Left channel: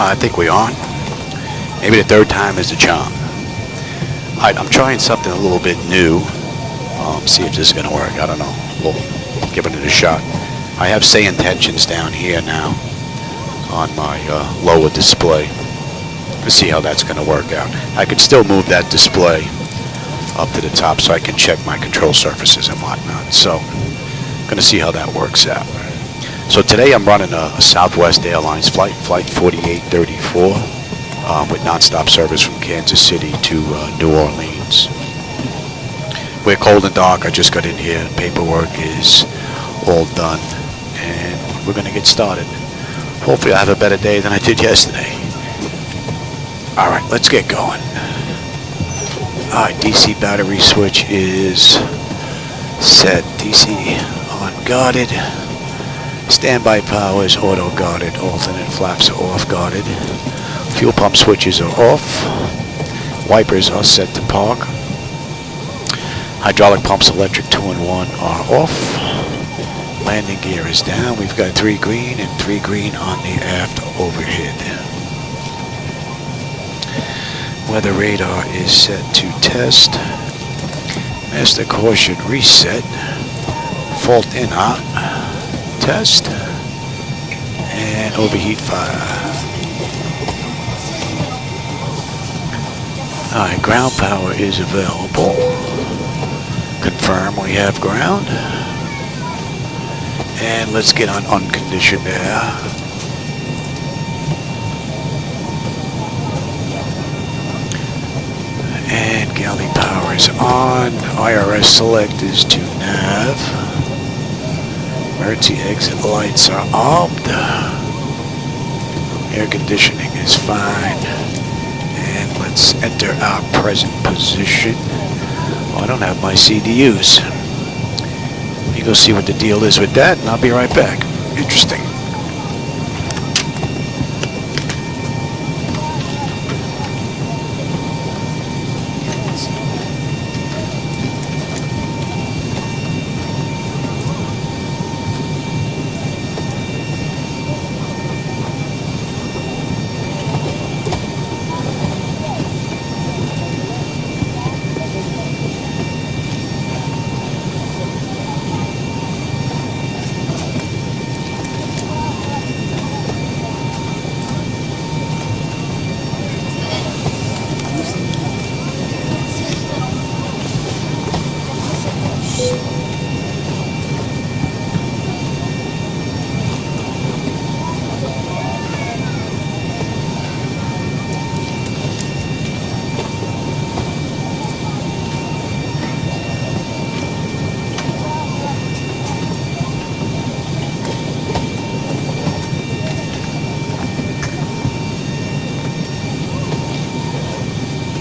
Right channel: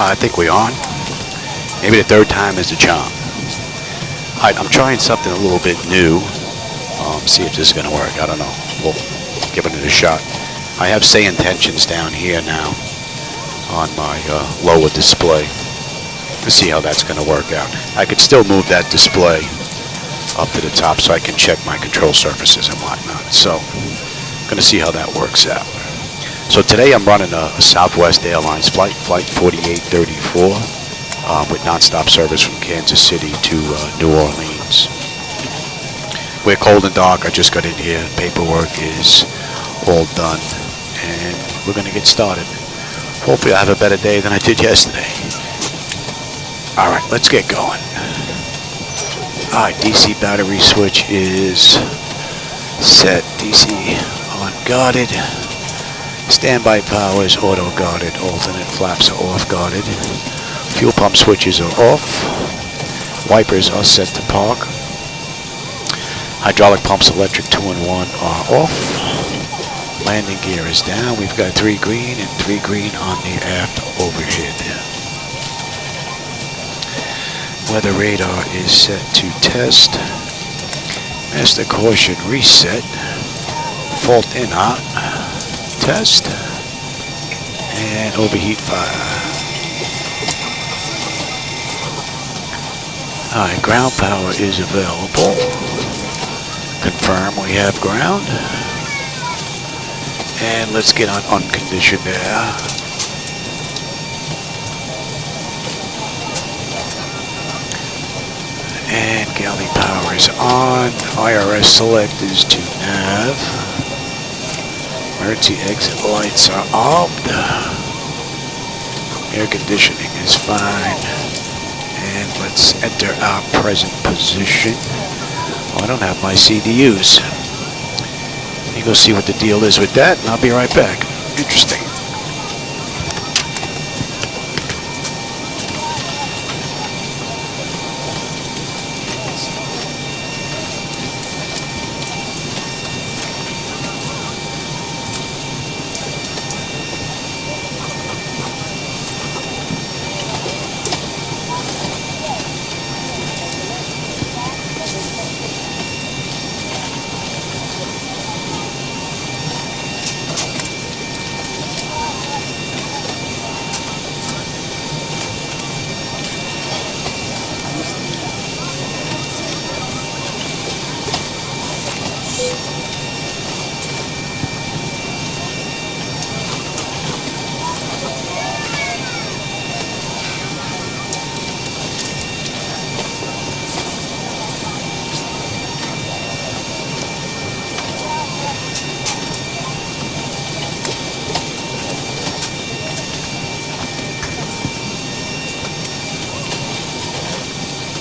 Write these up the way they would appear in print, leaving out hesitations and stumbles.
I think we're on. Maybe the third time is the charm. Alright, I'm trying something a little bit new. See if this is going to work. I don't know. We'll give it a shot. I have SayIntentions down here now on my lower display. Let's see how that's going to work out. I could still move that display up to the top so I can check my control surfaces and whatnot. So, going to see how that works out. So today I'm running a Southwest Airlines flight, Flight 4834, with nonstop service from Kansas City to New Orleans. We're cold and dark. I just got in here. Paperwork is all done, and we're going to get started. Hopefully I have a better day than I did yesterday. All right, let's get going. All right, DC battery switch is set. DC on guarded. Standby power is auto guarded. Alternate flaps are off guarded. Fuel pump switches are off. Wipers are set to park. Hydraulic pumps, electric 2-in-1 are off. Landing gear is down. We've got 3 green and 3 green on the aft overhead. Weather radar is set to test. Master caution reset. Fault in out. Test. And overheat fire. Alright, ground power is available. Confirm we have ground. And let's get on unconditioned air. And galley power is on. IRS select is to nav. Emergency exit lights are armed. Air conditioning is fine. And let's enter our present position. Oh, I don't have my CDUs. Let me go see what the deal is with that, and I'll be right back. Interesting.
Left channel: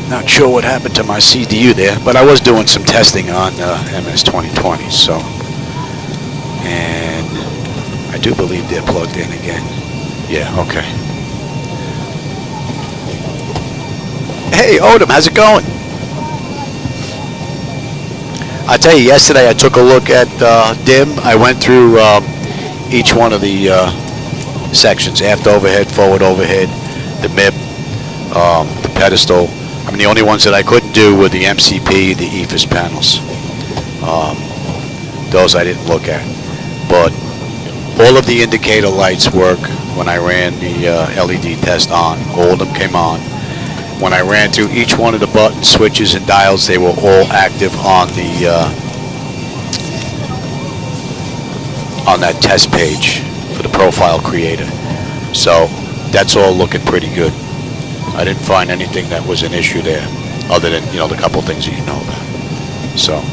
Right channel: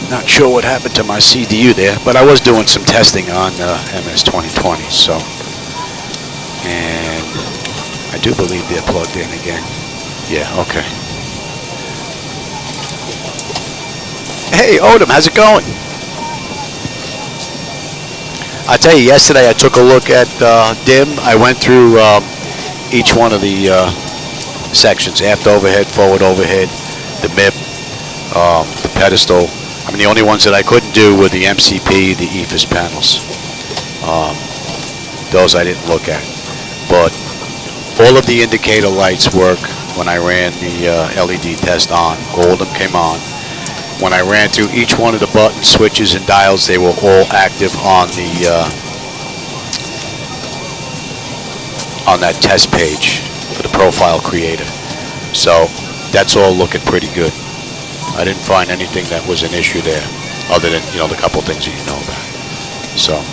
Not sure what happened to my CDU there, but I was doing some testing on MS 2020, so. And I do believe they're plugged in again. Yeah, okay. Hey, Odom, how's it going? I tell you, yesterday I took a look at DIM. I went through each one of the sections, aft overhead, forward overhead, the MIP, the pedestal. I mean, the only ones that I couldn't do were the MCP, the EFIS panels. Those I didn't look at. But all of the indicator lights work when I ran the LED test on. All of them came on. When I ran through each one of the buttons, switches, and dials, they were all active on the on that test page for the profile creator. So that's all looking pretty good. I didn't find anything that was an issue there, other than, you know, the couple things that you know about. So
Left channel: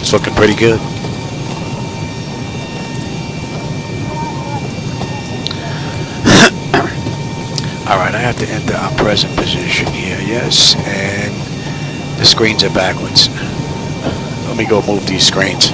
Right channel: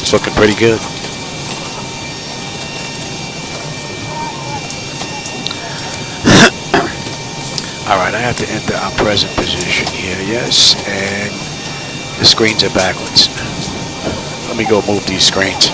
it's looking pretty good. All right, I have to enter our present position here, yes, and the screens are backwards. Let me go move these screens.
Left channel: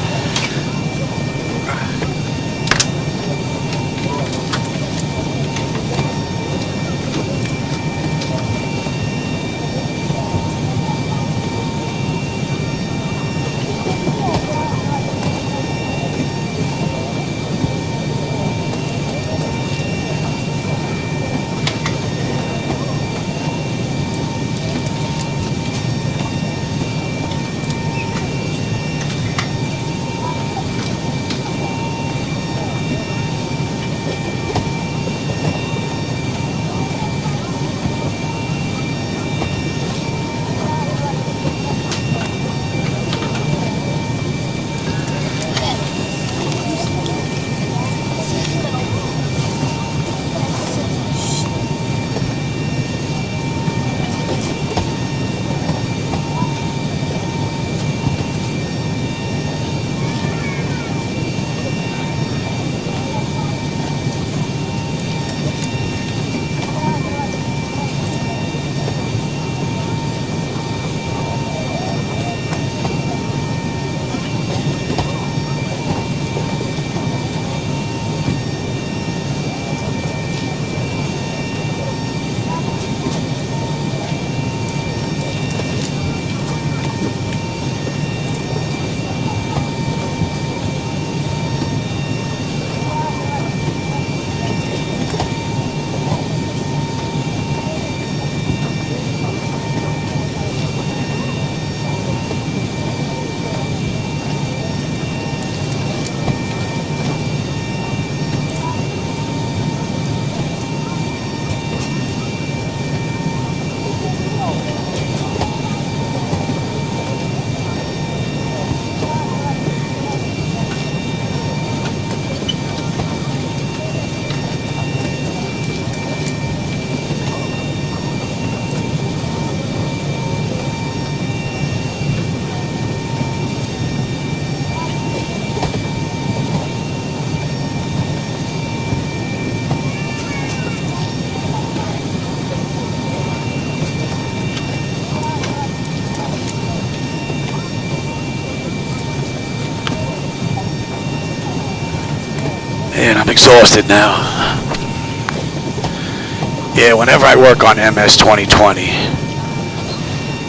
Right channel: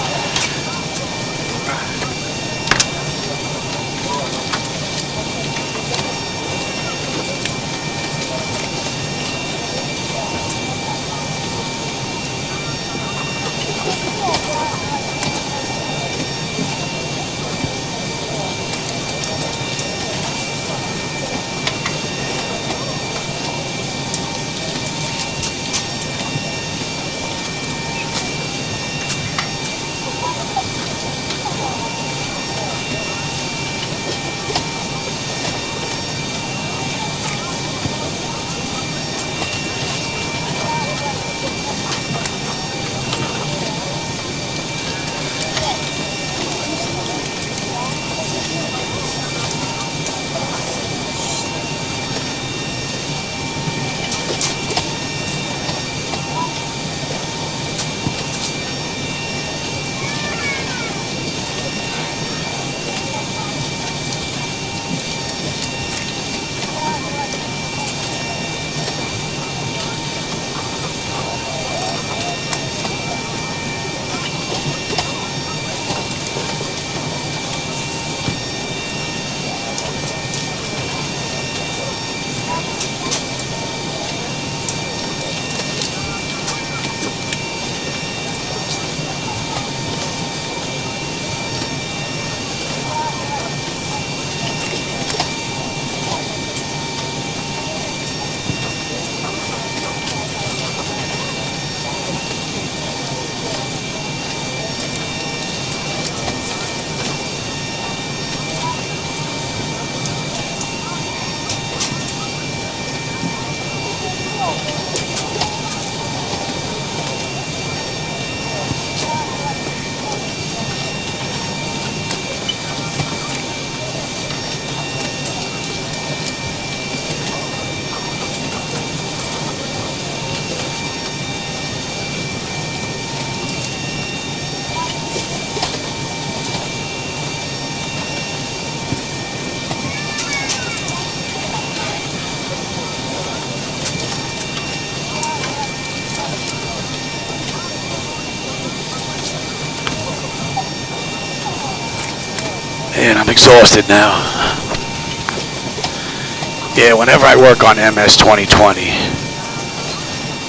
And I'm exhausted now. Yeah, whenever I work on MS 2020,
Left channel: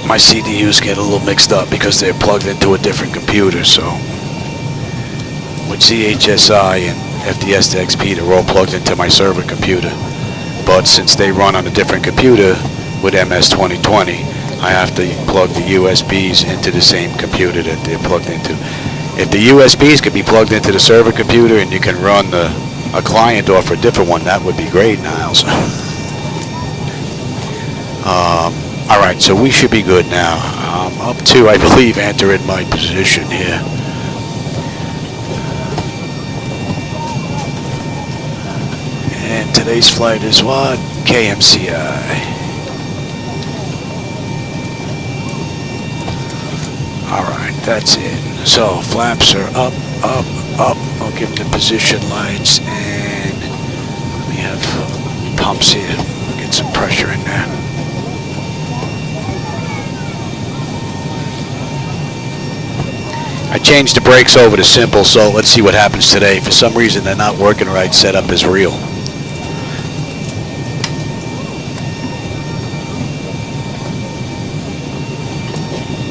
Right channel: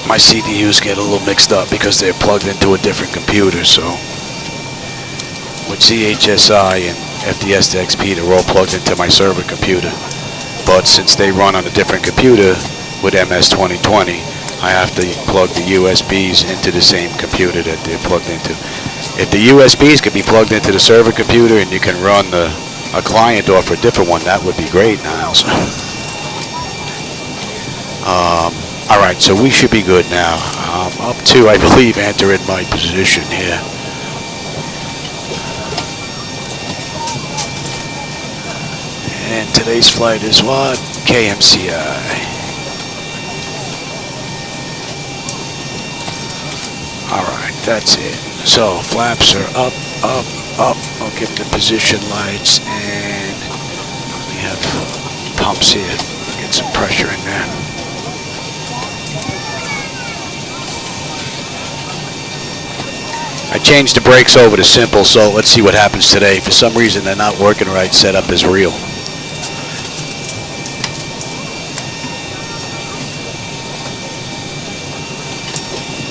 my CDUs get a little mixed up because they're plugged into a different computer. So with CHSI and FDS to XP, they're all plugged into my server computer. But since they run on a different computer with MS 2020, I have to plug the USBs into the same computer that they're plugged into. If the USBs could be plugged into the server computer and you can run a client off a different one, that would be great, Niles. Alright, so we should be good now. I'm up to, I believe, entering my position here. And today's flight is what? KMCI. Alright, that's it. So, flaps are up, up, up. I'll give them the position lights, and we have pumps here. Get some pressure in there. I changed the brakes over to simple, so let's see what happens today. For some reason, they're not working right. Setup is real.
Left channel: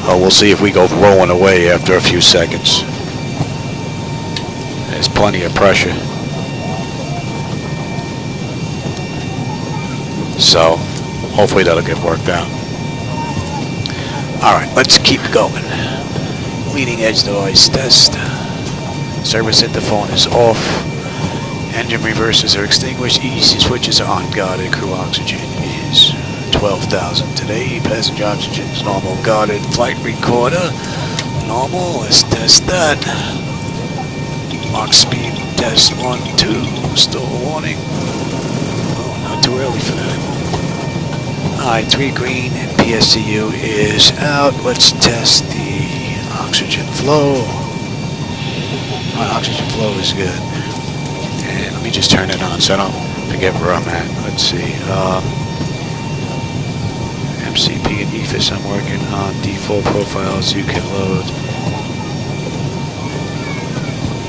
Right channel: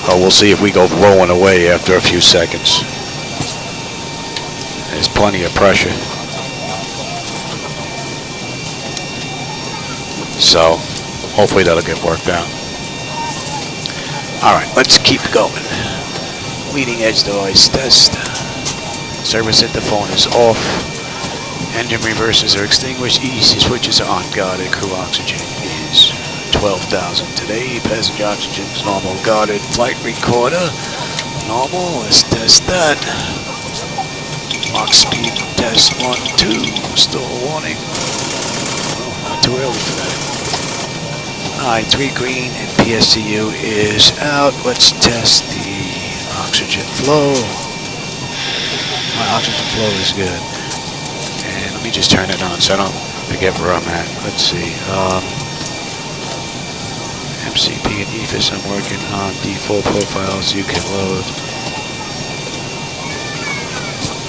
Oh, we'll see if we go rolling away after a few seconds. There's plenty of pressure. So, hopefully that'll get worked out. Alright, let's keep going. Leading edge device test. Service interphone is off. Engine reversers are extinguished. EC switches are unguarded. Crew oxygen is 12,000 today. Passenger oxygen is normal. Guarded. Flight recorder normal. Let's test that. Mach speed test 1, 2. Still a warning. Oh, not too early for that. Alright, 3 green and PSCU is out. Let's test the oxygen flow. My oxygen flow is good. And let me just turn it on so I don't forget where I'm at. Let's see. MCP and EFIS I'm working on. Default profiles you can load.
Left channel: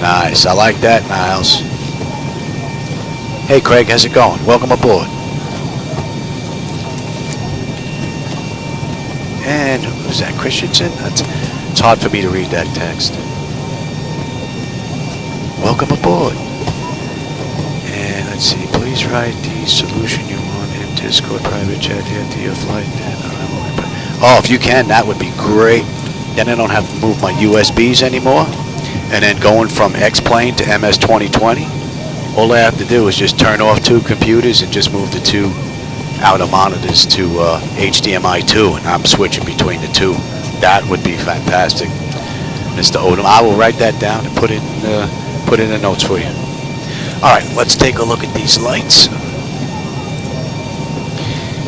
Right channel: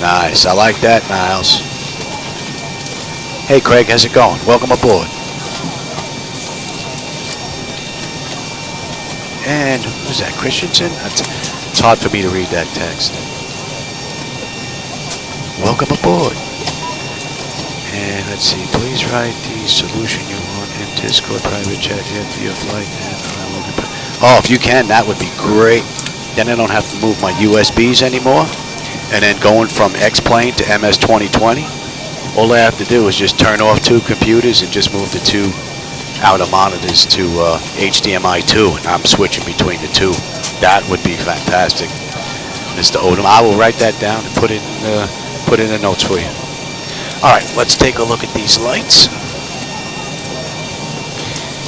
Nice. I like that, Niles. Hey, Craig. How's it going? Welcome aboard. And who's that? Christensen? It's hard for me to read that text. Welcome aboard. And let's see. Please write the solution you want in Discord private chat after your flight, and I will. Oh, if you can, that would be great. Then I don't have to move my USBs anymore. And then going from X-Plane to MS 2020, all I have to do is just turn off 2 computers and just move the 2 outer monitors to HDMI 2, and I'm switching between the 2. That would be fantastic, Mr. Odom. I will write that down and put in the notes for you. All right, let's take a look at these lights.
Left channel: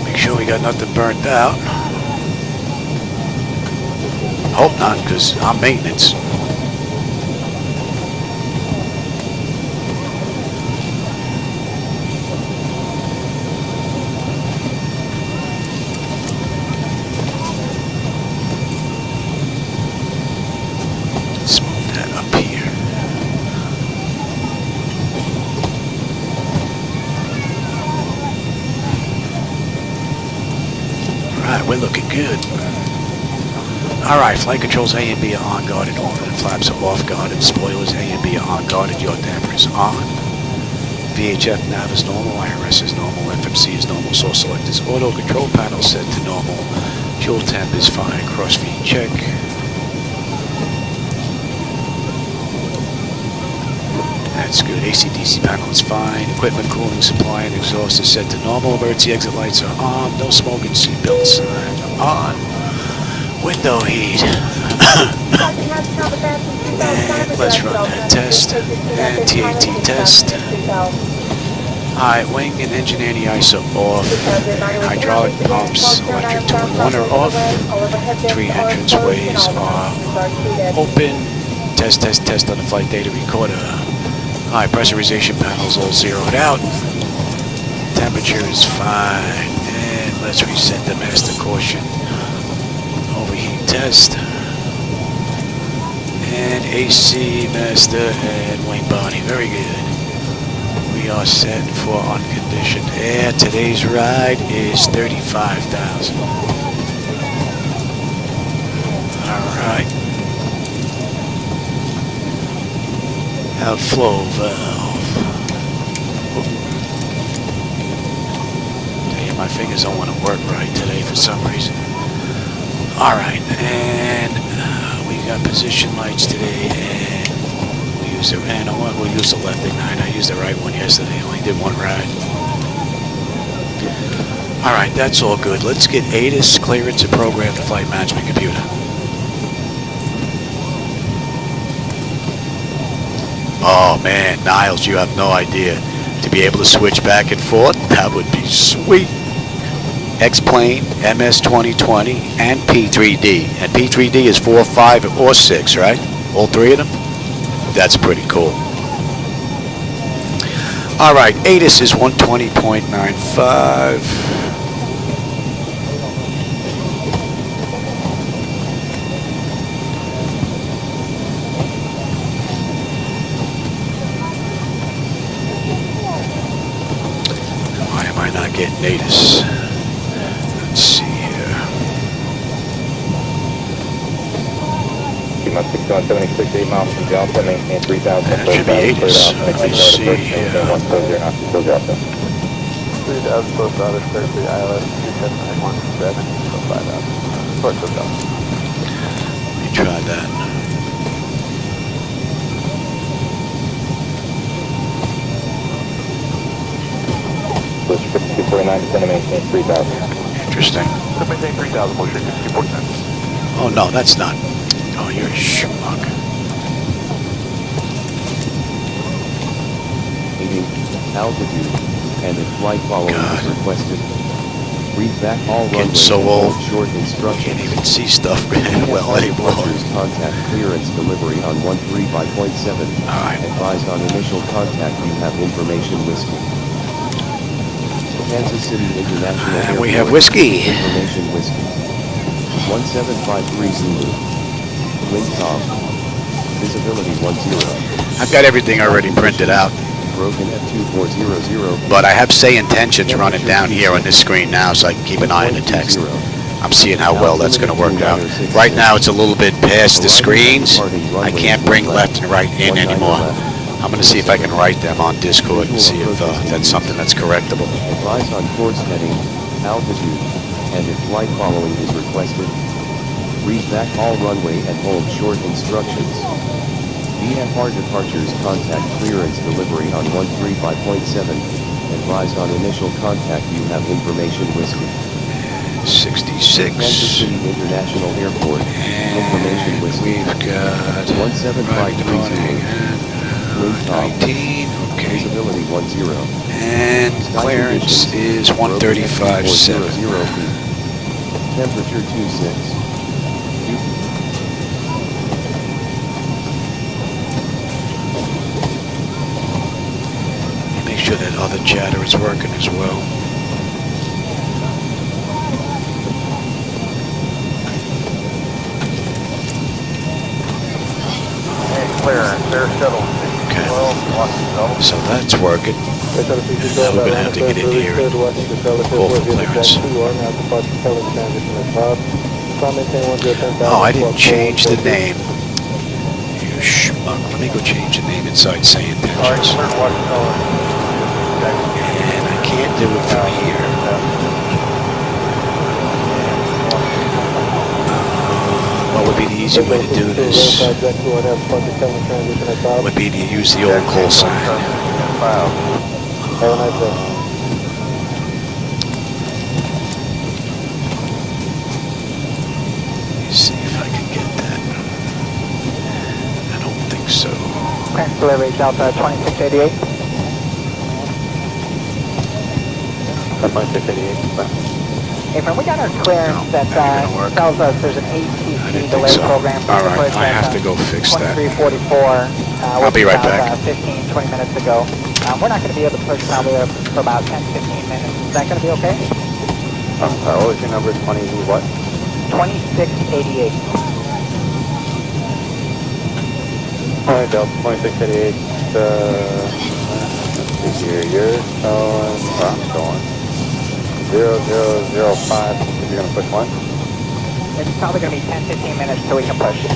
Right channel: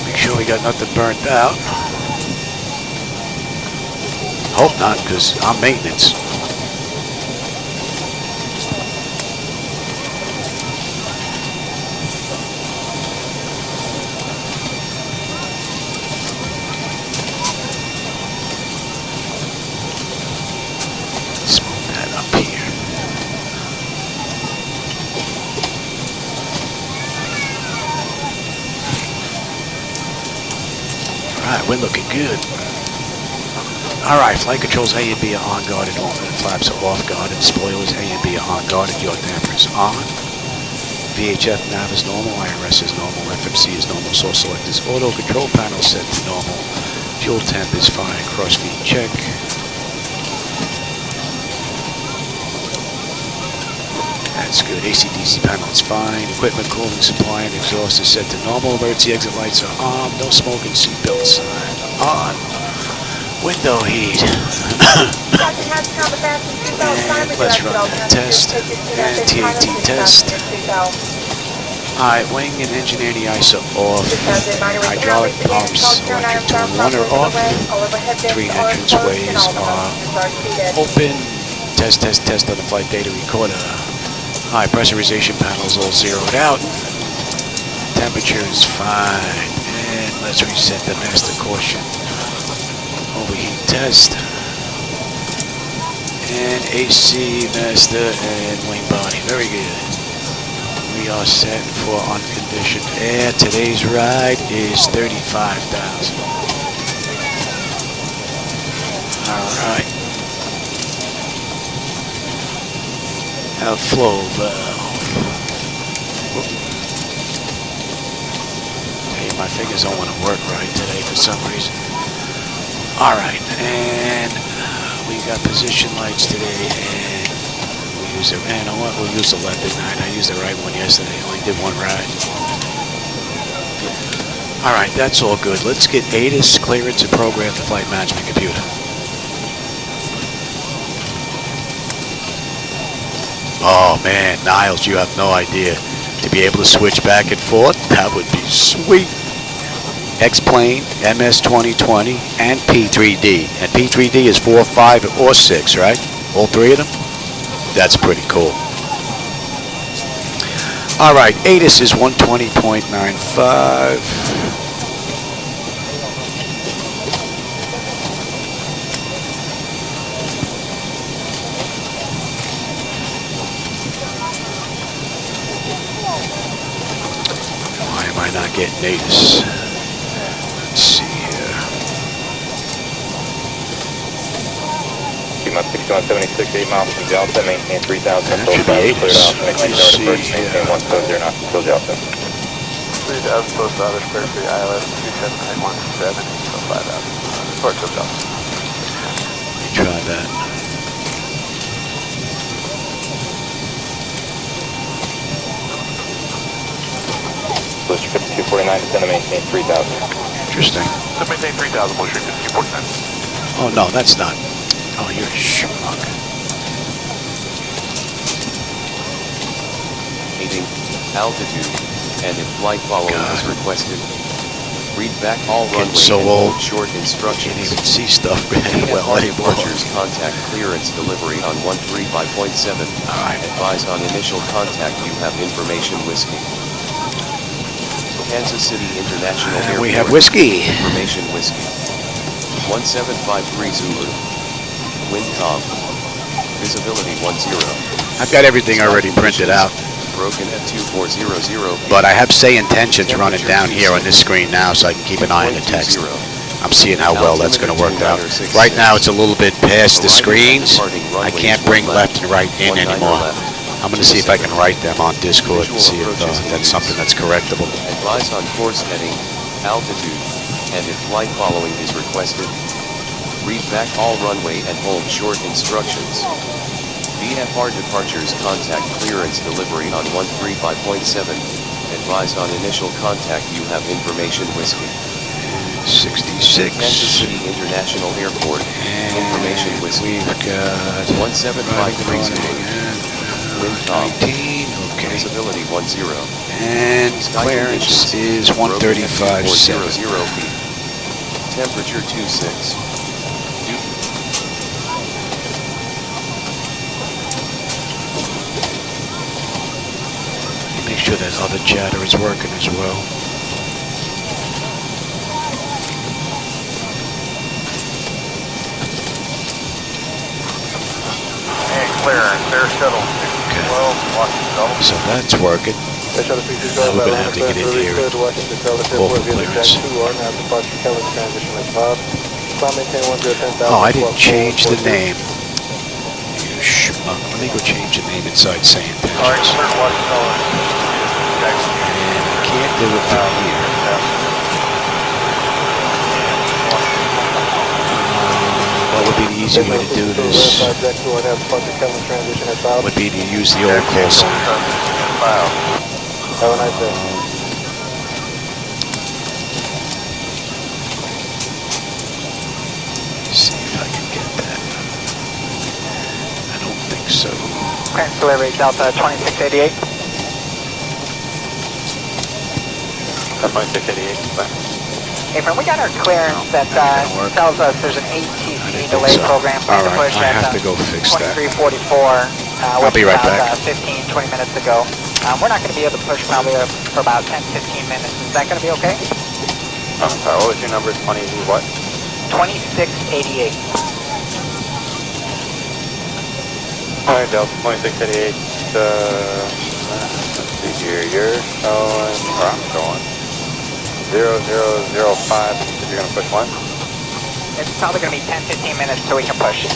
Make sure we got nothing burnt out. Hope not, because I'm maintenance. We're looking good. Alright, flight controls A and B are on guarded, alternate flaps are off guarded, spoilers A and B are on guarded, yaw damper is on. VHF nav is normal, IRS is normal, FMC is normal, source select is auto, control panel set to normal, fuel temp is fine, cross feed check. That's good. AC/DC panel is fine. Equipment cooling supply and exhaust is set to normal. Emergency exit lights are on. No smoking. Seatbelt sign on. Window heat. And let's run that test. And TAT test. Alright, wing and engine anti-ice are off. And hydraulic pumps, electric 2-in-1 are off. 3 entranceways are open. Test, test, test on the flight data recorder. Alright, pressurization panels all zeroed out. Temperature is fine. And let's reset the master caution. Overheat test. And AC, master, and wing body. Very good. we are set for unconditioned air. Today's ride is 35,000. All right. Outflow valve. Whoop. Tell you, my fingers don't want to work right today for some reason. All right, and we got position lights today, and we use the, and you know what? We'll use the left ignite. I used the right one yesterday. Only did one ride. All right, that's all good. Let's get ATIS clearance and program the flight management computer. Oh man, Niles, you have no idea. To be able to switch back and forth, that would be sweet. X-Plane, MS-2020, and P3D. And P3D is 4, 5, or 6, right? All three of them? That's pretty cool. All right, ATIS is 120.95. Why am I not getting ATIS? Let's see here. You must be going 76.8 miles from Delta, maintain 3,000. That should be ATIS. Let me see here. 170 still Delta. 3,000 close to Others, 33 ILS, 37917, 5,000. Report to Delta. Let me try that. Booster 5249, descend to maintain 3,000. Interesting. So maintain 3,000, motion 5249. Oh no, that's not. Oh, you're a schmuck. Altitude and if flight following God. is requested. Read back all Getting runway so and old. short instructions. Can't even see stuff well anymore. Contact clearance delivery on 135.7. All right. Advise on initial contact you have information whiskey. Kansas City International And we Airport, have whiskey. Information whiskey. 1753 Zulu. Wind calm. Visibility 10. I've got everything already printed out, Broken at 2400. but I have SayIntentions running down here on this screen now, so I can keep an eye on the text. I'm seeing how well that's going to work out. Right now, it's a little bit past the screens. I can't bring left and right in anymore. I'm going to see if I can write them on Discord and see if that's something that's correctable. Advise on course heading, altitude, and if flight following is requested. Read back all runway and hold short instructions. VFR departures contact clearance delivery on 135.7. Advise on initial contact you have information whiskey. And Kansas 66. City International Airport. Information And whiskey. we've got arriving, departing, and 19. Okay. Visibility 10. And clearance is 135.7. Temperature 26. Make sure that other chatter is working as well. And clearance, air shuttle. Okay. Well, So that's working. And now we're going to have to get in here and call for clearance. Oh, I didn't change the name. You schmuck. Let me go change the name inside SayIntentions. And I can't do it from here. What would be the easy way to do this? Would be to use the old call sign. Let me see if I can get that. I don't think so. Delivery Delta 2688. 2688. Hey, man, we got our clearance No, that that ain't gonna work. tells us there's an I ATC didn't think delay so. program. All right, I have to go fix that. 2344. I'll be right back. 15, 20 minutes ago. We're not going to be able to push probably for about 10, 15 minutes. Is that going to be okay? What was your number? 20 what? 2688. Alright, Delta 2688. You're going, or I'm going. 0005, you're going to push one? It's probably going to be 10-15 minutes till we can push.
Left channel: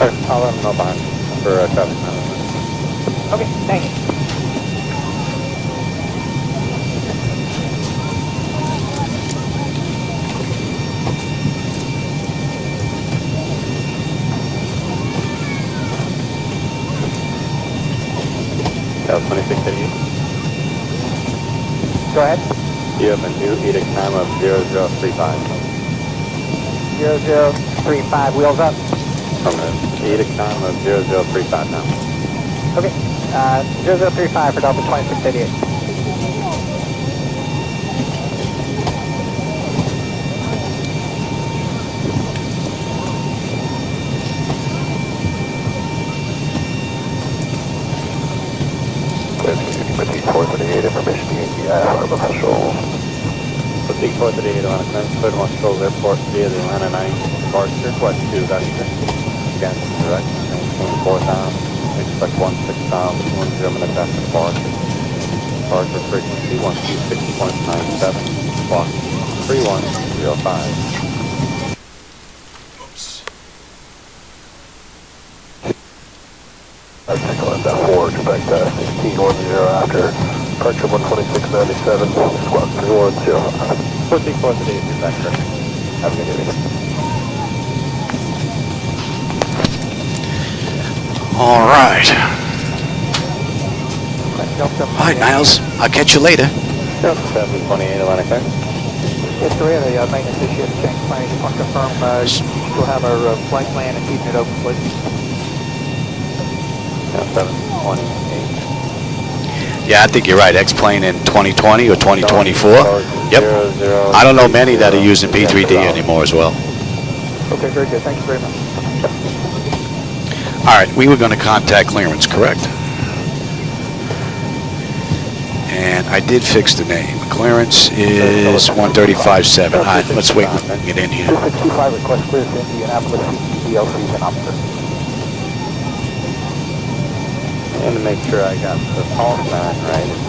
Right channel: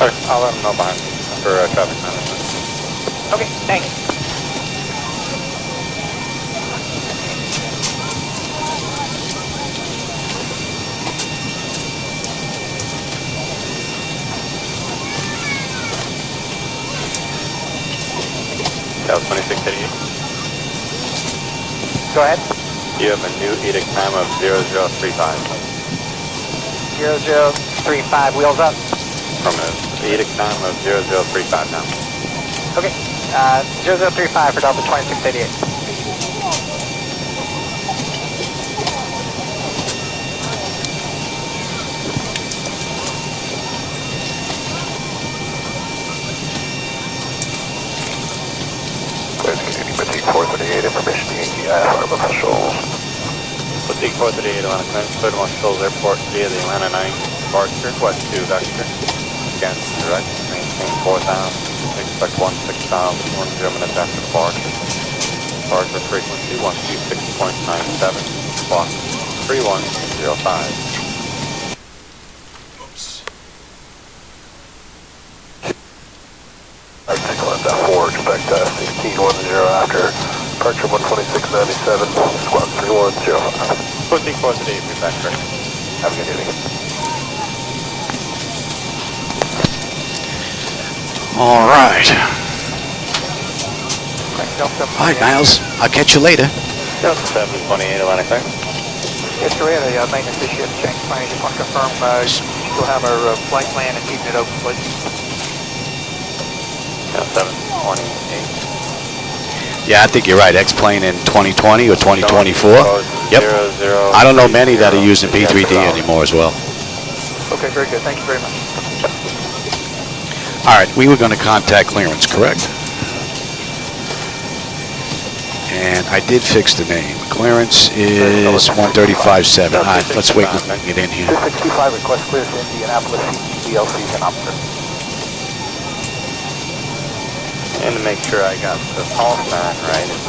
Alright, I'll let them know behind for traffic. Okay, thanks. That was 2688. Go ahead. You have a new edict time of 0035. 0035, wheels up. From the edict time of 0035 now. Okay, 0035 for Delta 2688. Information to KMCI officials. Fatigue 438 Atlanta 9, Third One Controls Airport via the Atlanta 9 departure, West 2 vector. Again, direct, maintain 4,000, expect 16,000, 10 minutes after departure. Departure frequency 126.97, clock 3105. Excellent, 4, expect 1610 after departure 126.97, squawk 3105. Fatigue 438 vector. Have a good evening. All right. All right, Niles. I'll catch you later. 728 Atlanta 9. Yes, sir, we have a maintenance issue at the change plan. Just want to confirm we'll have our flight plan and keep it open, please. 728. Yeah, I think you're right. X-plane in 2020 or 2024. Yep. I don't know many that are using P3D anymore as well. Okay, very good. Thank you very much. All right, we were going to contact clearance, correct? And I did fix the name. Clearance is 135.7. All right, let's wait. We can get in here. 2625 request clears to Indianapolis CLC and operator. And to make sure I got the call sign right, it's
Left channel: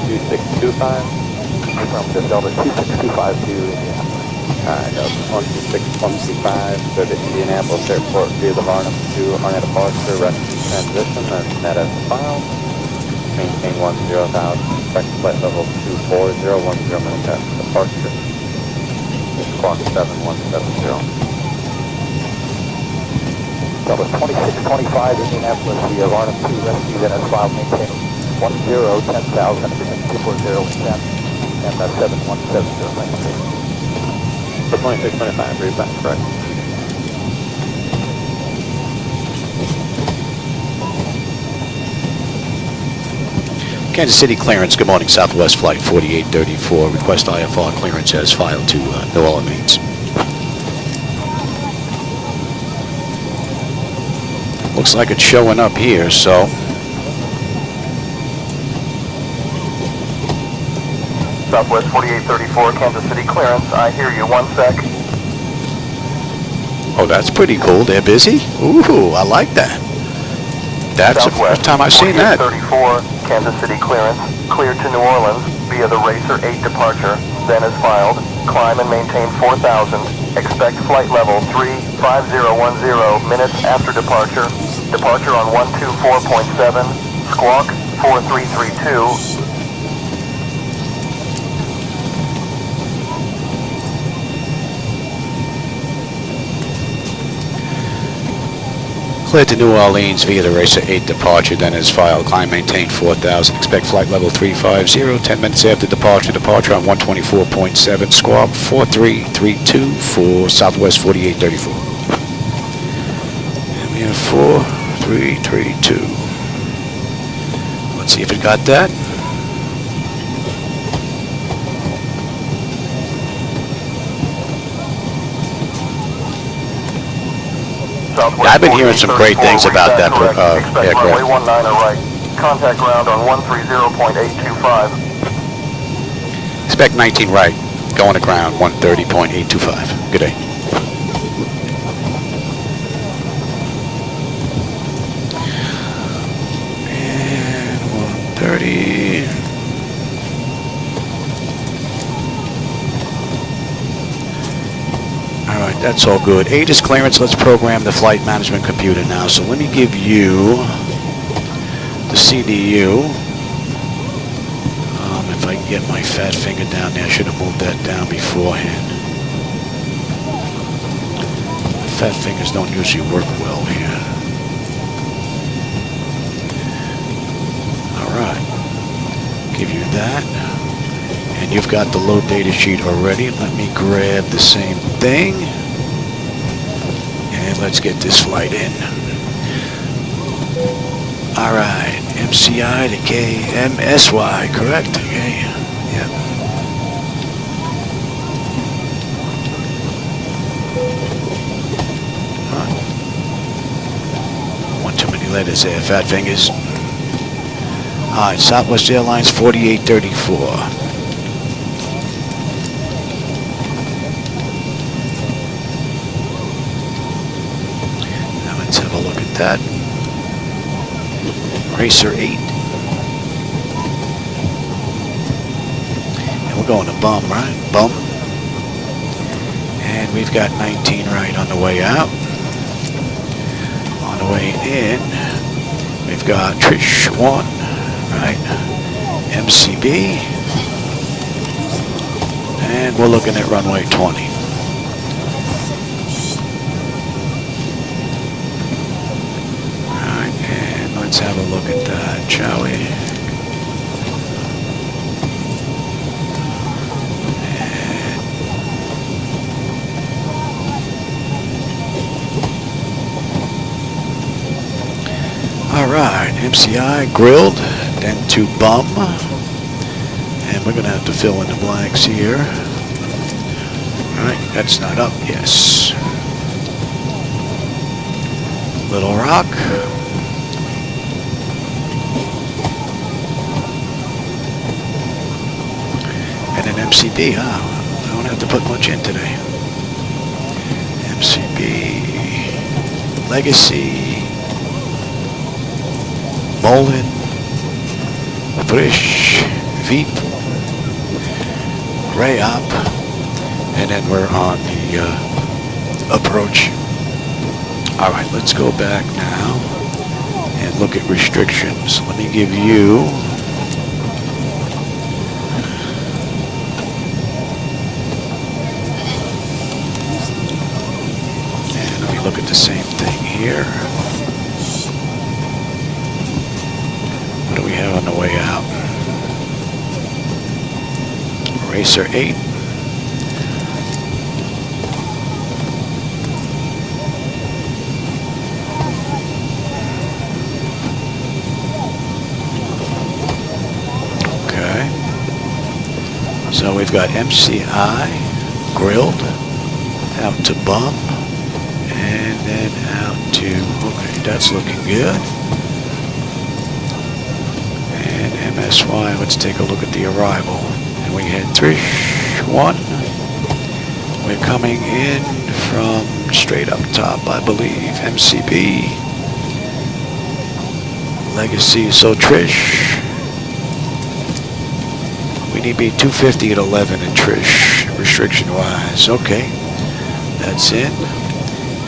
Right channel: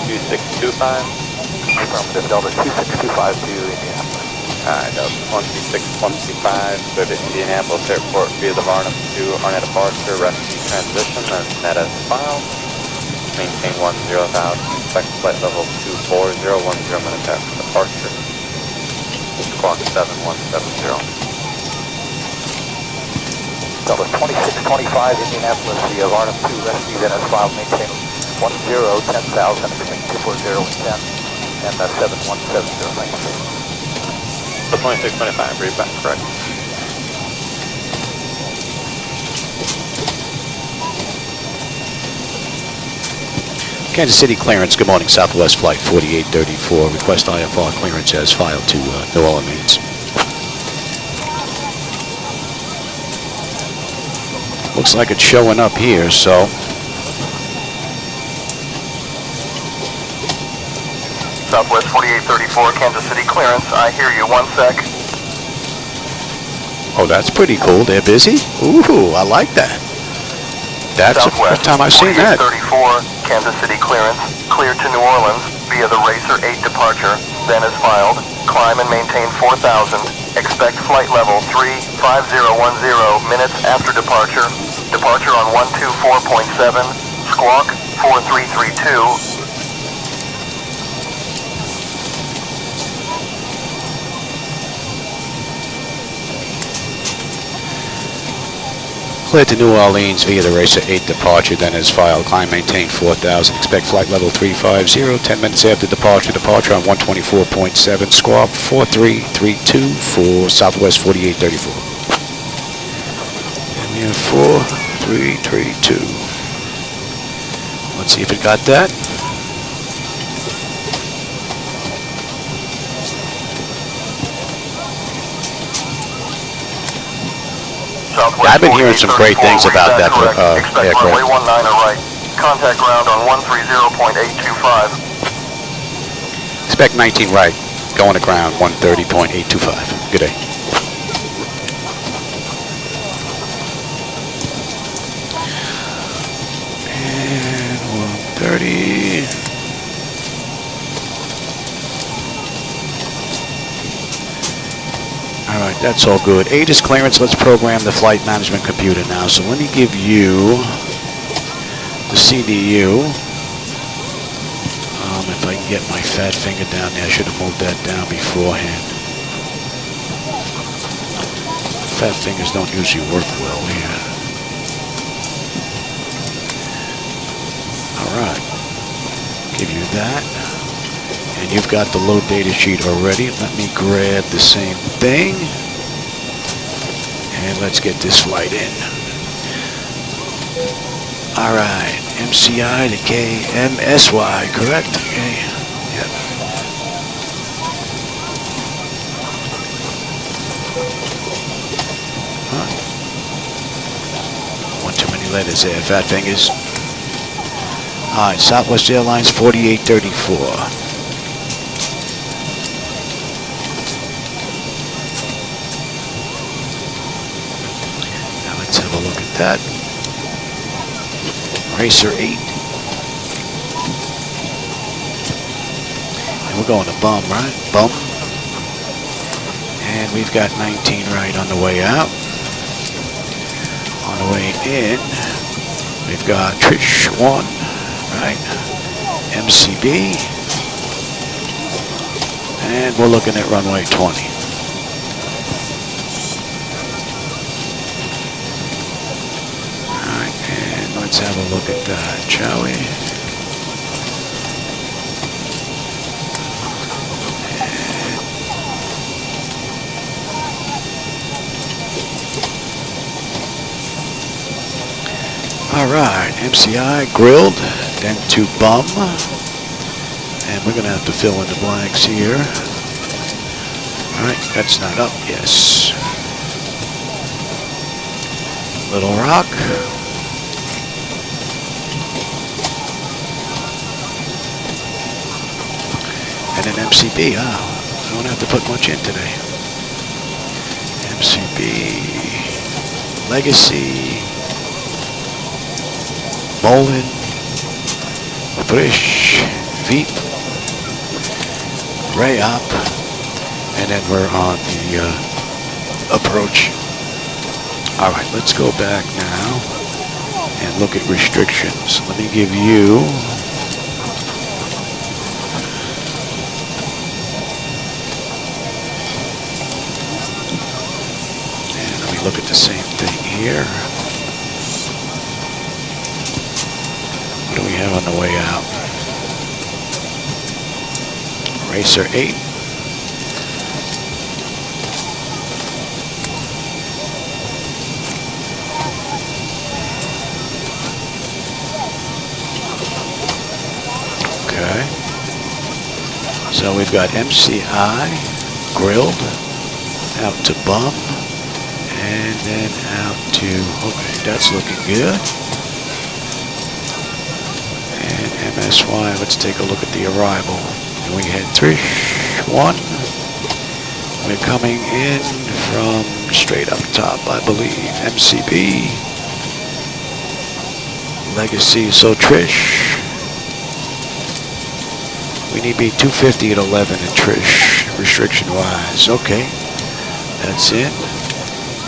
2625. From Delta 2625 to Indianapolis. Alright, that was 126.125, but at Indianapolis Airport via the Varnum to on a departure, rescue transition, and that is filed. Maintain 10,000, expect flight level 240, 10 minutes after departure. Squawk 7170. Delta 2625 Indianapolis via Varnum 2 rescue, that is filed, maintain 10,000 between 240 and 10, and 7170. So 2625, read back, correct. Kansas City clearance. Good morning. Southwest Flight 4834. Request IFR clearance as filed to New Orleans. Looks like it's showing up here, so Southwest 4834, Kansas City clearance. I hear you. 1 sec. oh, that's pretty cool. They're busy. Ooh, I like that. That's the first time I've seen that. 34, Kansas City clearance. Clear to New Orleans via the Racer 8 departure. Then is filed. Climb and maintain 4,000. Expect flight level 35010 minutes after departure. Departure on 124.7. Squawk 4332. Clear to New Orleans via the Racer 8 departure, then is filed. Climb maintain 4,000. Expect flight level 350. 10 minutes after departure. Departure on 124.7. Squawk 4332 for Southwest 4834. And we have 4332. Let's see if it got that. Yeah, I've been hearing some great things about that aircraft. Contact ground on 130.825. Spec 19 right, going to ground 130.825. Good day. And 30. All right, that's all good. 8 is clearance. Let's program the flight management computer now. So let me give you the CDU. If I can get my fat finger down there, I should have moved that down beforehand. Fat fingers don't usually work well here. All right, give you that. And you've got the load data sheet already. Let me grab the same thing. And let's get this flight in. All right, MCI to KMSY, correct? Okay, yep. Huh. One too many letters there, fat fingers. All right, Southwest Airlines 4834. Now let's have a look at that. Racer 8. And we're going to bum, right? Bum. And we've got 19 right on the way out. On the way in, we've got Trish 1, right? MCB. And we're looking at runway 20. Let's have a look at that, shall we? All right, MCI grilled, then to bum. And we're going to have to fill in the blanks here. All right, that's not up, yes. Little Rock. And an MCB, I don't have to put much in today. MCB, Legacy, Mullen, Frisch, Veep, Rayop, and then we're on the approach. All right, let's go back now and look at restrictions. Let me give you look at the same thing here. What do we have on the way out? Racer 8. Okay. So we've got MCI grilled out to bum. And then out to, okay, that's looking good. And MSY, let's take a look at the arrival. And we had Trish 1. We're coming in from straight up top, I believe. MCB. Legacy, so Trish. We need to be 250 at 11 in Trish, restriction-wise. Okay, that's it.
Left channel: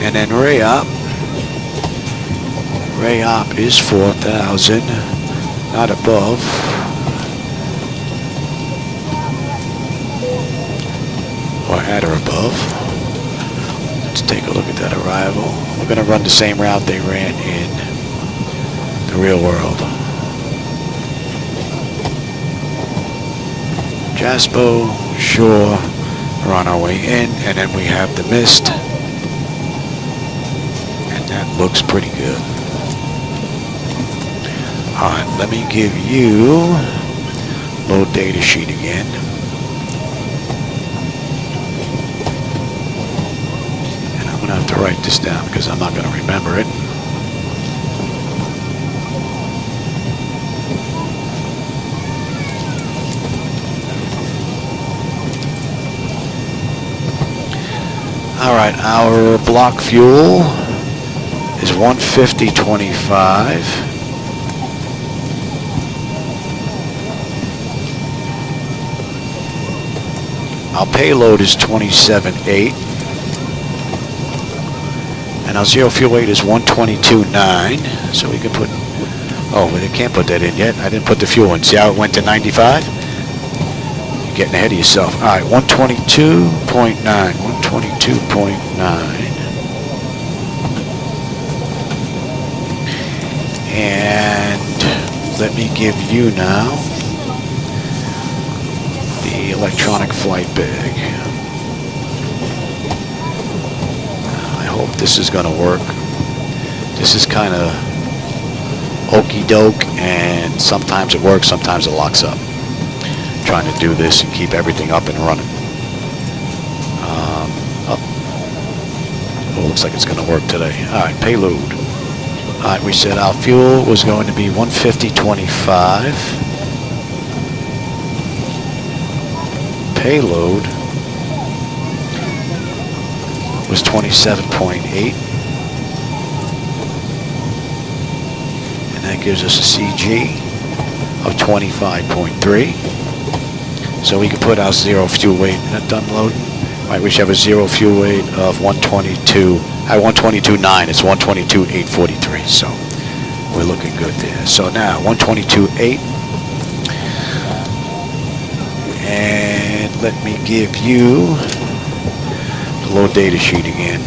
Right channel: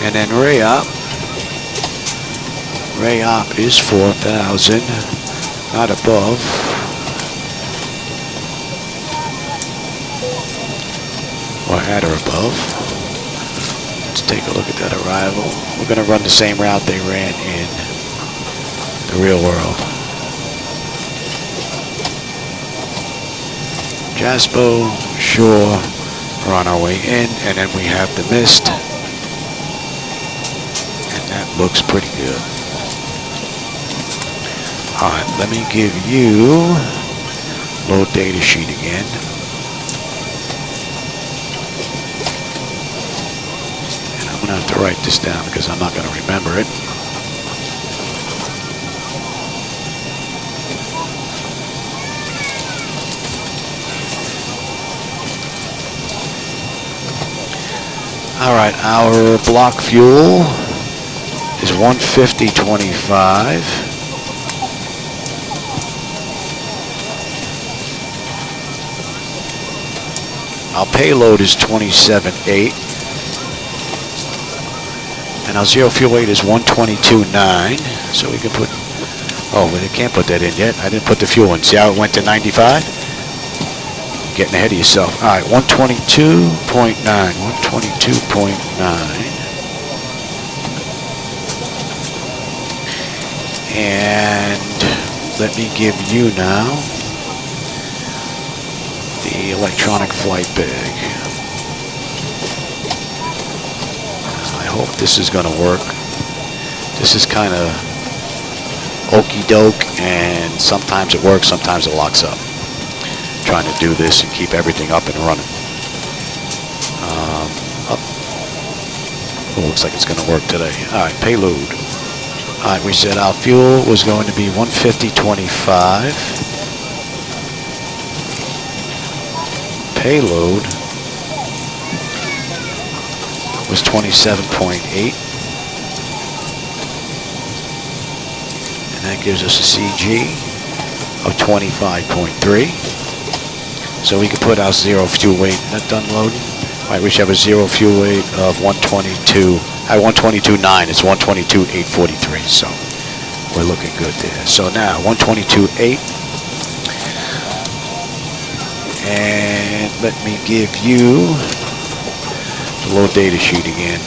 And then Rayop. Rayop is 4,000, not above. Or at or above. Let's take a look at that arrival. We're going to run the same route they ran in the real world. Jaspo, Shore, we're on our way in, and then we have the mist. That looks pretty good. All right, let me give you load data sheet again. And I'm gonna have to write this down because I'm not gonna remember it. All right, our block fuel is 150.25. Our payload is 27.8. And our zero fuel weight is 122.9. So we can put, oh, we can't put that in yet. I didn't put the fuel in. See how it went to 95? You're getting ahead of yourself. All right, 122.9. 122.9. And let me give you now the electronic flight bag. I hope this is going to work. This is kind of okey doke, and sometimes it works, sometimes it locks up. Trying to do this and keep everything up and running. Oh, looks like it's going to work today. All right, payload. All right, we said our fuel was going to be 150.25. Payload was 27.8. And that gives us a CG of 25.3. So we could put our zero fuel weight. Is that done loading? All right, we should have a zero fuel weight of 122. At 122.9, it's 122.843. So we're looking good there. So now 122.8. And let me give you the load data sheet again.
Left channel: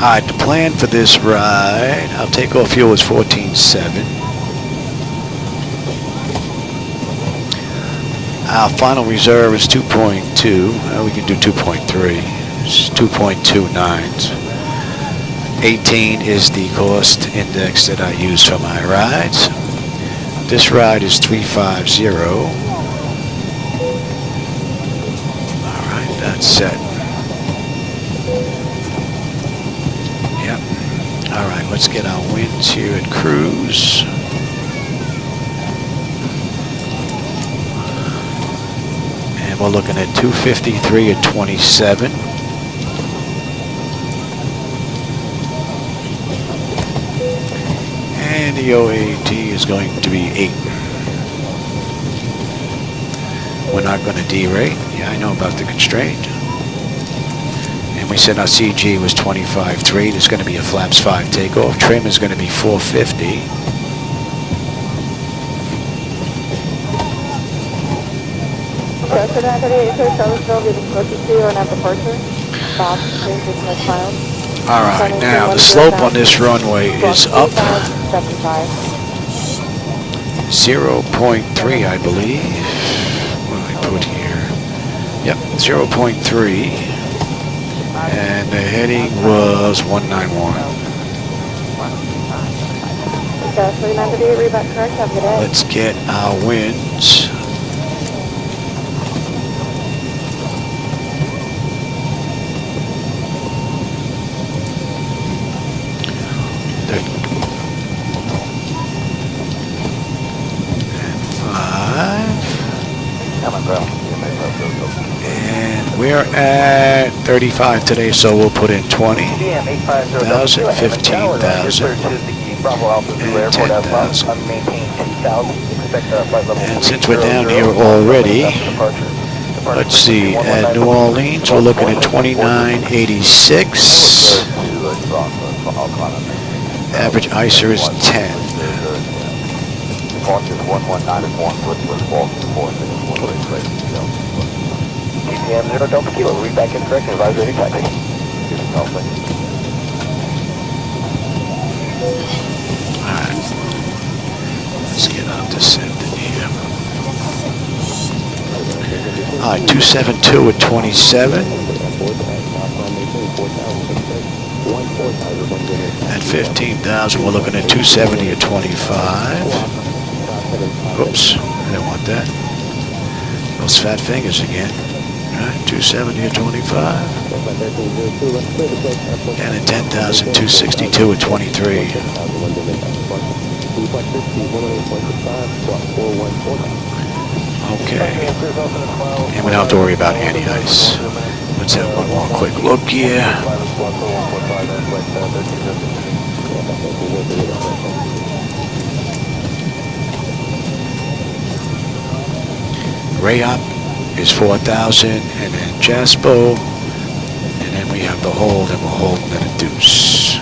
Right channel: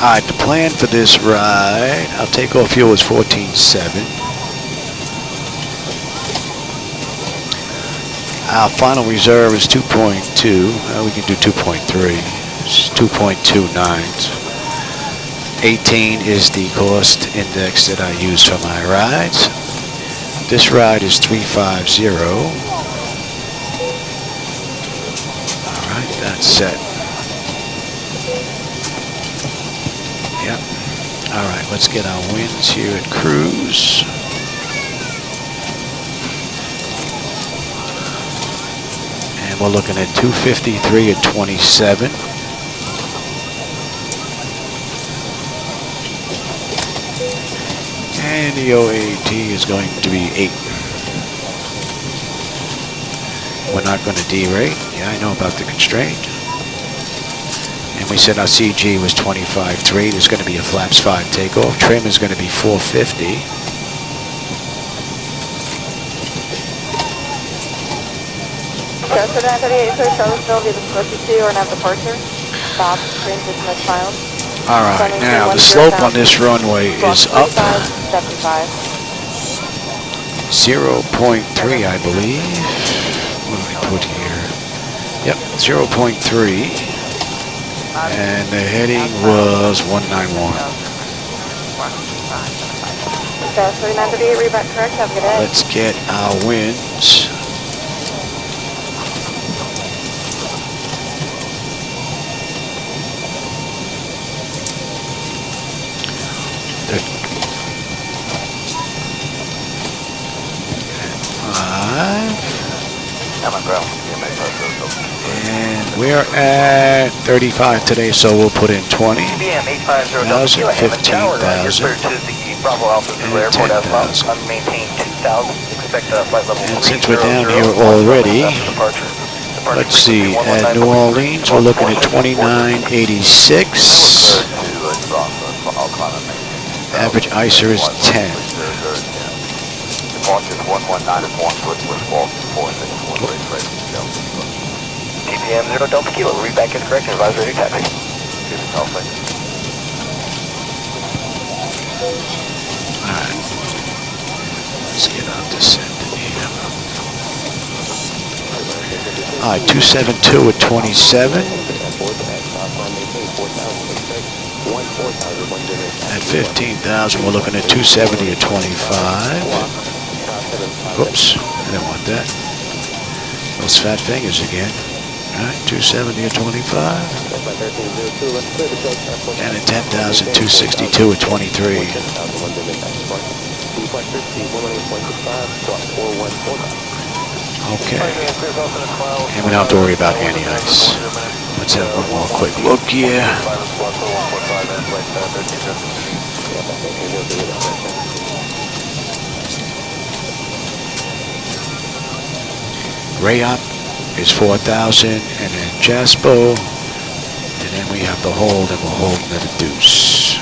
Alright, the plan for this ride, our takeoff fuel is 14.7. Our final reserve is 2.2. We can do 2.3. It's 2.29. 18 is the cost index that I use for my rides. This ride is 350. Alright, that's set. Yep. Alright, let's get our winds here at cruise. And we're looking at 253 at 27. And the OAT is going to be 8. We're not going to derate. Yeah, I know about the constraint. And we said our CG was 25.3. There's going to be a flaps 5 takeoff. Trim is going to be 450. All right, now the slope on this runway is up 0.3, I believe. What do I put here? Yep, 0.3. And the heading was 191. Let's get our winds. And 5. And we're at 35 today, so we'll put in 20,000, 15,000, and 10,000. And since we're down here already, let's see, at New Orleans, we're looking at 29.86. Average ICER is 10. Don't be kilo, read back in correction, advisor, exactly. Alright. Let's get on descending here. Alright, 272 at 27. At 15,000, we're looking at 270 at 25. Oops, I didn't want that. Those fat fingers again. Alright, 270 at 25. And at 10,000, 262 at 23. Okay. And we don't have to worry about anti-ice. Let's have one more quick look here. Rayop is 4,000, and then Jaspo, and then we have the hold, and we're holding at a deuce.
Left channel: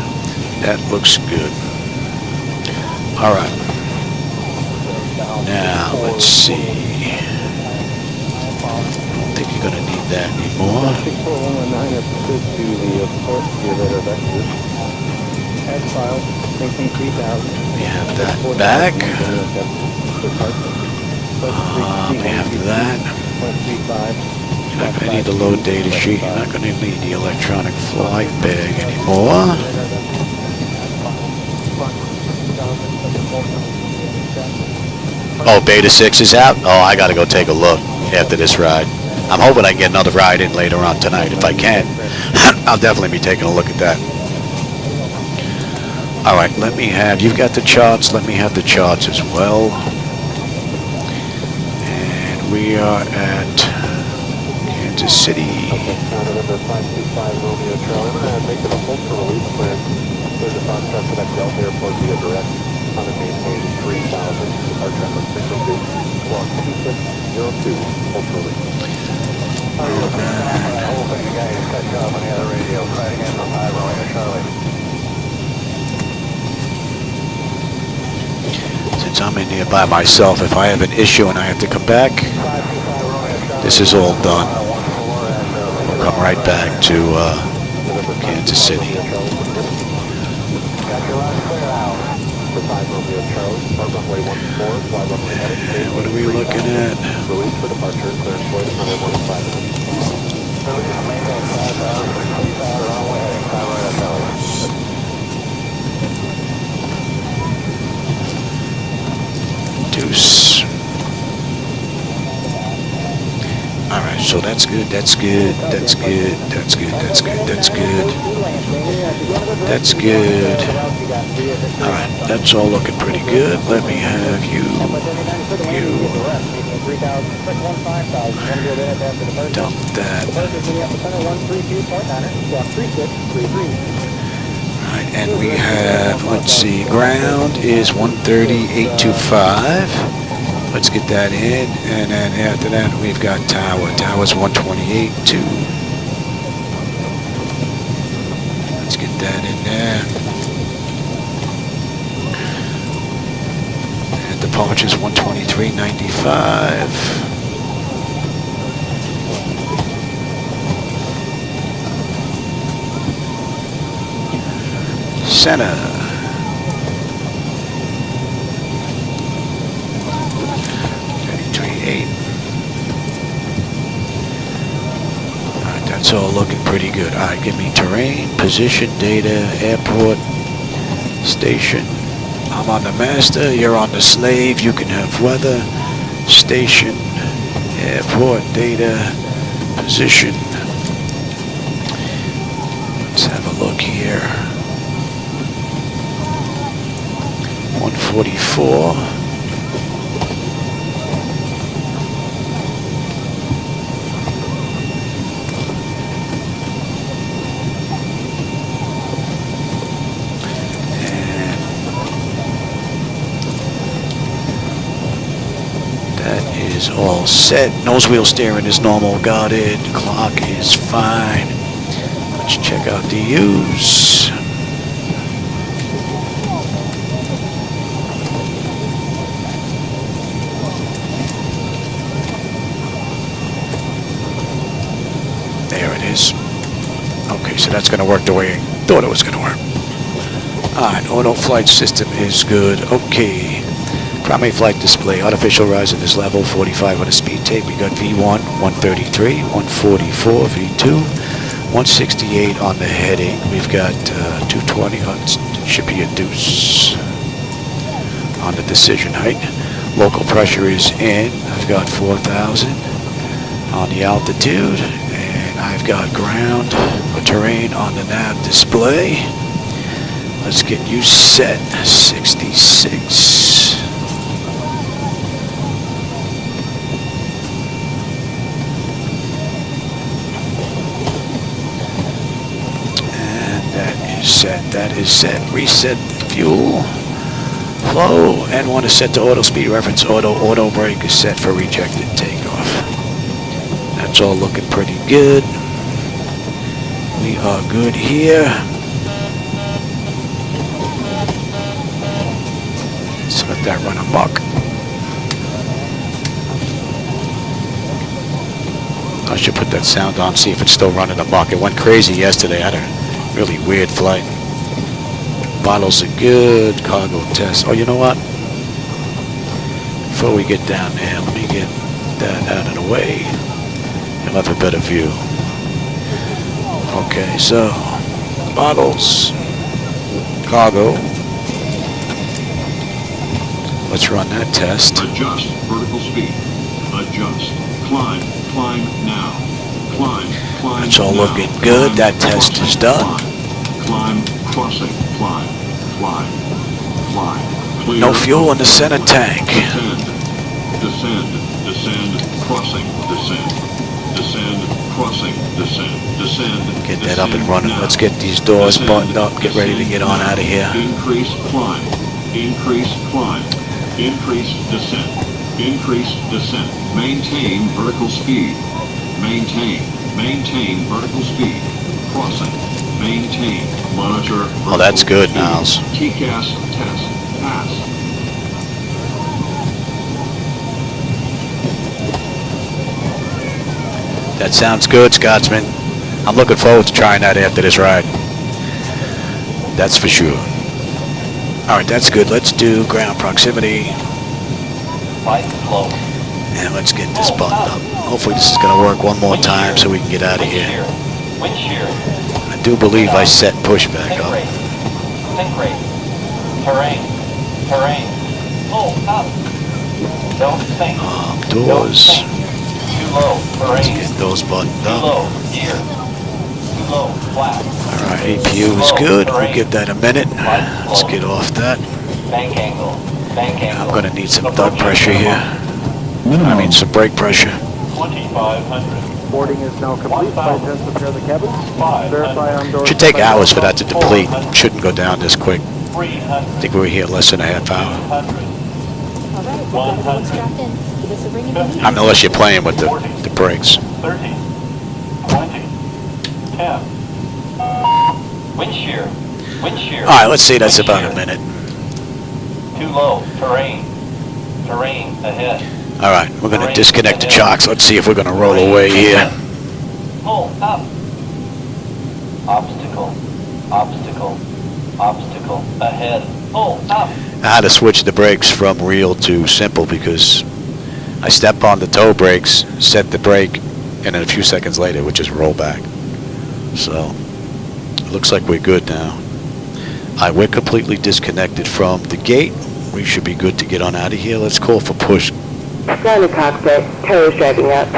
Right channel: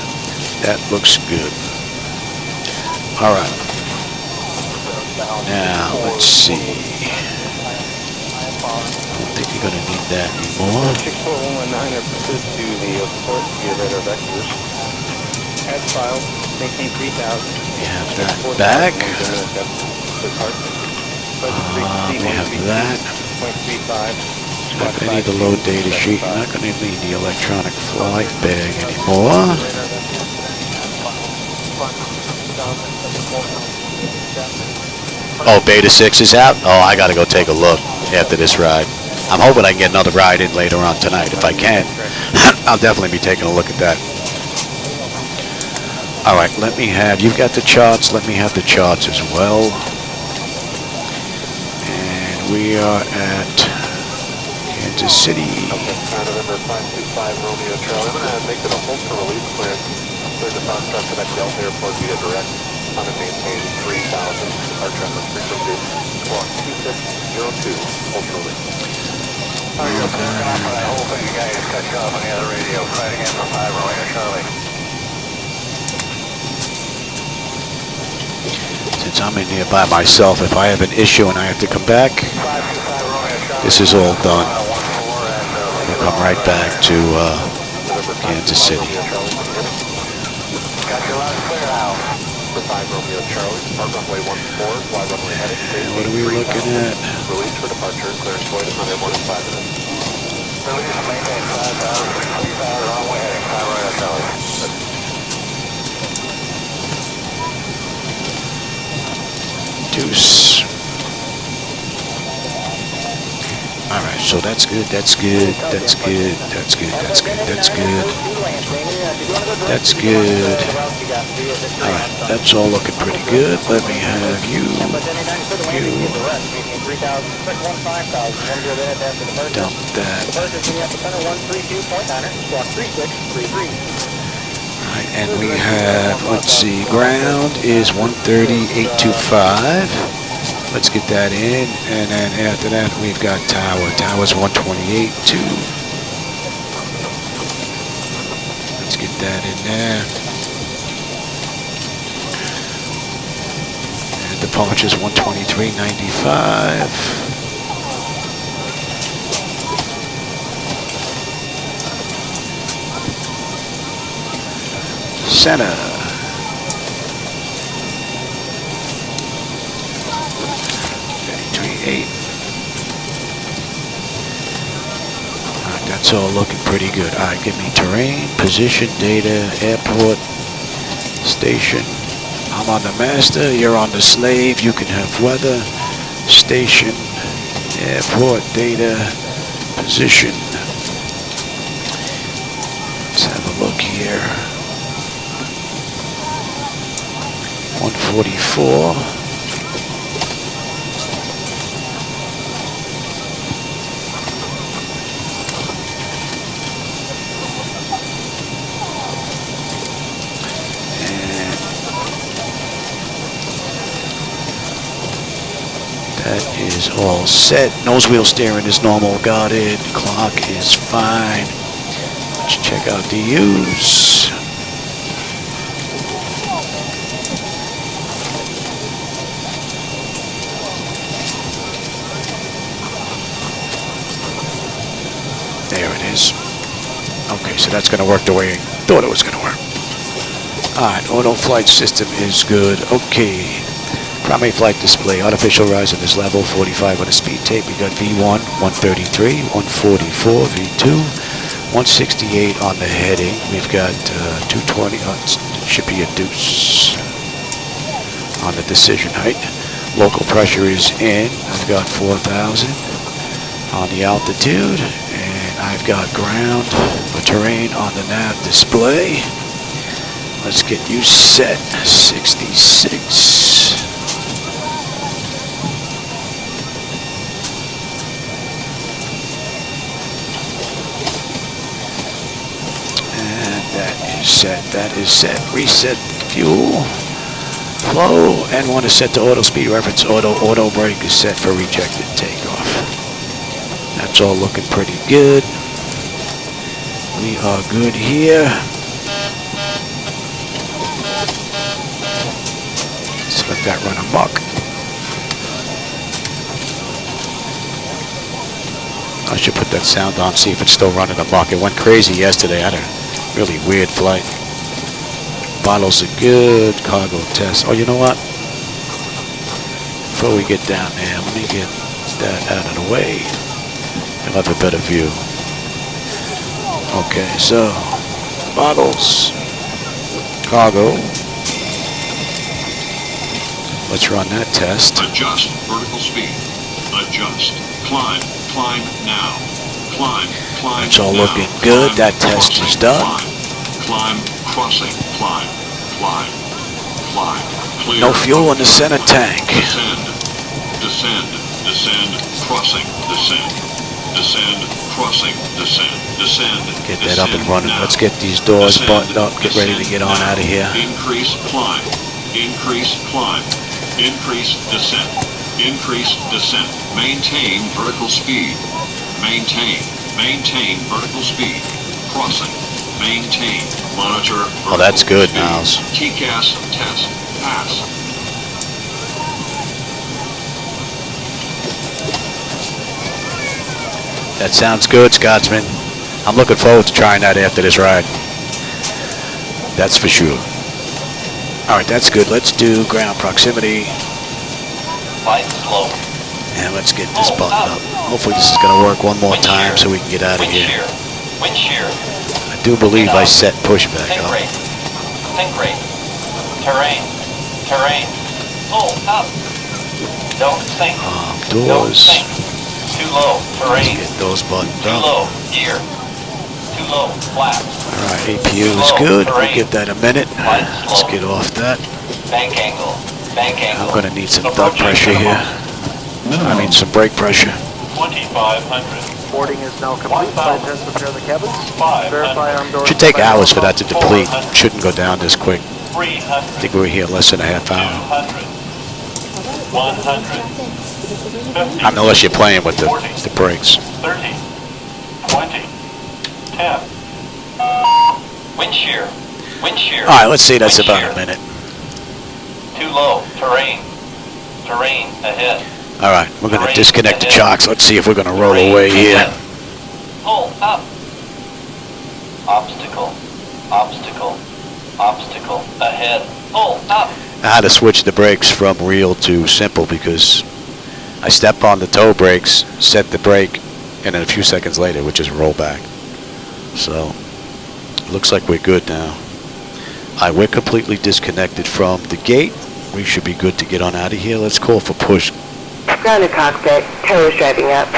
That looks good. All right. Now, let's see. I don't think you're going to need that anymore. We have that back. We have that. You're not going to need the load data sheet. You're not going to need the electronic flight bag anymore. Oh, Beta 6 is out? Oh, I got to go take a look after this ride. I'm hoping I can get another ride in later on tonight. If I can, I'll definitely be taking a look at that. All right, let me have, you've got the charts. Let me have the charts as well. And we are at Kansas City. Since I'm in here by myself, if I have an issue and I have to come back, this is all done. We'll come right back to Kansas City. And what are we looking at? Deuce. All right, so that's good, that's good, that's good, that's good, that's good, that's good. That's good. All right, that's all looking pretty good. Let me have you. Dump that. All right, and we have, let's see, ground is 130,825. Let's get that in, and then after that we've got tower. Tower's 128.2. Let's get that in there. And departure's 123.95. Center. 33.8. All right, that's all looking pretty good. All right, give me terrain, position, data, airport, station. I'm on the master, you're on the slave. You can have weather, station, airport, data, position. Let's have a look here. 144. And that is all set. Nose wheel steering is normal, guarded. Clock is fine. Let's check out the U's. There it is. Okay, so that's going to work the way I thought it was going to work. Alright, auto flight system is good. Okay. Primary flight display. Artificial rise in this level. 45 on the speed tape. We got V1, 133, 144, V2, 168 on the heading. We've got 220. It should be a deuce on the decision height. Local pressure is in. I've got 4,000 on the altitude. I've got ground or terrain on the nav display. Let's get you set. 66. set. That is set. Reset fuel flow, and want to set to auto speed reference. Auto brake is set for rejected takeoff. That's all looking pretty good. We are good here. So let that run amok. I should put that sound on, see if it's still running amok. It went crazy yesterday. I had a really weird flight. Bottles are good. Cargo test. Oh, you know what? Before we get down there, let me get that out of the way. You'll have a better view. Okay, so the bottles, cargo. Let's run that test. Adjust vertical speed. Adjust. Climb. Climb now. Climb. Climb. That's all now. looking good. Climb, That test crossing, is done. Climb. Crossing. Climb. Climb. Climb. Clear. No fuel in the center tank. Descend. Descend. Descend. Crossing. Descend. Descend. Crossing. Descend. Descend. Get that up and descend running. now. Let's get these doors Descend, buttoned up. Get ready to get on out of here. Increase climb. Increase climb. Increase descent. Increase descent. Maintain vertical speed. Maintain. Maintain vertical speed. Crossing. Maintain. Monitor. Oh, that's vertical good, speed. Niles. TCAS test. Pass. That sounds good, Scotsman. I'm looking forward to trying that after this ride. That's for sure. All right, that's good. Let's do ground proximity. And let's get this buttoned up. Hopefully this is going to work one more time so we can get out of here. I do believe I set pushback up. Doors. Let's get those buttoned up. Alright, APU is good. We'll give that a minute. Let's get off that. I'm going to need some duct pressure here. I mean some brake pressure. Boarding is now complete. Flight test prepare the cabins. Verify on door. Should take hours for that to deplete. Shouldn't go down this quick. I think we were here less than a half hour. Alright, we've got everyone strapped in. Give us a ring if you need. I mean, unless you're playing with the brakes. 30, 20, 10. Wind shear. Wind shear. Alright, let's see. That's about a minute. Too low. Terrain. Terrain ahead. Alright, we're going to disconnect the chocks. Let's see if we're going to roll away here. Pull up. Obstacle. Obstacle. Obstacle ahead. Pull up. I had to switch the brakes from real to simple because I step on the toe brakes, set the brake, and then a few seconds later, we just roll back. So, it looks like we're good now. Alright, we're completely disconnected from the gate. We should be good to get on out of here. Let's call for push. Down the cockpit. Tower's driving up.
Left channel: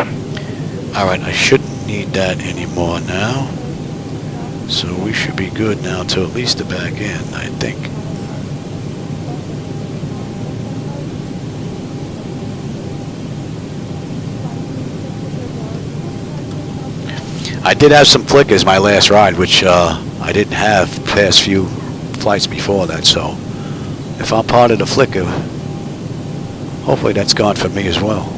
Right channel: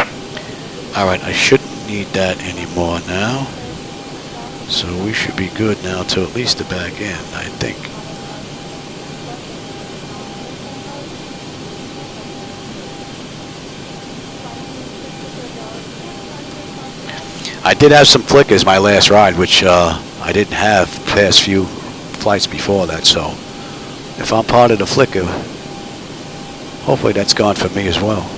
Alright, I shouldn't need that anymore now. So we should be good now to at least the back end, I think. I did have some flickers my last ride, which I didn't have past few flights before that, so if I'm part of the flicker, hopefully that's gone for me as well.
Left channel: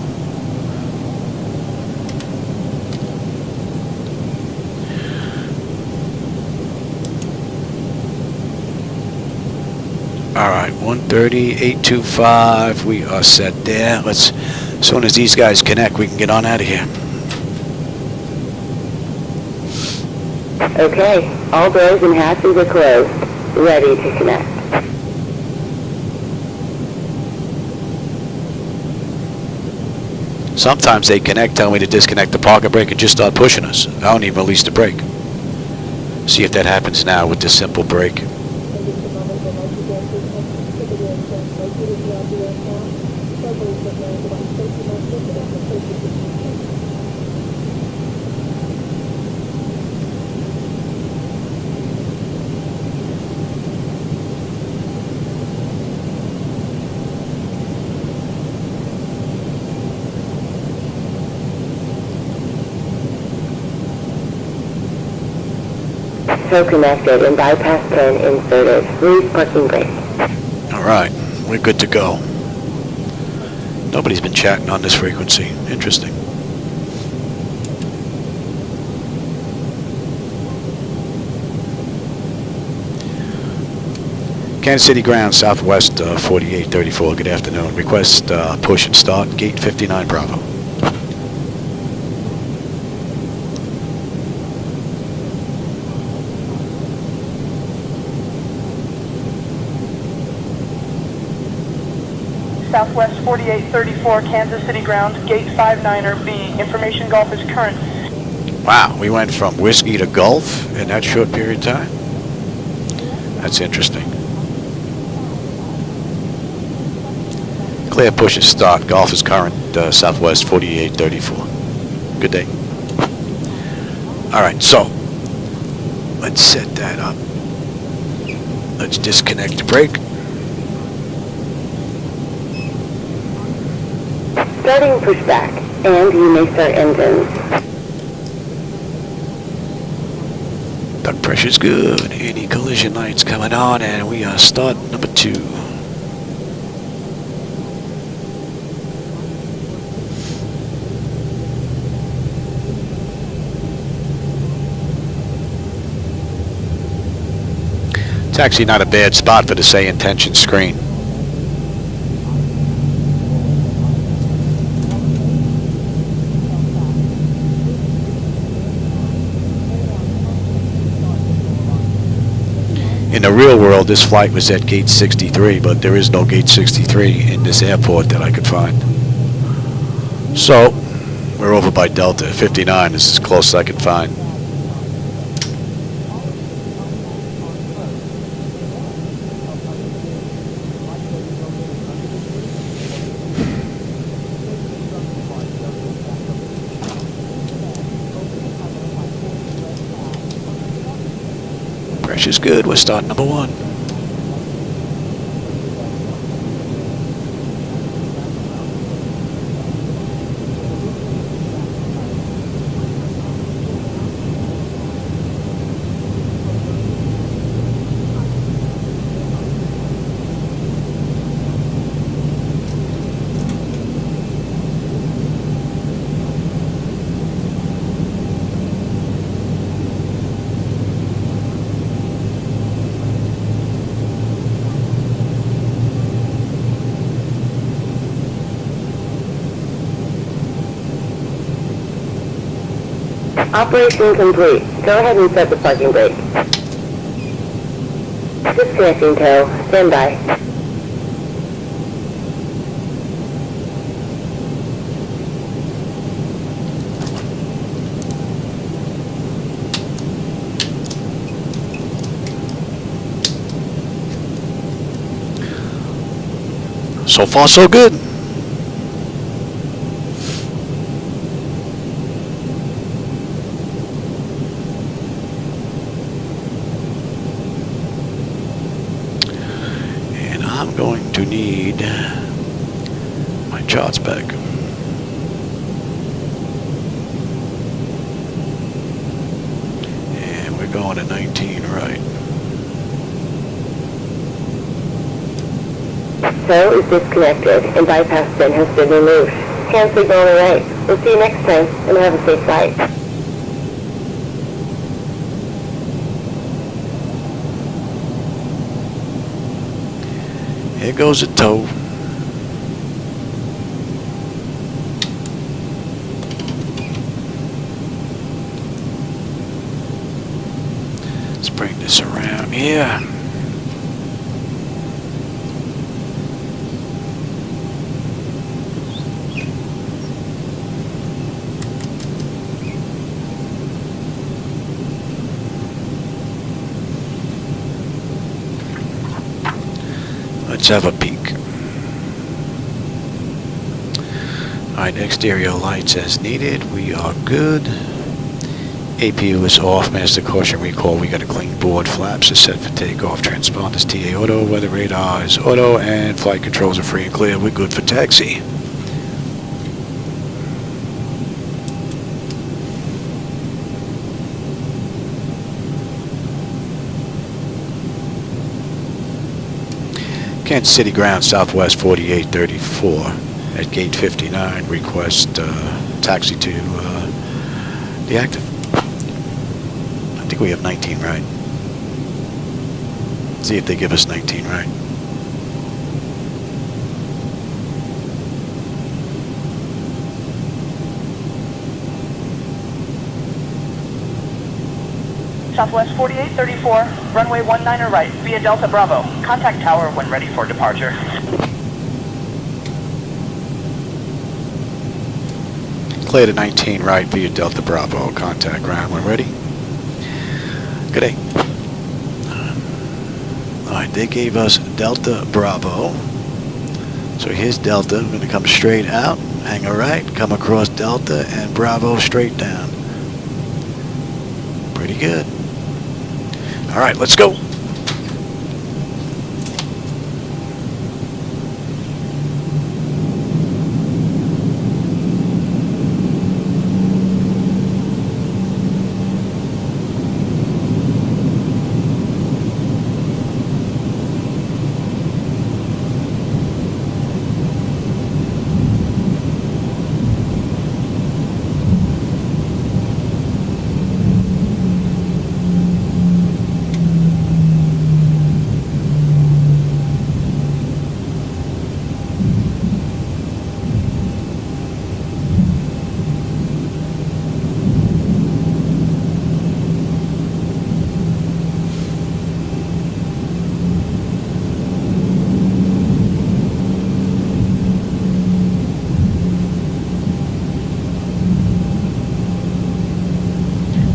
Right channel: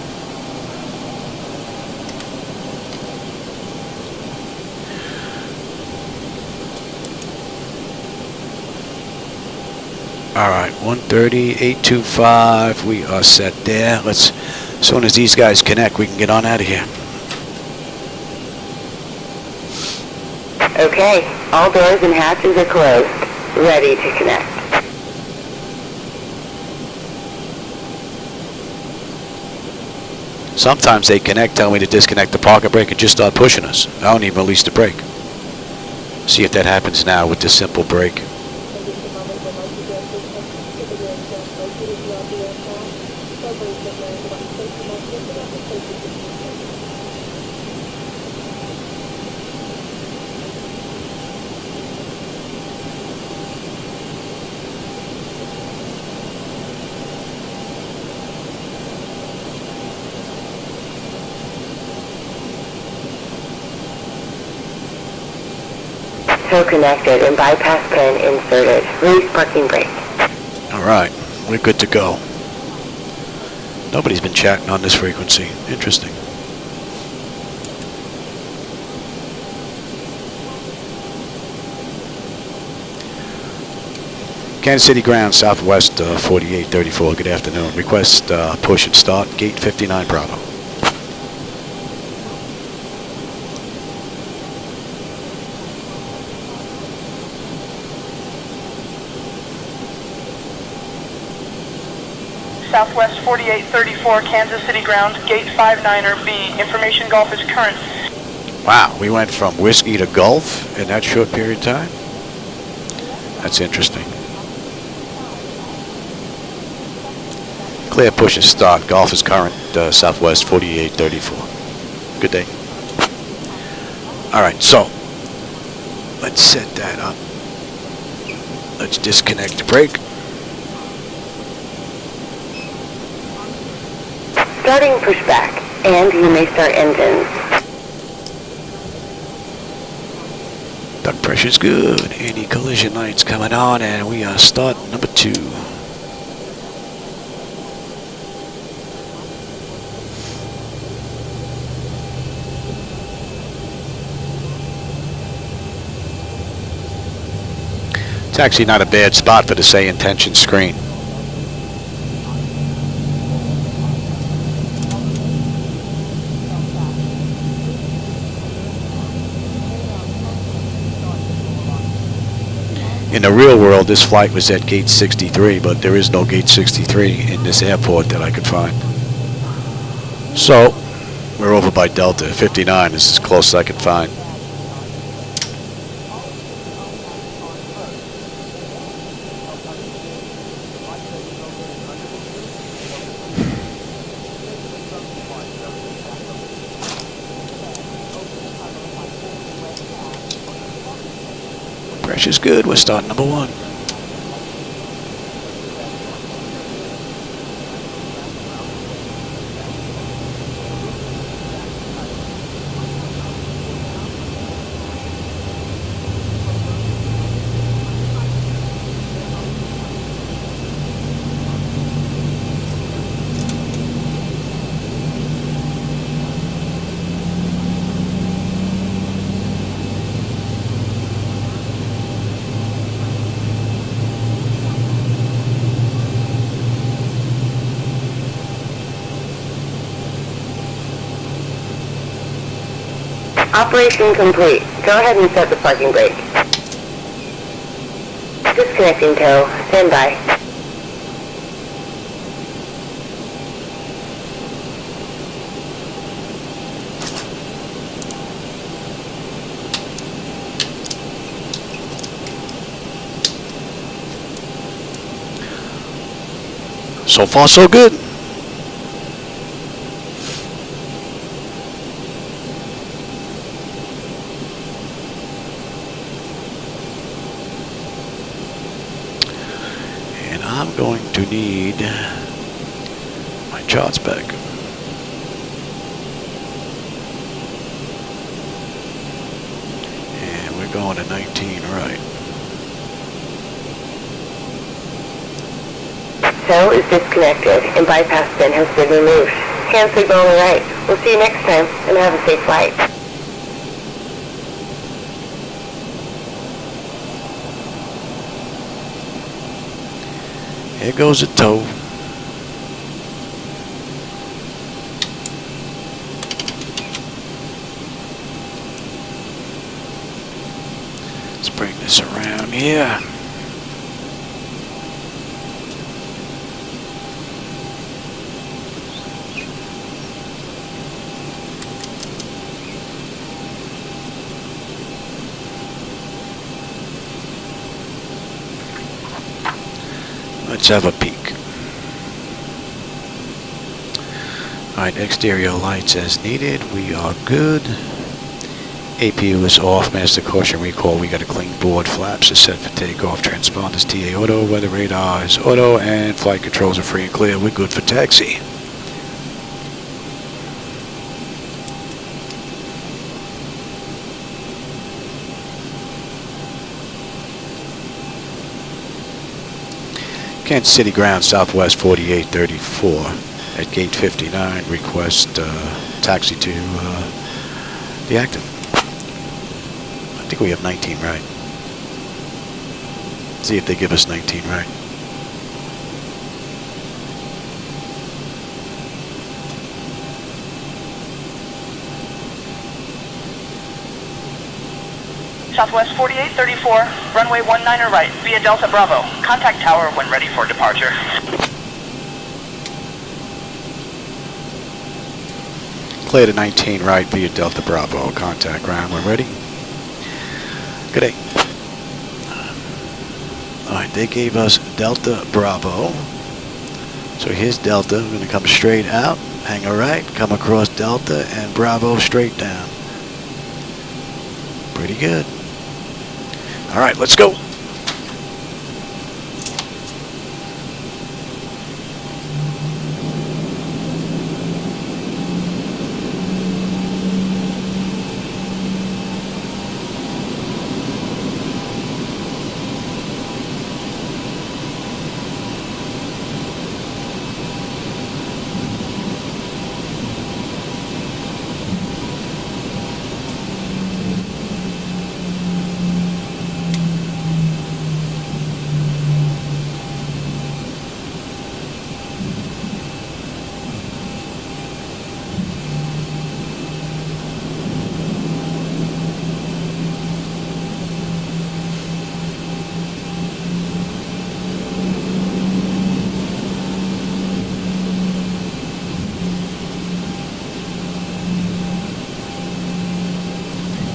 Alright, 130, 825, we are set there. As soon as these guys connect, we can get on out of here. Okay. All doors and hatches are closed. Ready to connect. Sometimes they connect, tell me to disconnect the parking brake and just start pushing us. I don't even release the brake. See if that happens now with this simple brake. tow connected and bypass pin inserted. Release parking brake. All right, we're good to go. Nobody's been chatting on this frequency. Interesting. Kansas City ground, Southwest 4834. Good afternoon. Request push and start, gate 59 Bravo. Southwest 4834, Kansas City ground, gate 59er B. Information Golf is current. Wow, we went from whiskey to Gulf in that short period of time? That's interesting. Clear push and start. Golf is current, Southwest 4834. Good day. All right, so let's set that up. Let's disconnect the brake. Starting pushback, and you may start engines. Duct pressure's good. Anti-collision lights coming on, and we are start number 2. It's actually not a bad spot for the SayIntentions screen. In the real world, this flight was at gate 63, but there is no gate 63 in this airport that I could find. So, we're over by Delta. 59 is as close as I could find. Pressure's good. We're starting number 1. Operation complete. Go ahead and set the parking brake. Disconnecting tow. Stand by. So far, so good. And I'm going to need my charts back. And we're going to 19, right? Tow is disconnected and bypass pin has been removed. Hand signal on the right. We'll see you next time and have a safe flight. Here goes the tow. Let's bring this around here. Let's have a peek. Alright, exterior lights as needed. We are good. APU is off. Master caution recall. We got a clean board. Flaps are set for takeoff. Transponders TA auto. Weather radar is auto. And flight controls are free and clear. We're good for taxi. Kansas City ground, Southwest 4834 at gate 59. Request taxi to the active. I think we have 19 right. See if they give us 19 right. Southwest 4834, runway 19er right, via Delta Bravo. Contact tower when ready for departure. Clear to 19 right via Delta Bravo. Contact ground when ready. Good day. Alright, they gave us Delta Bravo. So here's Delta. We're going to come straight out, hang a right, come across Delta, and Bravo straight down. Pretty good. Alright, let's go.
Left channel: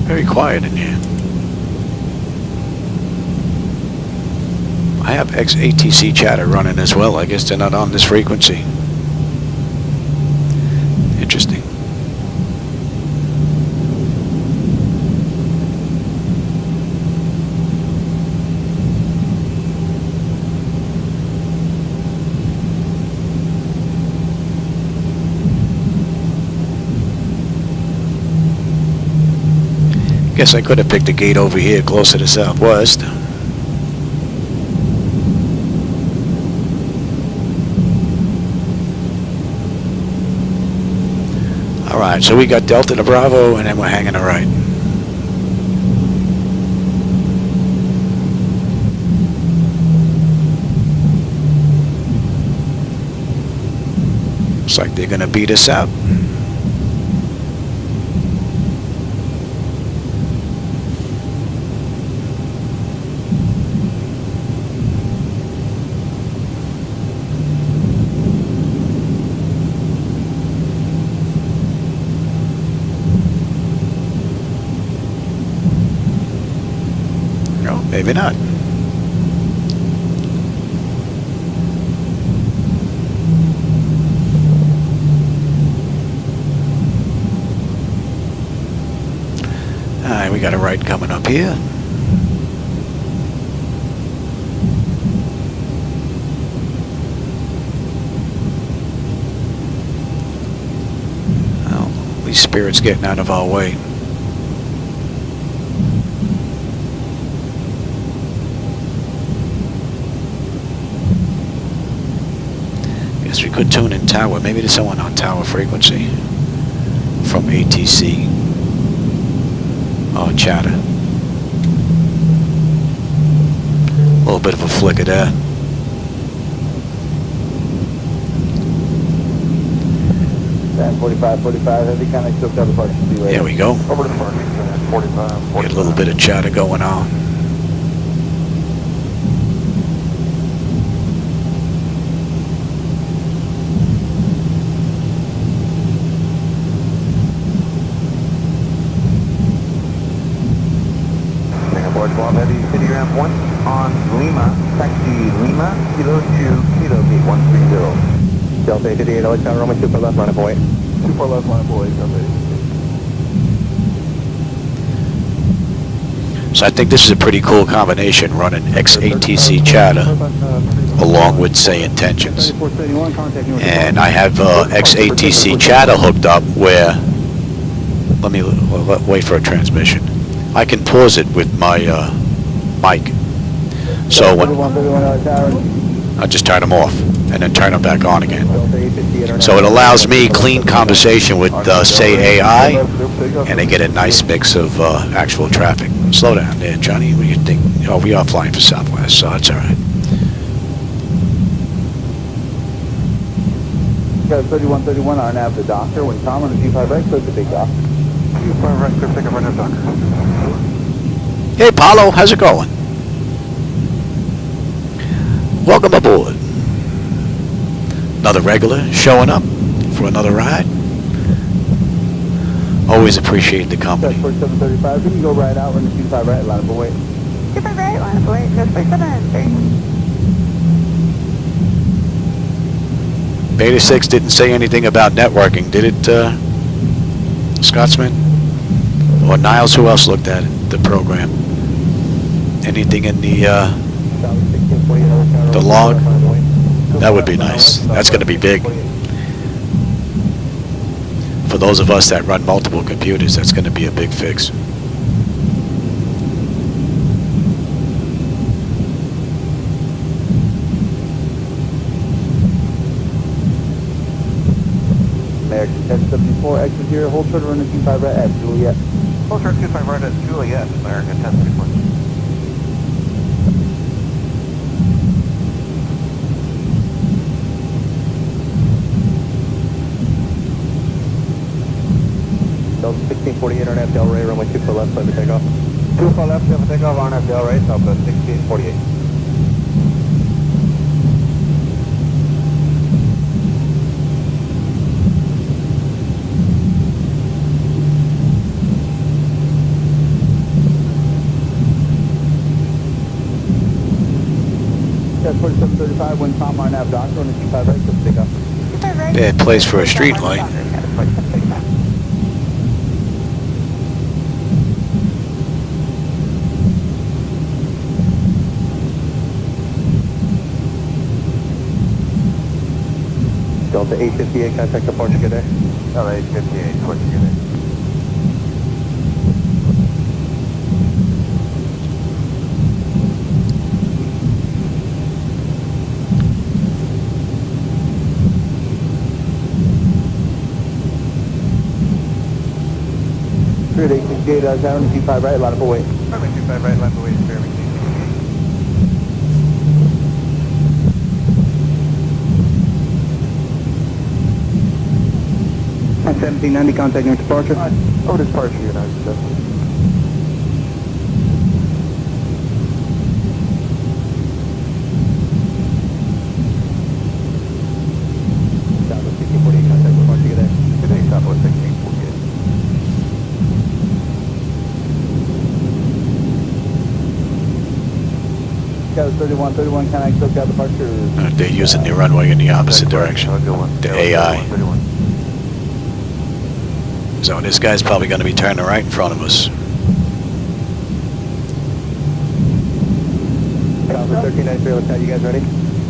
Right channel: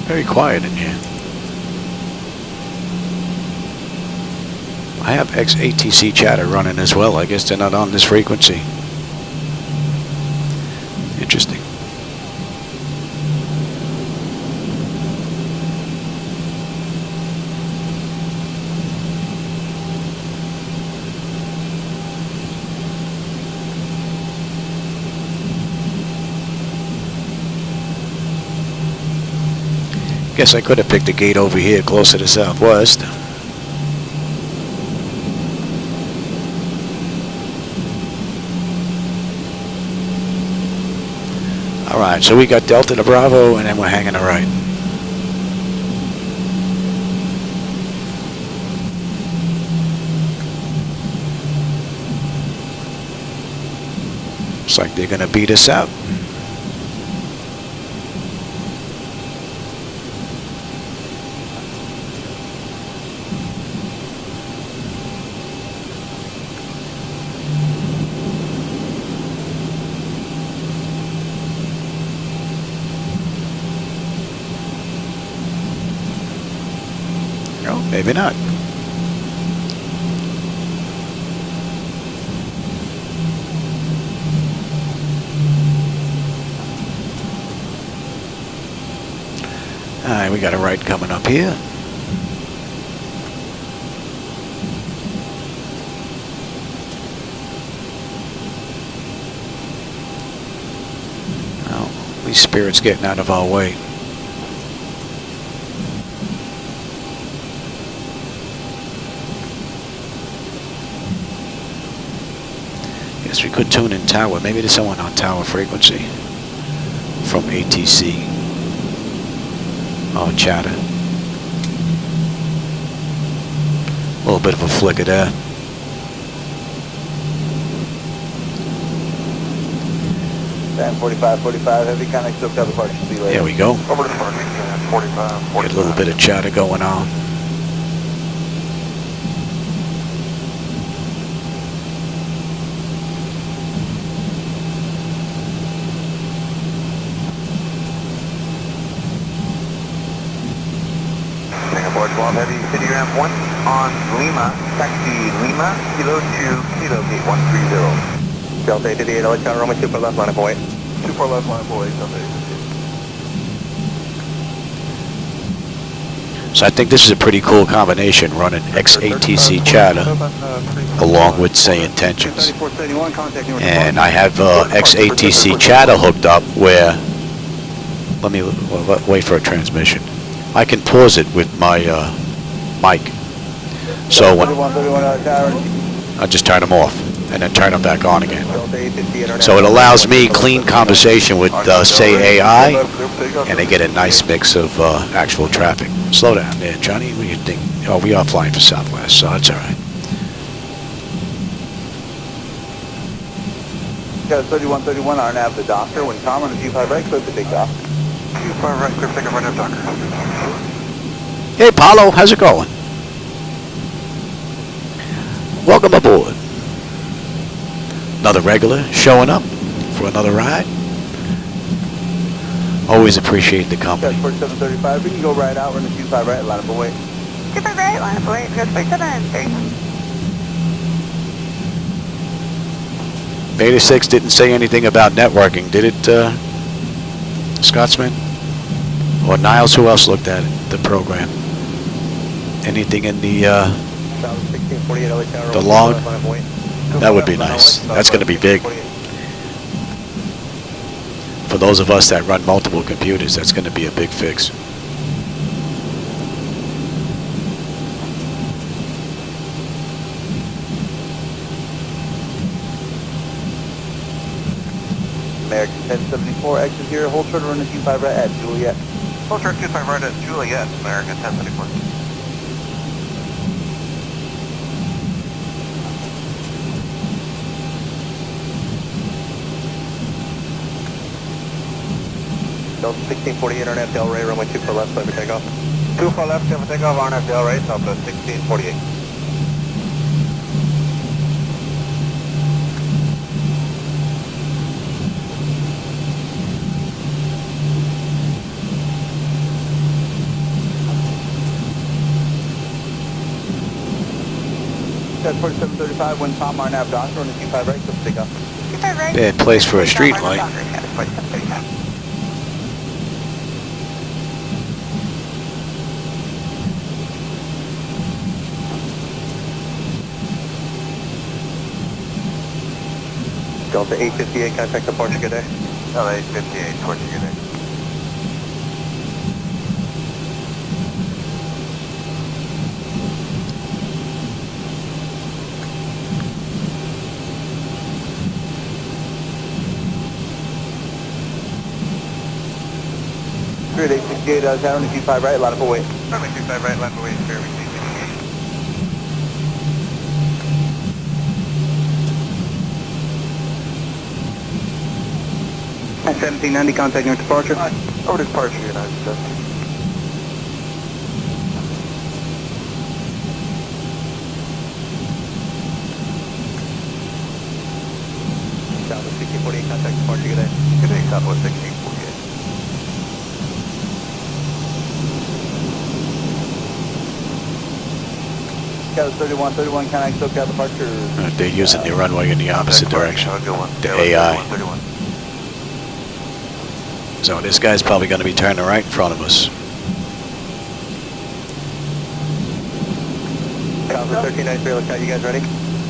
Very quiet in here. I have XATC chatter running as well. I guess they're not on this frequency. Interesting. Guess I could have picked a gate over here closer to Southwest. Alright, so we got Delta to Bravo, and then we're hanging a right. Looks like they're going to beat us out. No, maybe not. Alright, we got a right coming up here. Well, these spirits getting out of our way. Guess we could tune in tower. Maybe there's someone on tower frequency from ATC. Oh, chatter. A little bit of a flicker there. And 45, heavy contact, still cover departure. There we go. Over to departure, 45. Get a little bit of chatter going on. Singapore 12 Heavy, City Ramp 1 on Lima, taxi Lima, Kilo 2, Kilo Gate 130. Delta 88, Alexander Roman 2 for left, line up away. 2 for left, line up away, Delta. So I think this is a pretty cool combination, running XATC chatter along with SayIntentions. And I have XATC chatter hooked up where, let me wait for a transmission. I can pause it with my mic. So when I just turn them off and then turn them back on again. Delta 858 So it allows me clean conversation with, say, AI, and they get a nice mix of actual traffic. Slow down there, Johnny. What do you think? Oh, we are flying for Southwest, so that's all right. Got 3131 RNAV the doctor. When Tom on the G5 right, clear to take off. G5 right, clear to take off RNAV doctor. Hey, Paulo, how's it going? Welcome aboard. Another regular showing up for another ride. Always appreciate the company. 735, we can go right out. We're in the G5 right, line up away. G5 right, line up away. Good, 7. Beta 6 didn't say anything about networking, did it, Scotsman? Or Niles, who else looked at it, the program? Anything in the log? That would be nice. That's going to be big. For those of us that run multiple computers, that's going to be a big fix. American 1074, exit here, hold short on the G5 right at Juliet. Hold short G5 right at Juliet, American 1074. Delta 1648, RNAV Del Rey, runway 2 for left, clear for takeoff. 2 for left, clear for takeoff, RNAV Del Rey, Delta 1648. That's 4735, when Tom RNAV doctor on the G5 right, clear for takeoff. Bad place for a street light. Delta 858, contact the Portugal Day. Delta 858, Portugal Day. Grid 868, down to G5 right, line up away. G5 right, line up away, clear with G58. 1790, contacting with departure. Over to departure, United States. Down to 1648, contact departure, good day. Good day, Southwest 1648. Got 3131, contact SoCal departure. They're using the runway in the opposite direction. The AI. So this guy's probably going to be turning right in front of us. Delta 1393, looks like you guys ready?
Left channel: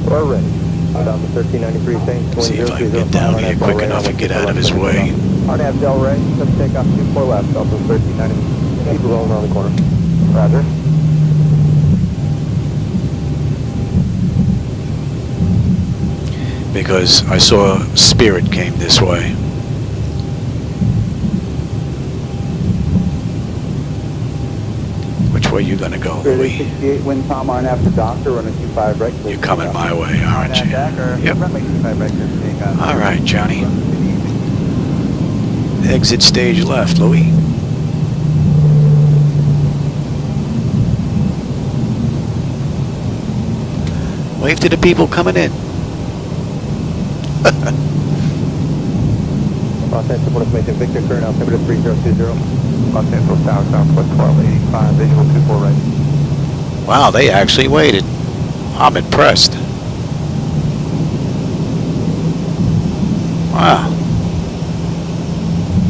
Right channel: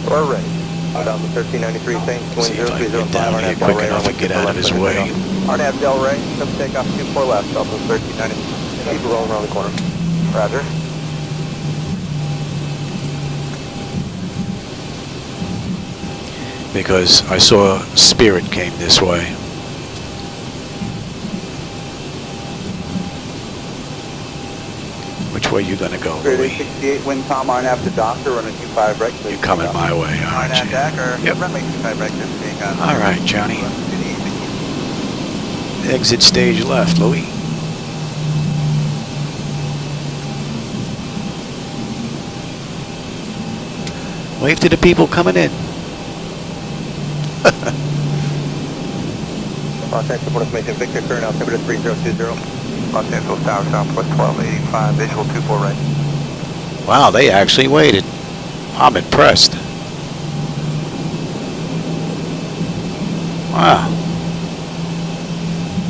We're ready. Delta 1393, same. See if I can get down here quick enough and get out of his way. RNAV Del Rey, come take off 24 left, Delta 1393. Keep rolling around the corner. Roger. Because I saw Spirit came this way. Which way you gonna go, Louis? 68, wind Tom RNAV to doctor, running 25 right. You're coming my way, aren't you? Yep. All right, Johnny. Exit stage left, Louis. Wave to the people coming in. Los Angeles information, Victor, current altimeter 3020. Los Angeles Tower, Southwest 1285, visual 24 right. Wow, they actually waited. I'm impressed. Wow.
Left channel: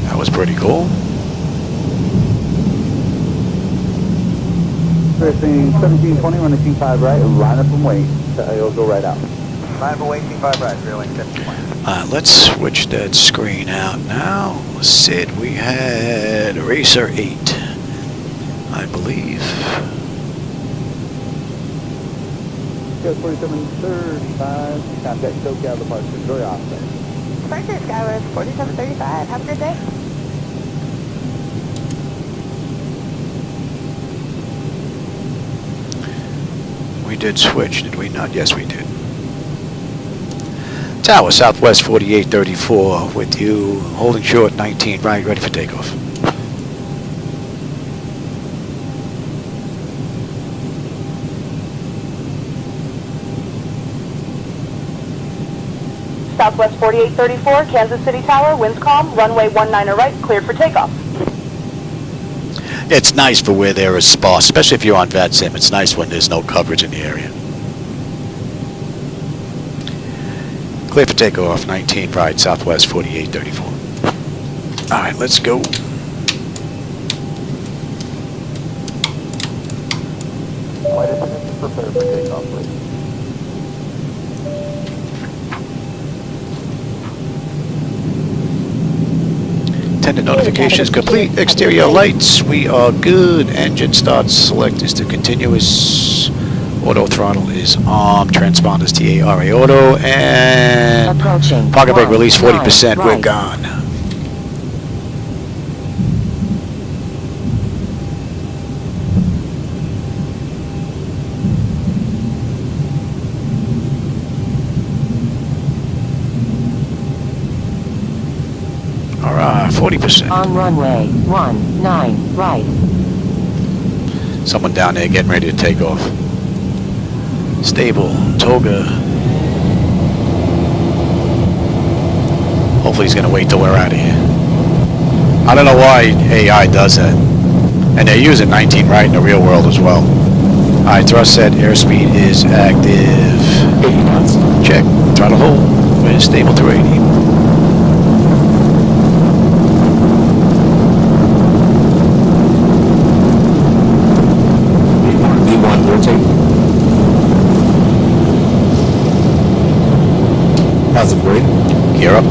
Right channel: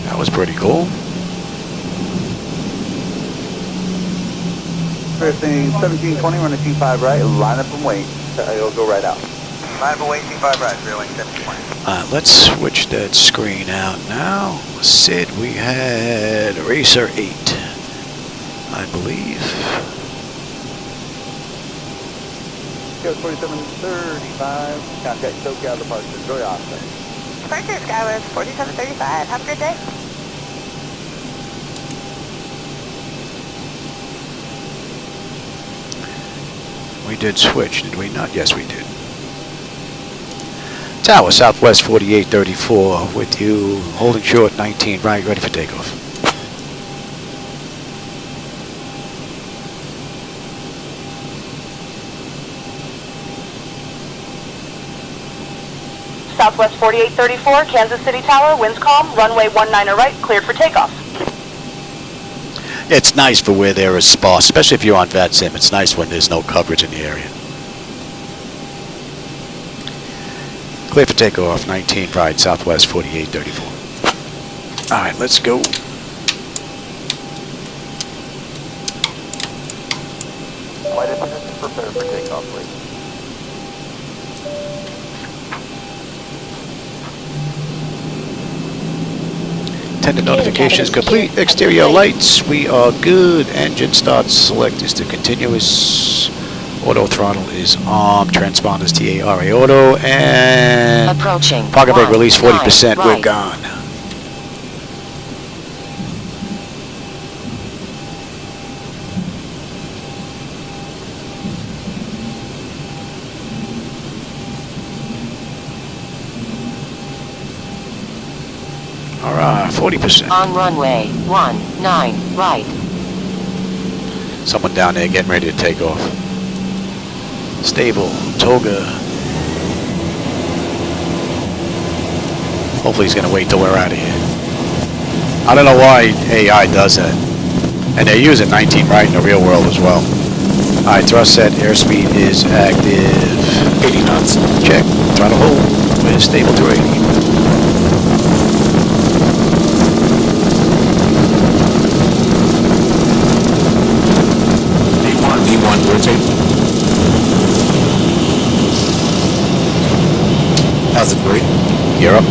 That was pretty cool. 1720, running T5 right, line up and wait. It'll go right out. Line up and wait, T5 right, 01720. Let's switch that screen out now. Sid, we had Racer 8, I believe. Coast 4735, contact SoCal departure, Joy Austin. Departure Skywest 4735. Have a good day. We did switch, did we not? Yes, we did. Tower, Southwest 4834 with you, holding short 19 right, ready for takeoff. Southwest 4834, Kansas City Tower, winds calm, runway 19 right, cleared for takeoff. It's nice for where there is sparse, especially if you're on VATSIM. It's nice when there's no coverage in the area. Clear for takeoff, 19 right, Southwest 4834. All right, let's go. Flight attendants prepare for takeoff, please. Attendant notifications complete. Exterior lights, we are good. Engine start select is to continuous. Auto throttle is on. Transponders TARA auto. And pocket brake release 40%. We're gone. All right, 40%. On runway 19 right. Someone down there getting ready to take off. Stable, Toga. Hopefully he's going to wait till we're out of here. I don't know why AI does that. And they're using 19 right in the real world as well. Alright, thrust set, airspeed is active. 80 knots. Check, throttle hold. We're stable to 80. D1, rotate. Positive brake. Gear up.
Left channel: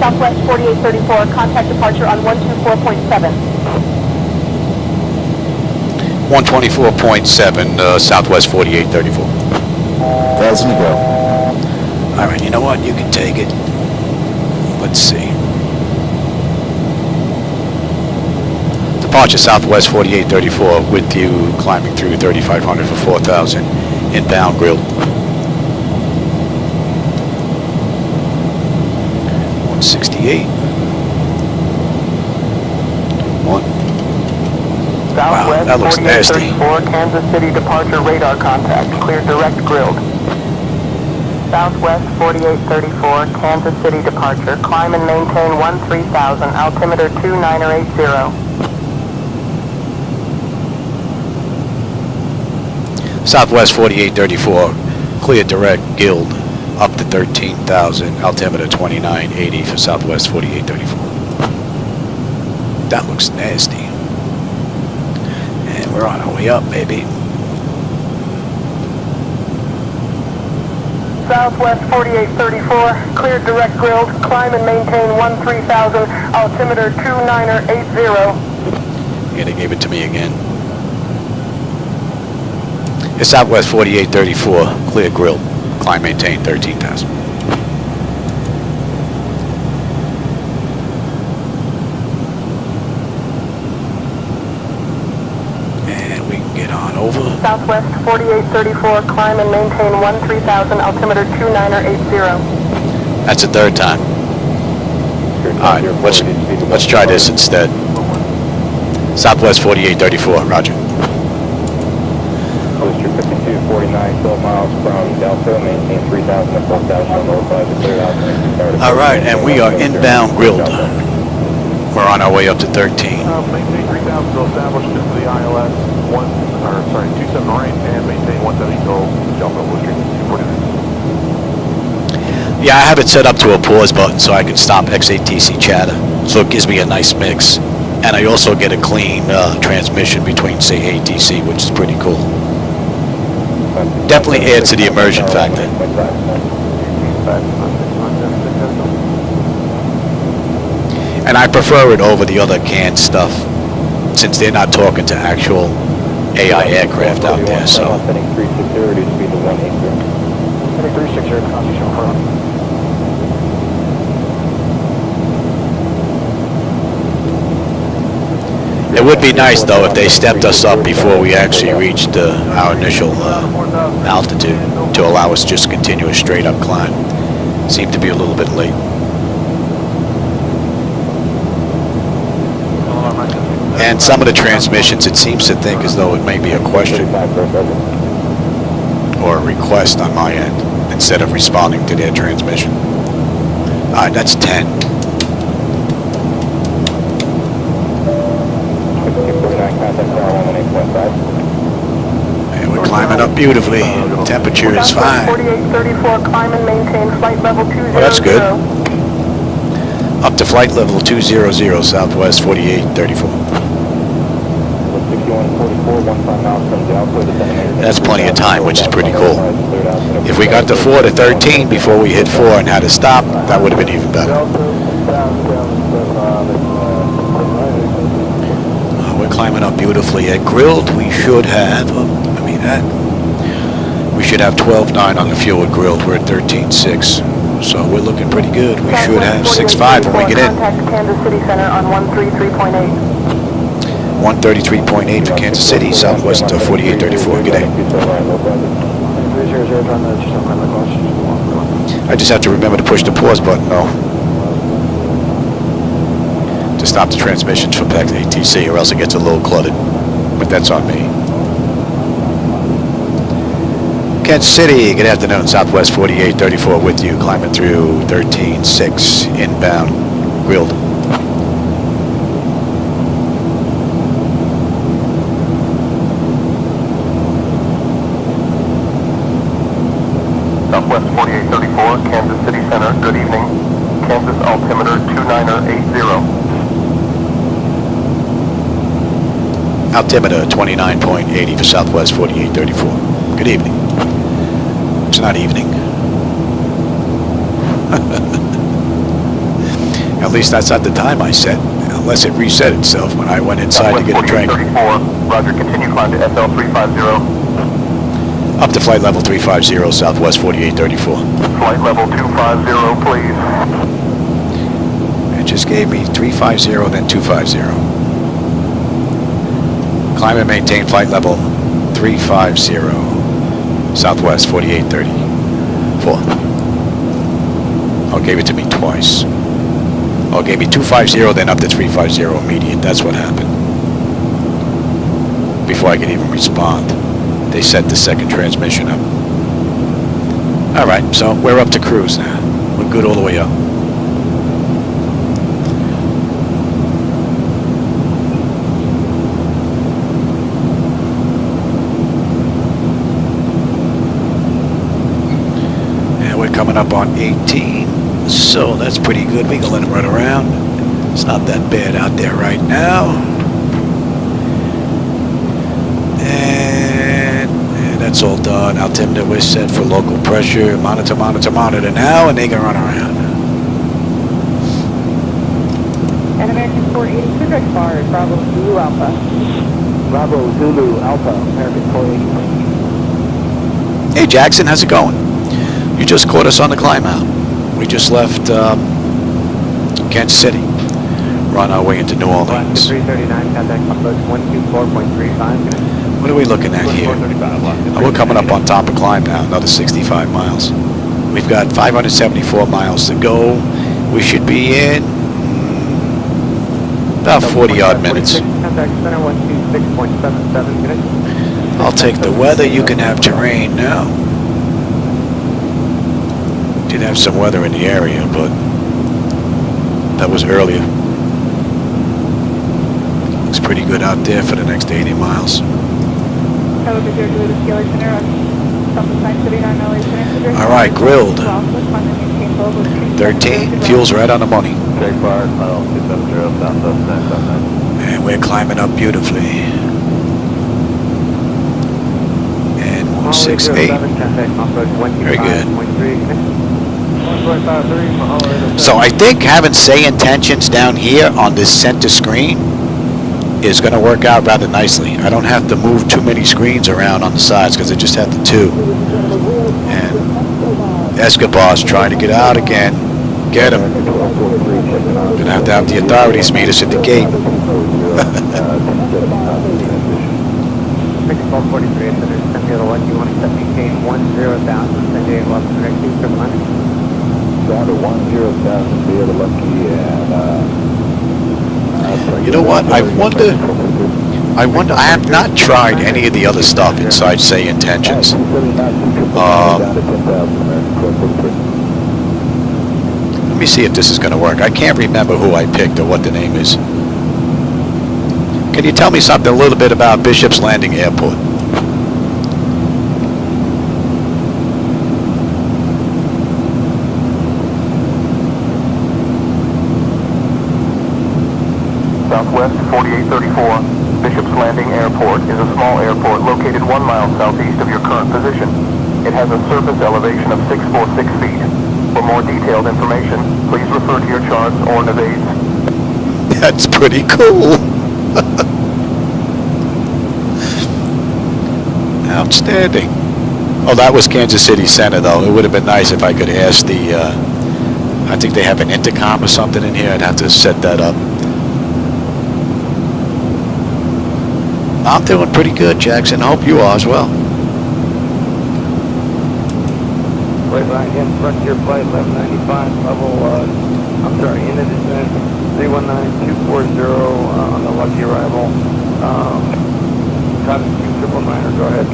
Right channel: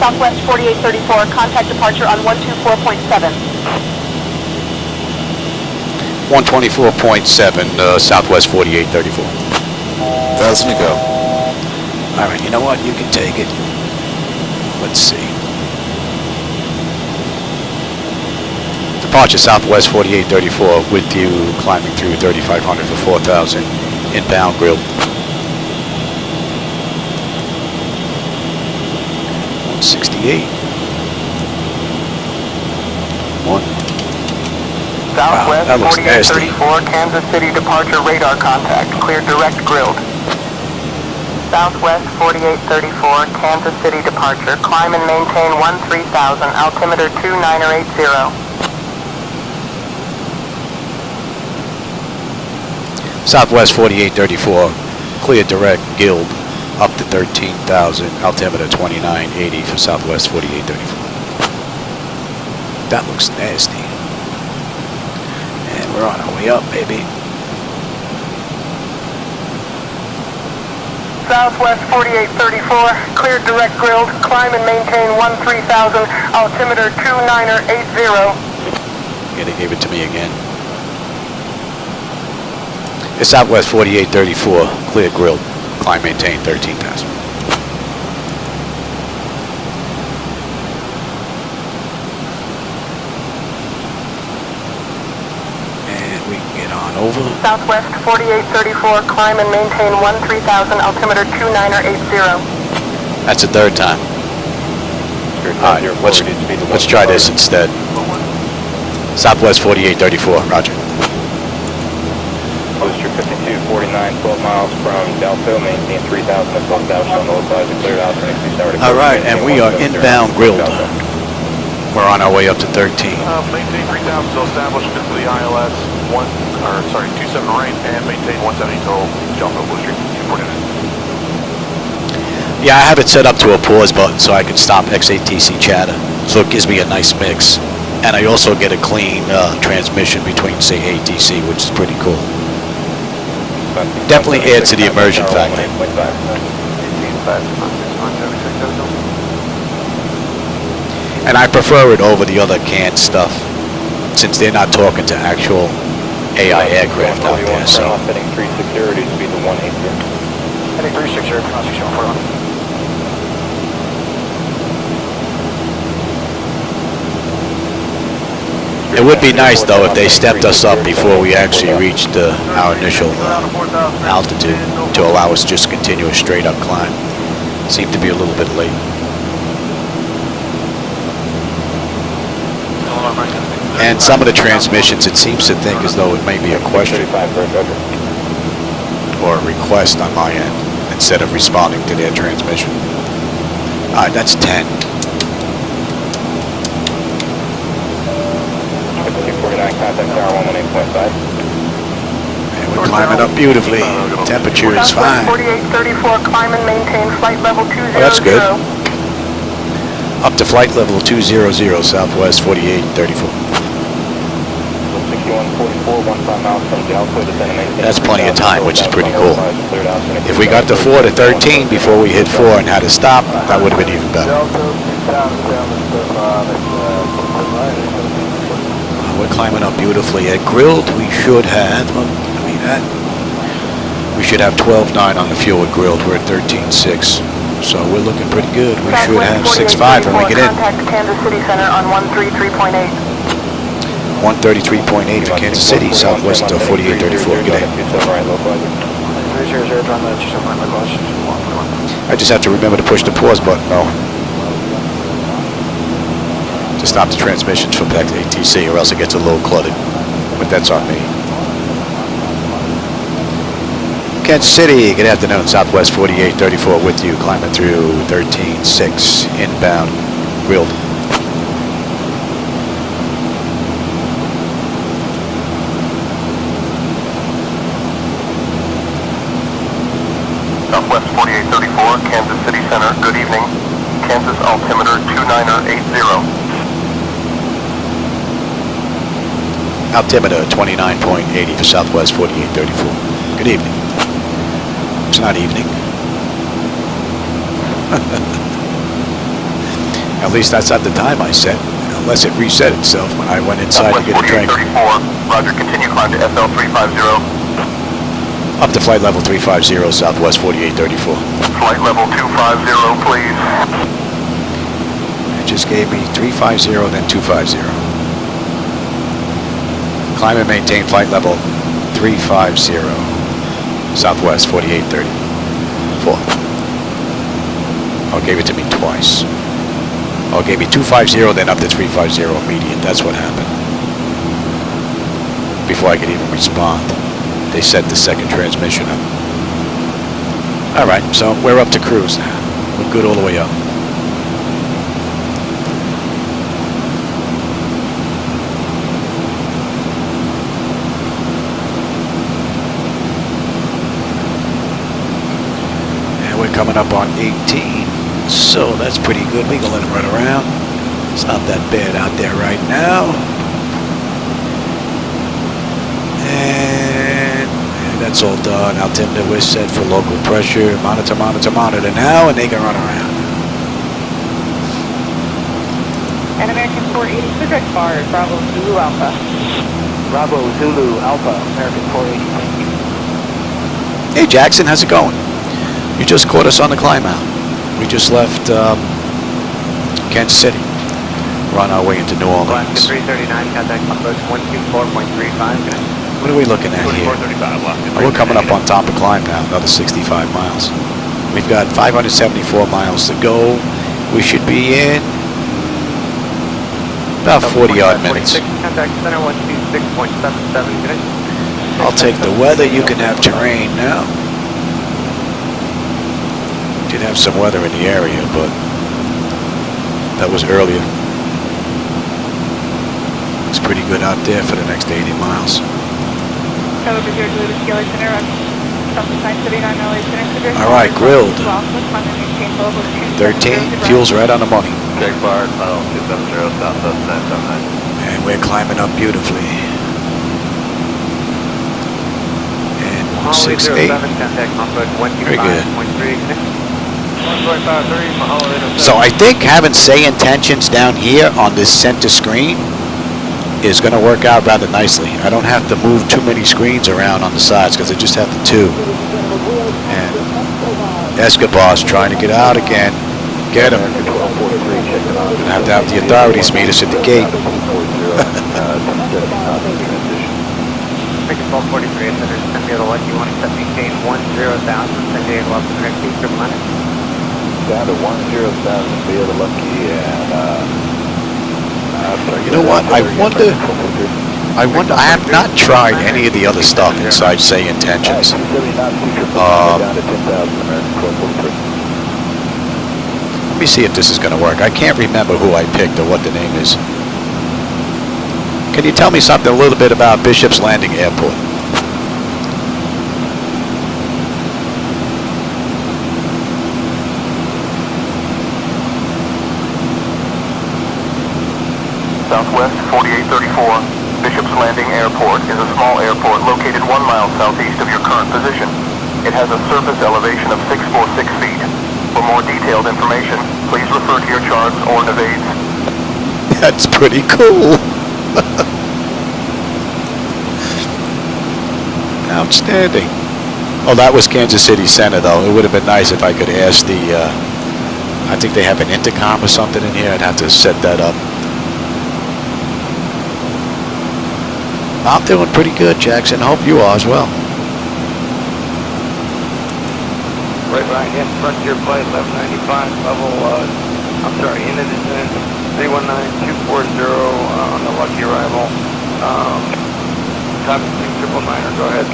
Southwest 4834, contact departure on 124.7. 124.7, Southwest 4834. 1,000 to go. Alright, you know what? You can take it. Let's see. Departure Southwest 4834 with you climbing through 3500 for 4,000. Inbound grilled. 168. One. Wow, that looks nasty. Kansas City departure radar contact. Clear direct grilled. Southwest 4834, Kansas City departure. Climb and maintain 13,000, altimeter 2980. Southwest 4834, clear direct guild up to 13,000, altimeter 2980 for Southwest 4834. That looks nasty. And we're on our way up, baby. Southwest 4834, clear direct grilled. Climb and maintain 13,000, altimeter 2980. Yeah, they gave it to me again. It's Southwest 4834, clear grilled. Climb, maintain 13,000. And we can get on over. Southwest 4834, climb and maintain 13,000, altimeter 2980. That's the third time. Alright, let's try this instead. Southwest 4834, roger. Booster 5249, 12 miles from Delta, maintain 3,000 at 1,000 on north side of the clear out. Alright, and we are inbound grilled. We're on our way up to 13. Maintain 3,000 still established into the ILS 27 right and maintain 170 total, Delta Blue Street. Yeah, I have it set up to a pause button so I can stop XATC chatter. So it gives me a nice mix. And I also get a clean transmission between, say, ATC, which is pretty cool. Definitely adds to the immersion factor. And I prefer it over the other canned stuff, since they're not talking to actual AI aircraft out there, so. It would be nice, though, if they stepped us up before we actually reached our initial altitude to allow us just to continue a straight-up climb. Seemed to be a little bit late. And some of the transmissions, it seems to think as though it may be a question or a request on my end instead of responding to their transmission. All right, that's 10. And we're climbing up beautifully. Temperature is fine. Oh, that's good. Up to flight level 200, Southwest 4834. That's plenty of time, which is pretty cool. If we got to 4 to 13 before we hit 4 and had to stop, that would have been even better. We're climbing up beautifully. At grilled, we should have, we should have 12.9 on the fuel at grilled. We're at 13.6. So we're looking pretty good. We should have 6.5 when we get in. 133.8 for Kansas City, Southwest 4834. Good day. I just have to remember to push the pause button, though, to stop the transmissions from back to ATC, or else it gets a little cluttered. But that's on me. Kansas City, good afternoon. Southwest 4834 with you, climbing through 13.6 inbound, grilled. Southwest 4834, Kansas City Center, good evening. Kansas altimeter 2980. Altimeter 29.80 for Southwest 4834. Good evening. It's not evening. At least that's not the time I set, unless it reset itself when I went inside to get a drink. Roger, continue climb to SL 350. Up to flight level 350, Southwest 4834. Flight level 250, please. It just gave me 350, then 250. Climb and maintain flight level 350. Southwest 4834. Oh, gave it to me twice. Oh, gave me 250, then up to 350 immediate. That's what happened. Before I could even respond, they set the second transmission up. All right, so we're up to cruise now. We're good all the way up. Coming up on 18, so that's pretty good. We can let them run around. It's not that bad out there right now. And that's all done. Altimeter, we're set for local pressure. Monitor, monitor, monitor now, and they can run around. And American 480, clear as far as Bravo Zulu Alpha. Bravo Zulu Alpha, American 480. Hey Jackson, how's it going? You just caught us on the climb out. We just left Kansas City. We're on our way into New Orleans. 339, contact 124.35. What are we looking at here? Oh, we're coming up on top of climb now, another 65 miles. We've got 574 miles to go. We should be in about 40 odd minutes. I'll take the weather. You can have terrain now. Did have some weather in the area, but that was earlier. Looks pretty good out there for the next 80 miles. All right, grilled. 13, fuel's right on the money. Check bar, 270 Southwest 979. And we're climbing up beautifully. And 168. Very good. So I think having SayIntentions down here on this center screen is going to work out rather nicely. I don't have to move too many screens around on the sides because I just have the two. And Escobar's trying to get out again. Get him. Gonna have to have the authorities meet us at the gate. You know what? I wonder, I have not tried any of the other stuff inside SayIntentions. Let me see if this is going to work. I can't remember who I picked or what the name is. Can you tell me something a little bit about Bishop's Landing Airport? Southwest 4834, Bishop's Landing Airport is a small airport located 1 mile southeast of your current position. It has a surface elevation of 646 feet. For more detailed information, please refer to your charts or Nevades. That's pretty cool. Outstanding. Oh, that was Kansas City Center, though. It would have been nice if I could ask the, I think they have an intercom or something in here. I'd have to set that up. I'm doing pretty good, Jackson. I hope you are as well. Right, yes, Frontier Flight 1195, level, I'm sorry, in the descent, 319240 on the lucky arrival. Top 299, go ahead.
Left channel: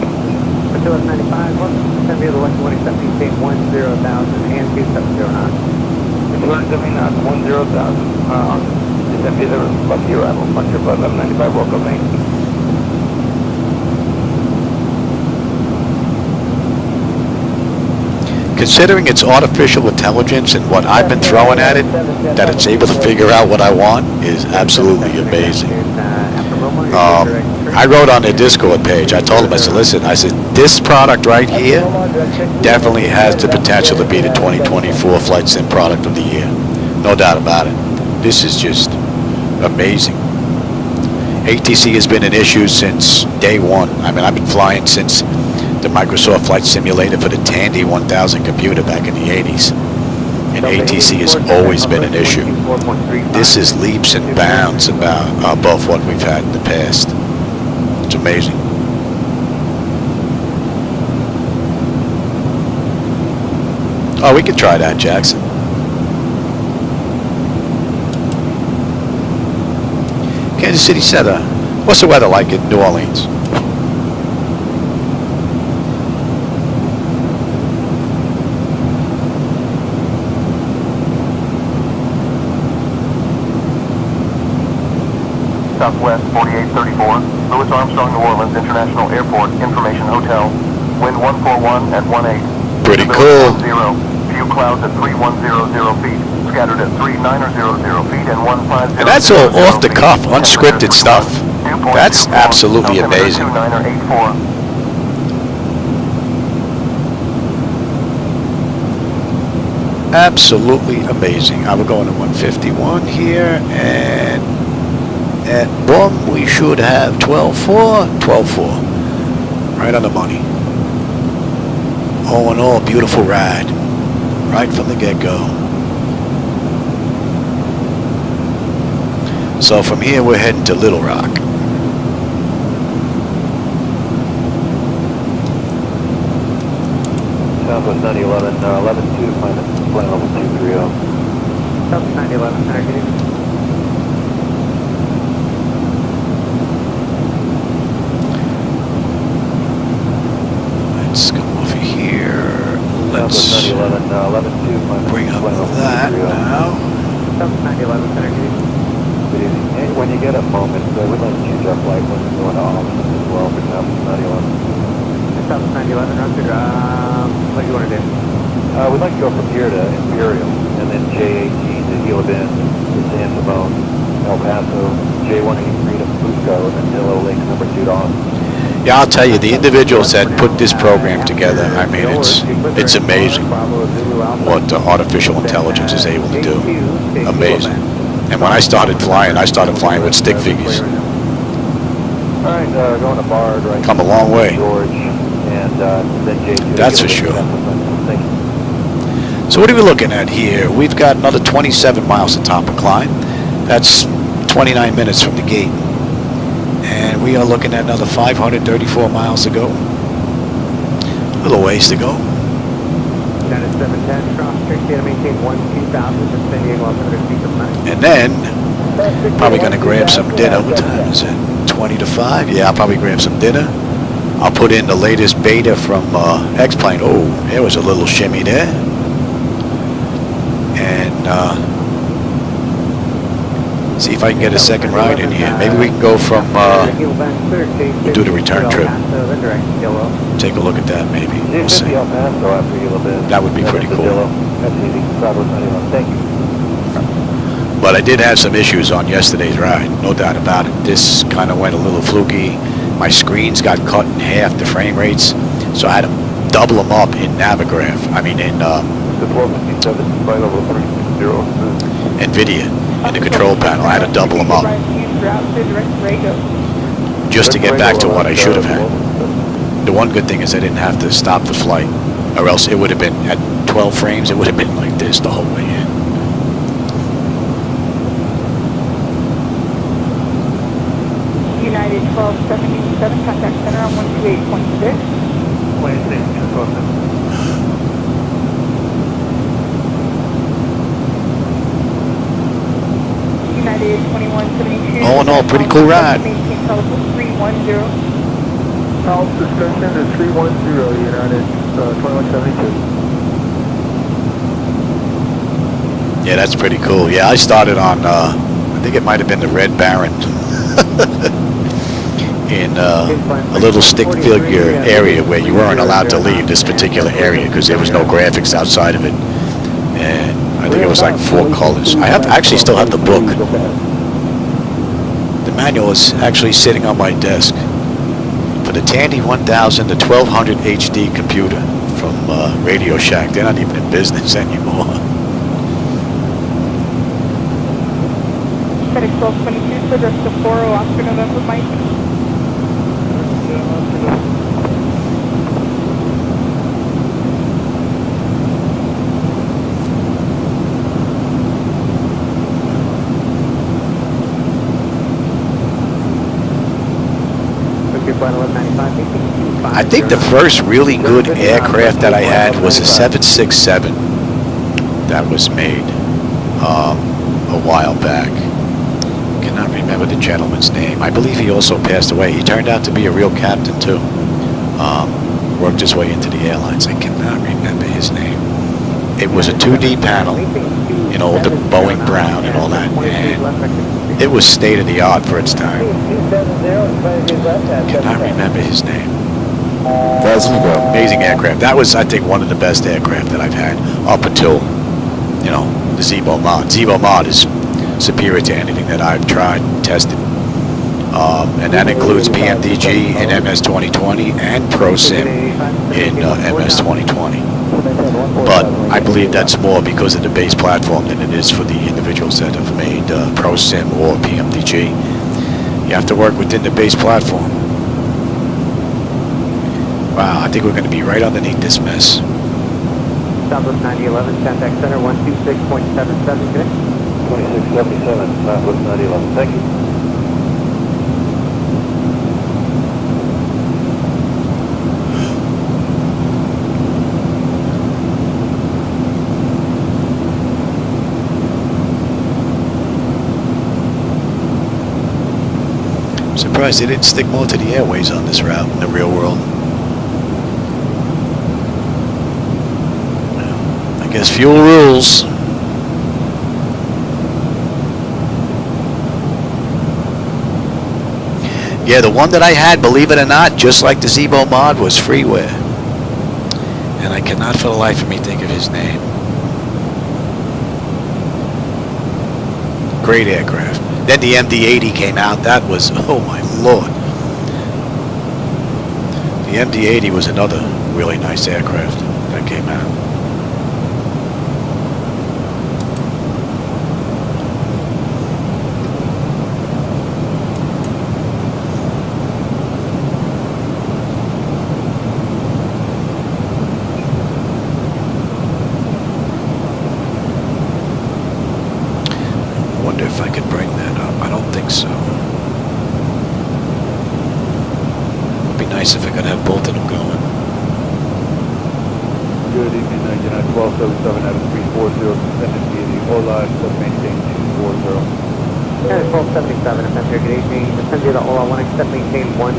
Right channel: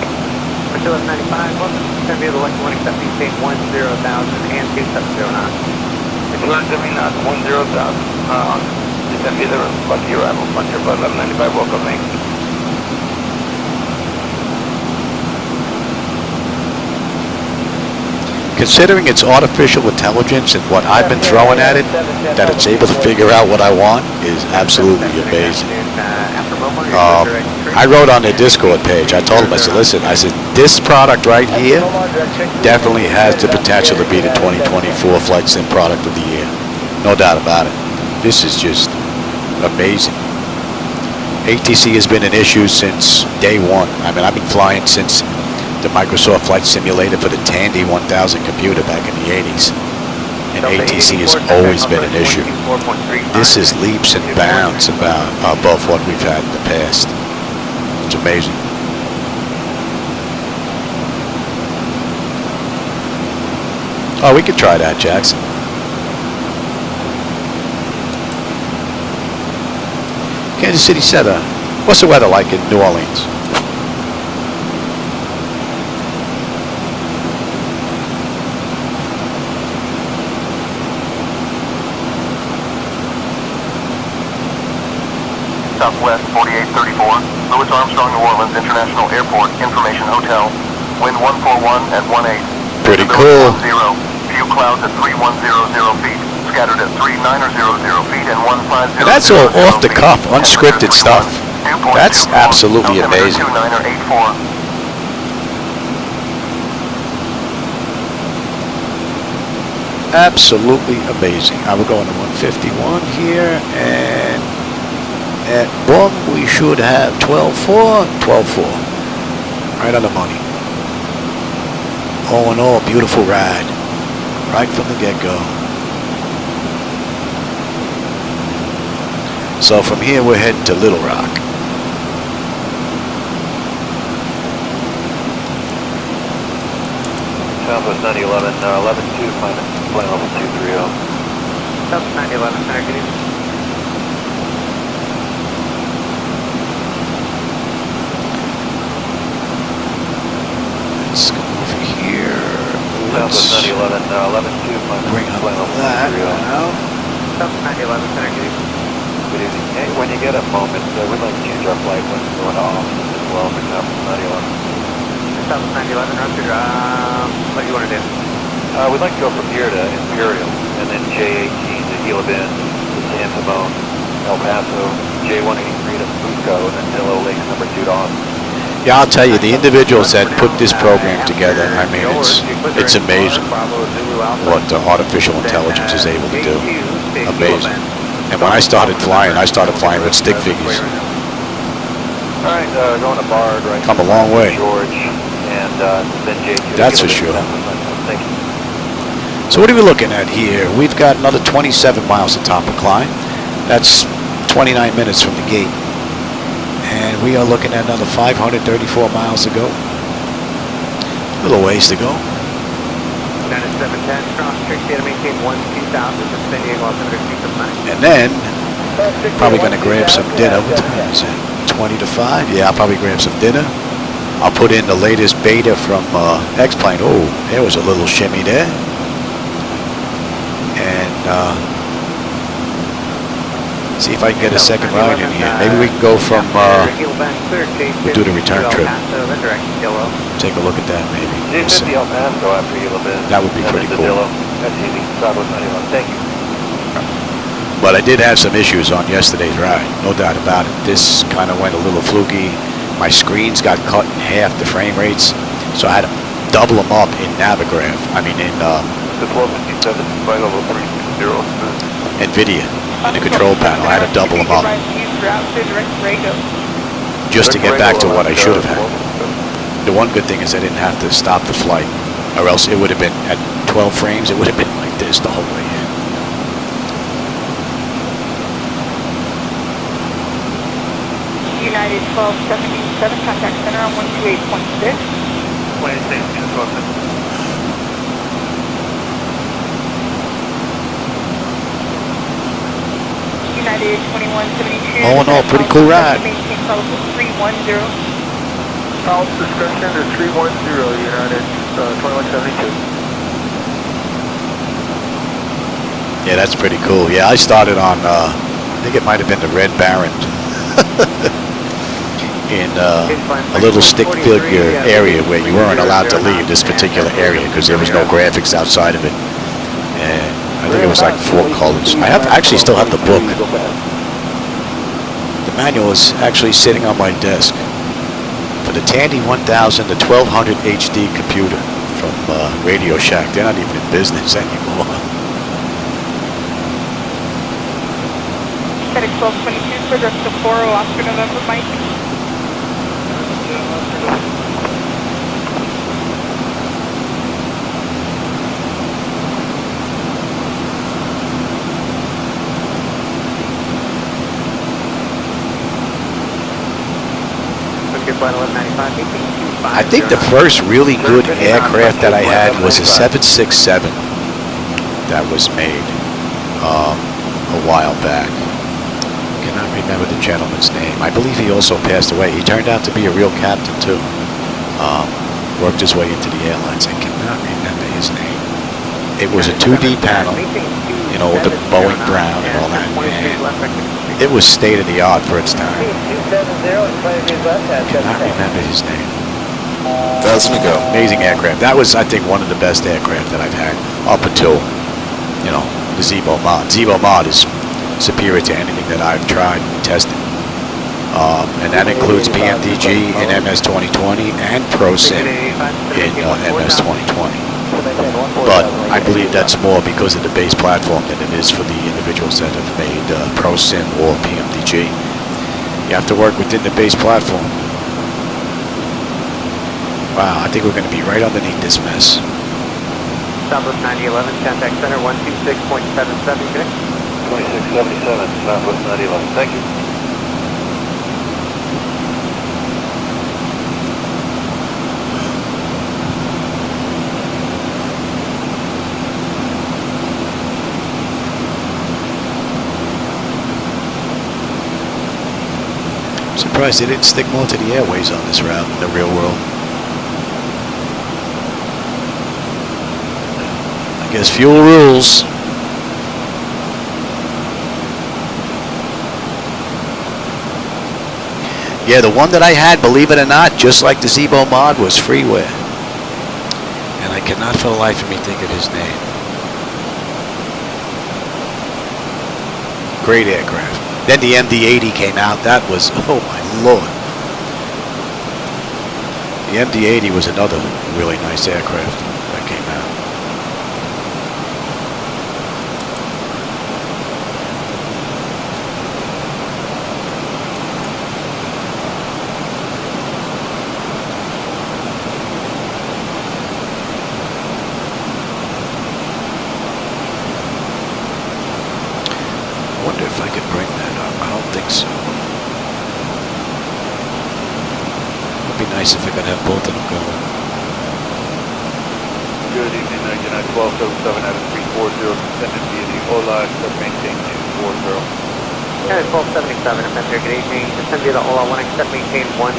Frontier 1195, welcome to San Diego, lucky 170, state 10,000 and 270 knots. 270 knots, 10,000, San Diego, lucky arrival, Frontier Flight 1195, welcome, thanks. Considering it's artificial intelligence and what I've been throwing at it, that it's able to figure out what I want is absolutely amazing. I wrote on their Discord page, I told them, I said, listen, I said, this product right here definitely has the potential to be the 2024 Flight Sim Product of the Year. No doubt about it. This is just amazing. ATC has been an issue since day one. I mean, I've been flying since the Microsoft Flight Simulator for the Tandy 1000 computer back in the 80s. And ATC has always been an issue. This is leaps and bounds above what we've had in the past. It's amazing. Oh, we could try that, Jackson. Kansas City Center. What's the weather like in New Orleans? Southwest 4834, Louis Armstrong, New Orleans International Airport, Information Hotel, wind 141 at 18. Pretty cool. Few clouds at 3100 feet, scattered at 3900 feet and 150. And that's all off the cuff, unscripted stuff. That's absolutely amazing. Absolutely amazing. I will go into 151 here, and at boom, we should have 12.4, 12.4. Right on the money. All in all, beautiful ride. Right from the get-go. So from here, we're heading to Little Rock. Southwest 911, 11-2, flight level 230. Southwest 911, connecting. Let's come off of here. Let's bring up that now. When you get a moment, we'd like to change our flight when it's going off as well for Southwest 911. Southwest 911, roger. What do you want to do? We'd like to go from here to Imperial, and then J18 to Gila Bend, Tampa Bone, El Paso, J183 to Fusco, and then Dillo Lakes number 2 to Austin. Yeah, I'll tell you, the individuals that put this program together, I mean, it's amazing what artificial intelligence is able to do. Amazing. And when I started flying with stick figures. All right, going to Bard, right? Come a long way. George, and then J2. That's for sure. Thank you. So what are we looking at here? We've got another 27 miles to top of climb. That's 29 minutes from the gate. And we are looking at another 534 miles to go. A little ways to go. And then, probably going to grab some dinner. What time is it? 20 to 5? Yeah, I'll probably grab some dinner. I'll put in the latest beta from X-Plane. Oh, there was a little shimmy there. And see if I can get a second ride in here. Maybe we can go from, we'll do the return trip. Take a look at that maybe. We'll see. That would be pretty cool. But I did have some issues on yesterday's ride, no doubt about it. This kind of went a little fluky. My screens got cut in half, the frame rates, so I had to double them up in Navigraph. I mean in NVIDIA, in the control panel. I had to double them up just to get back to what I should have had. The one good thing is I didn't have to stop the flight, or else it would have been at 12 frames. It would have been like this the whole way in. United 1277, contact center on 128.6. United 2172. All in all, pretty cool ride. 310. South discussion is 310, United 2172. Yeah, that's pretty cool. Yeah, I started on, I think it might have been the Red Baron. In a little stick figure area where you weren't allowed to leave this particular area because there was no graphics outside of it. And I think it was like 4 colors. I actually still have the book. The manual is actually sitting on my desk for the Tandy 1000 to 1200 HD computer from Radio Shack. They're not even in business anymore. Static 1222 for the Sapporo Oscar November Mike. I think the first really good aircraft that I had was a 767 that was made a while back. Cannot remember the gentleman's name. I believe he also passed away. He turned out to be a real captain too. Worked his way into the airlines. I cannot remember his name. It was a 2D panel, you know, the Boeing Brown and all that, and it was state of the art for its time. Cannot remember his name. Amazing aircraft. That was, I think, one of the best aircraft that I've had up until, you know, the Zibo mod. Zibo mod is superior to anything that I've tried and tested. And that includes PMDG in MS-2020 and ProSim in MS-2020. But I believe that's more because of the base platform than it is for the individuals that have made ProSim or PMDG. You have to work within the base platform. Wow, I think we're going to be right underneath this mess. Southwest 9011, contact center 126.77, good. 2677, Southwest 9011, thank you. I'm surprised they didn't stick more to the airways on this route in the real world. I guess fuel rules. Yeah, the one that I had, believe it or not, just like the Zibo mod, was freeware. And I cannot for the life of me think of his name. Great aircraft. Then the MD-80 came out. That was, oh my lord. The MD-80 was another really nice aircraft that came out. I wonder if I could bring that up. I don't think so. Would be nice if I could have both of them going. Good evening, 99-1277 at 340, descended via the Ola, maintain 240. 1277, Defender, good evening. Descend via the Ola 1, accept maintain 12000,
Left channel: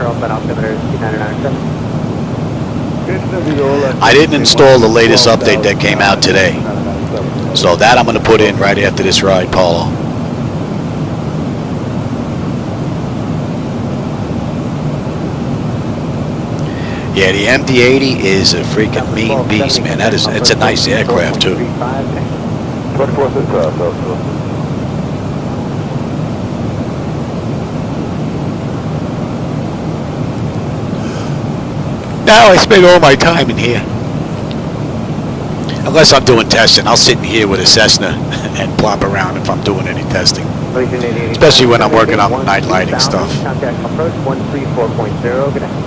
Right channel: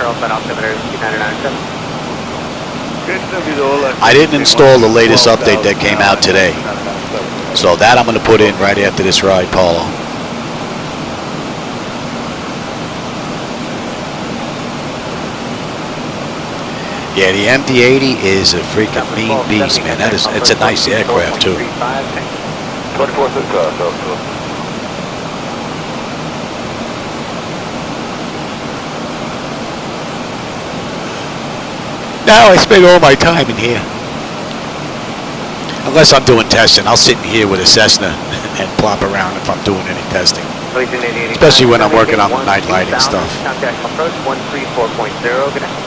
Charles, altimeter 2997. I didn't install the latest update that came out today. So that I'm going to put in right after this ride, Paulo. Yeah, the MD-80 is a freaking mean beast, man. It's a nice aircraft too. Now I spend all my time in here. Unless I'm doing testing, I'll sit in here with a Cessna and plop around if I'm doing any testing. Especially when I'm working on night lighting stuff. Contact approach 134.0, good night.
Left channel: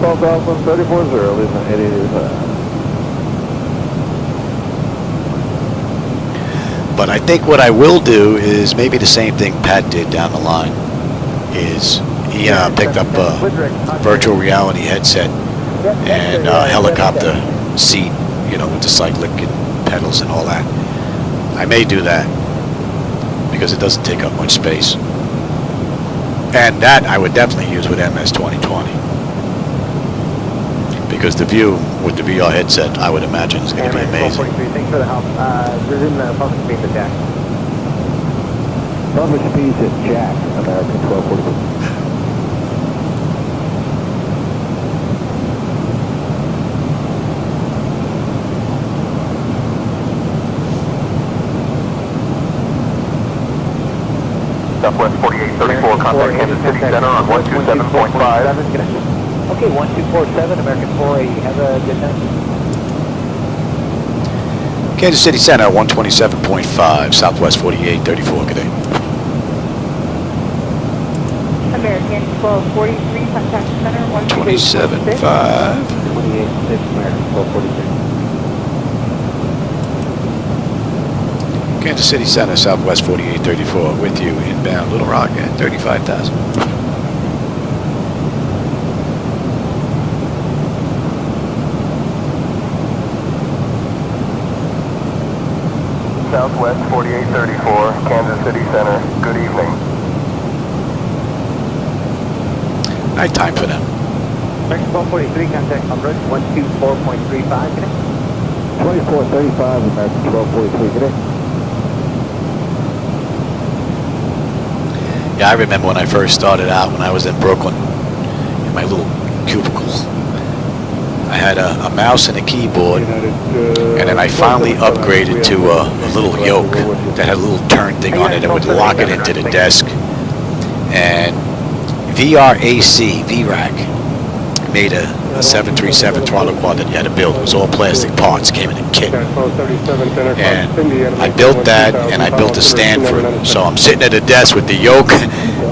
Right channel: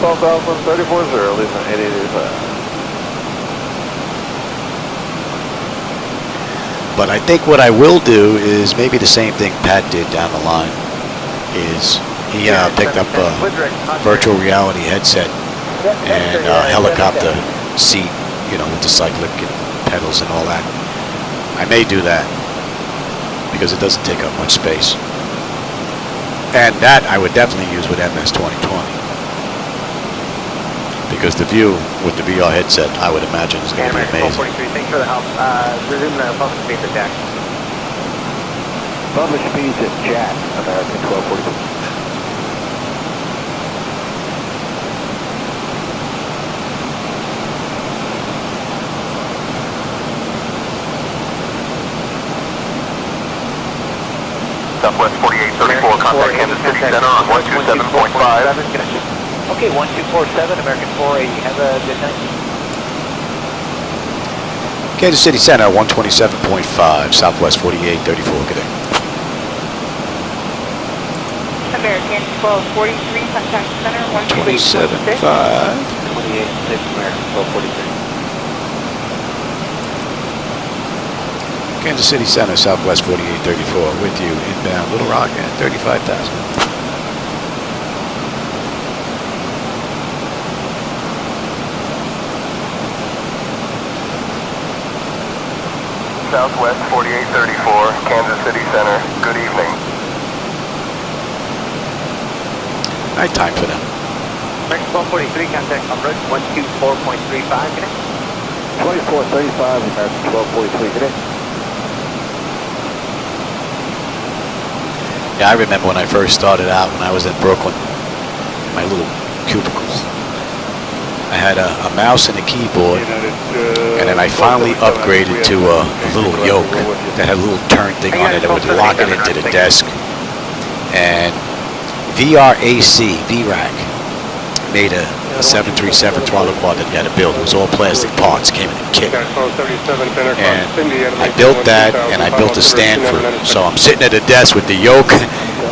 12,340, listen, 8885. But I think what I will do is maybe the same thing Pat did down the line. Is he picked up a virtual reality headset and helicopter seat, you know, with the cyclic and pedals and all that. I may do that because it doesn't take up much space. And that I would definitely use with MS 2020. Because the view with the VR headset, I would imagine, is going to be amazing. Thanks for the help. Resume the public speed to Jack. Public speeds at Jack, American 1240. Southwest 4834, contact Kansas City Center on 127.5. Okay, 1247, American 480. Have a good night. Kansas City Center, 127.5, Southwest 4834, good day. American 1243, contact center 127.5. 28.6, American 1243. Kansas City Center, Southwest 4834, with you inbound Little Rock at 35,000. Southwest 4834, Kansas City Center, good evening. Nighttime for them. American 1243, contact approach 124.35, good night. 2435, American 1243, good day. Yeah, I remember when I first started out, when I was in Brooklyn, in my little cubicle. I had a mouse and a keyboard, and then I finally upgraded to a little yoke that had a little turn thing on it that would lock it into the desk. And VRAC made a 737 throttle quad that you had to build. It was all plastic parts, came in a kit. And I built that, and I built a stand for it. So I'm sitting at a desk with the yoke,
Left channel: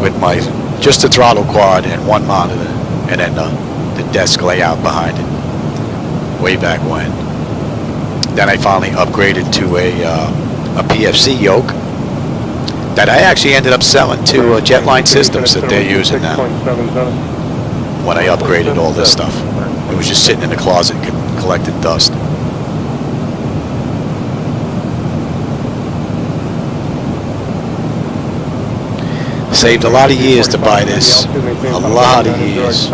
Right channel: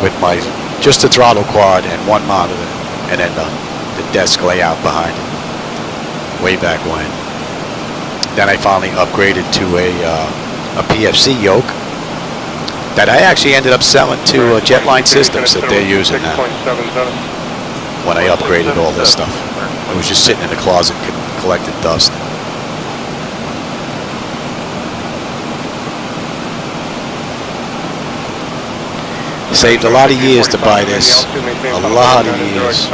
with my just the throttle quad and one monitor, and then the desk layout behind it. Way back when. Then I finally upgraded to a PFC yoke that I actually ended up selling to Jetline Systems that they're using now. When I upgraded all this stuff, it was just sitting in the closet collecting dust. Saved a lot of years to buy this. A lot of years.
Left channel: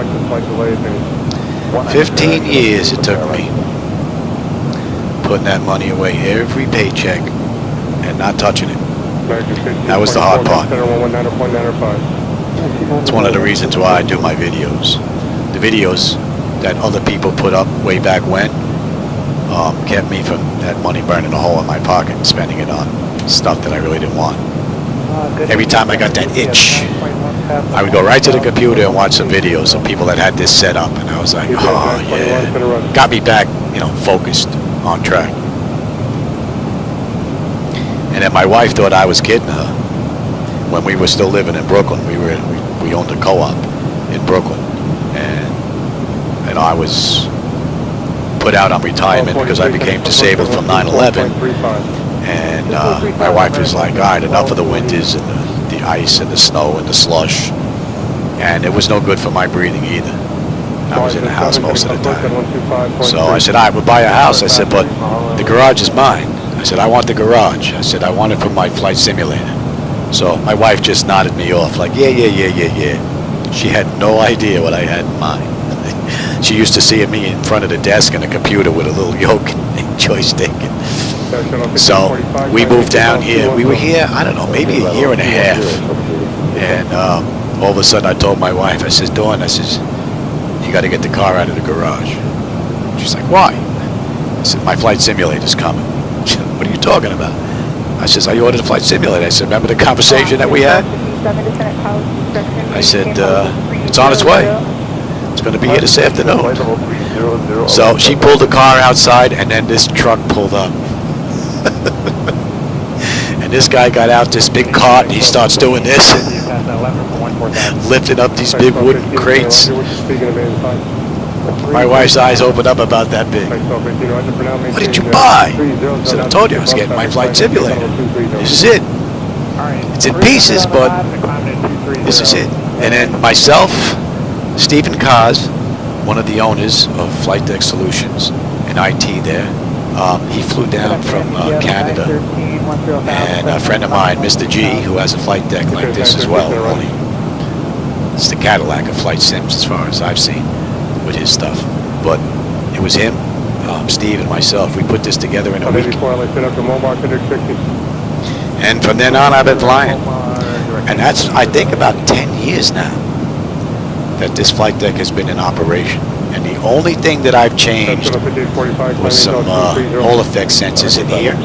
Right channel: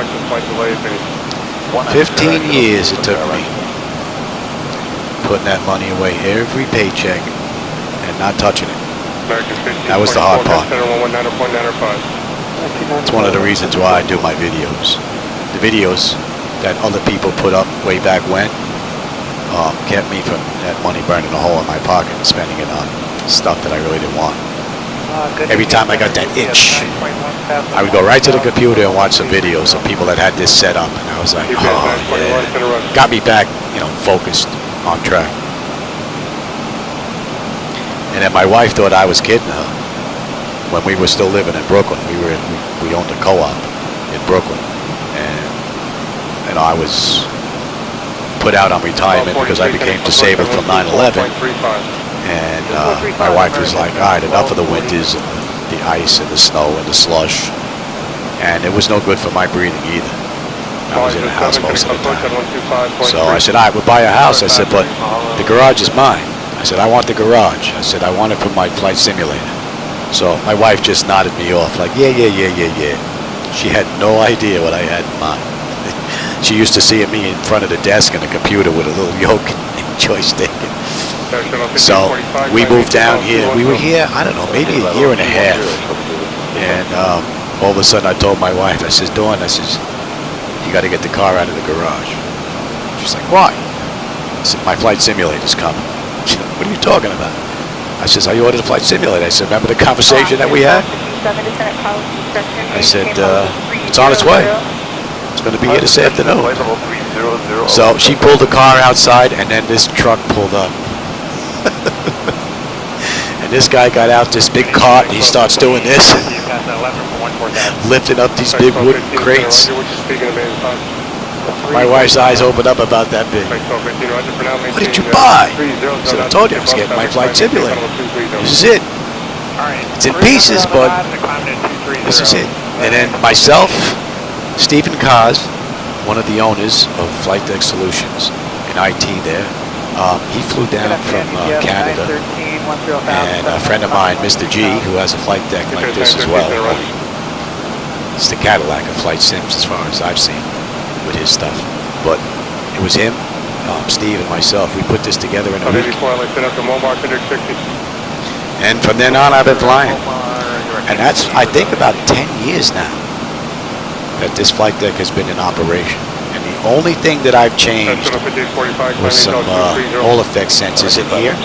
15 years it took me putting that money away every paycheck and not touching it. That was the hard part. It's one of the reasons why I do my videos. The videos that other people put up way back when kept me from that money burning a hole in my pocket and spending it on stuff that I really didn't want. Every time I got that itch, I would go right to the computer and watch some videos of people that had this set up, and I was like, oh yeah, got me back, focused, on track. And then my wife thought I was kidding her when we were still living in Brooklyn. We owned a co-op in Brooklyn, and I was put out on retirement because I became disabled from 9/11. And my wife was like, all right, enough of the winters and the ice and the snow and the slush. And it was no good for my breathing either. I was in the house most of the time. So I said, all right, we'll buy a house. I said, but the garage is mine. I said, I want the garage. I said, I want it for my flight simulator. So my wife just nodded me off like, yeah. She had no idea what I had in mind. She used to see me in front of the desk and a computer with a little yoke and joystick. So we moved down here. We were here, I don't know, maybe a year and a half. And all of a sudden I told my wife, I says, Dawn, I says, you got to get the car out of the garage. She's like, why? I said, my flight simulator's coming. She said, what are you talking about? I says, I ordered a flight simulator. I said, remember the conversation that we had? I said, it's on its way. It's going to be here this afternoon. So she pulled the car outside, and then this truck pulled up. And this guy got out this big cart, and he starts doing this, lifting up these big wooden crates. My wife's eyes opened up about that big. What did you buy? I said, I told you I was getting my flight simulator. This is it. It's in pieces, but this is it. And then myself, Stephen Kaz, one of the owners of Flightdeck Solutions in IT there, he flew down from Canada, and a friend of mine, Mr. G, who has a flight deck like this as well, only it's the Cadillac of flight sims as far as I've seen with his stuff. But it was him, Steve, and myself. We put this together in a week. And from then on, I've been flying. And that's, I think, about 10 years now that this flight deck has been in operation. And the only thing that I've changed was some Hall effect sensors in here,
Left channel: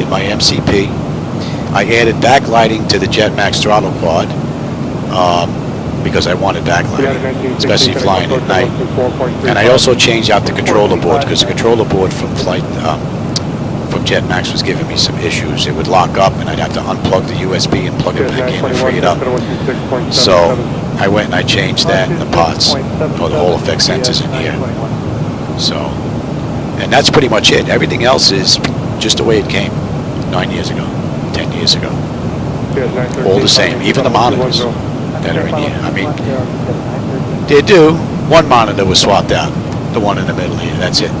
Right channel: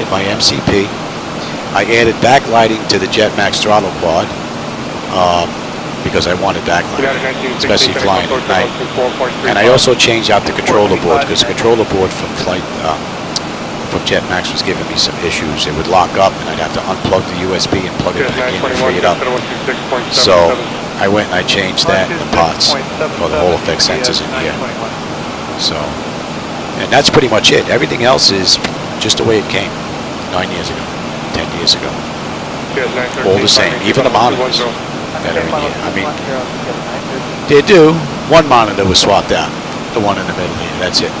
in my MCP. I added backlighting to the Jetmax throttle quad because I wanted backlighting, especially flying at night. And I also changed out the controller board because the controller board from from Jetmax was giving me some issues. It would lock up and I'd have to unplug the USB and plug it back in and free it up. So I went and I changed that in the pots for the Hall effect sensors in here. So, and that's pretty much it. Everything else is just the way it came 9 years ago, 10 years ago. All the same, even the monitors that are in here. I mean, they do. One monitor was swapped out, the one in the middle here, that's it.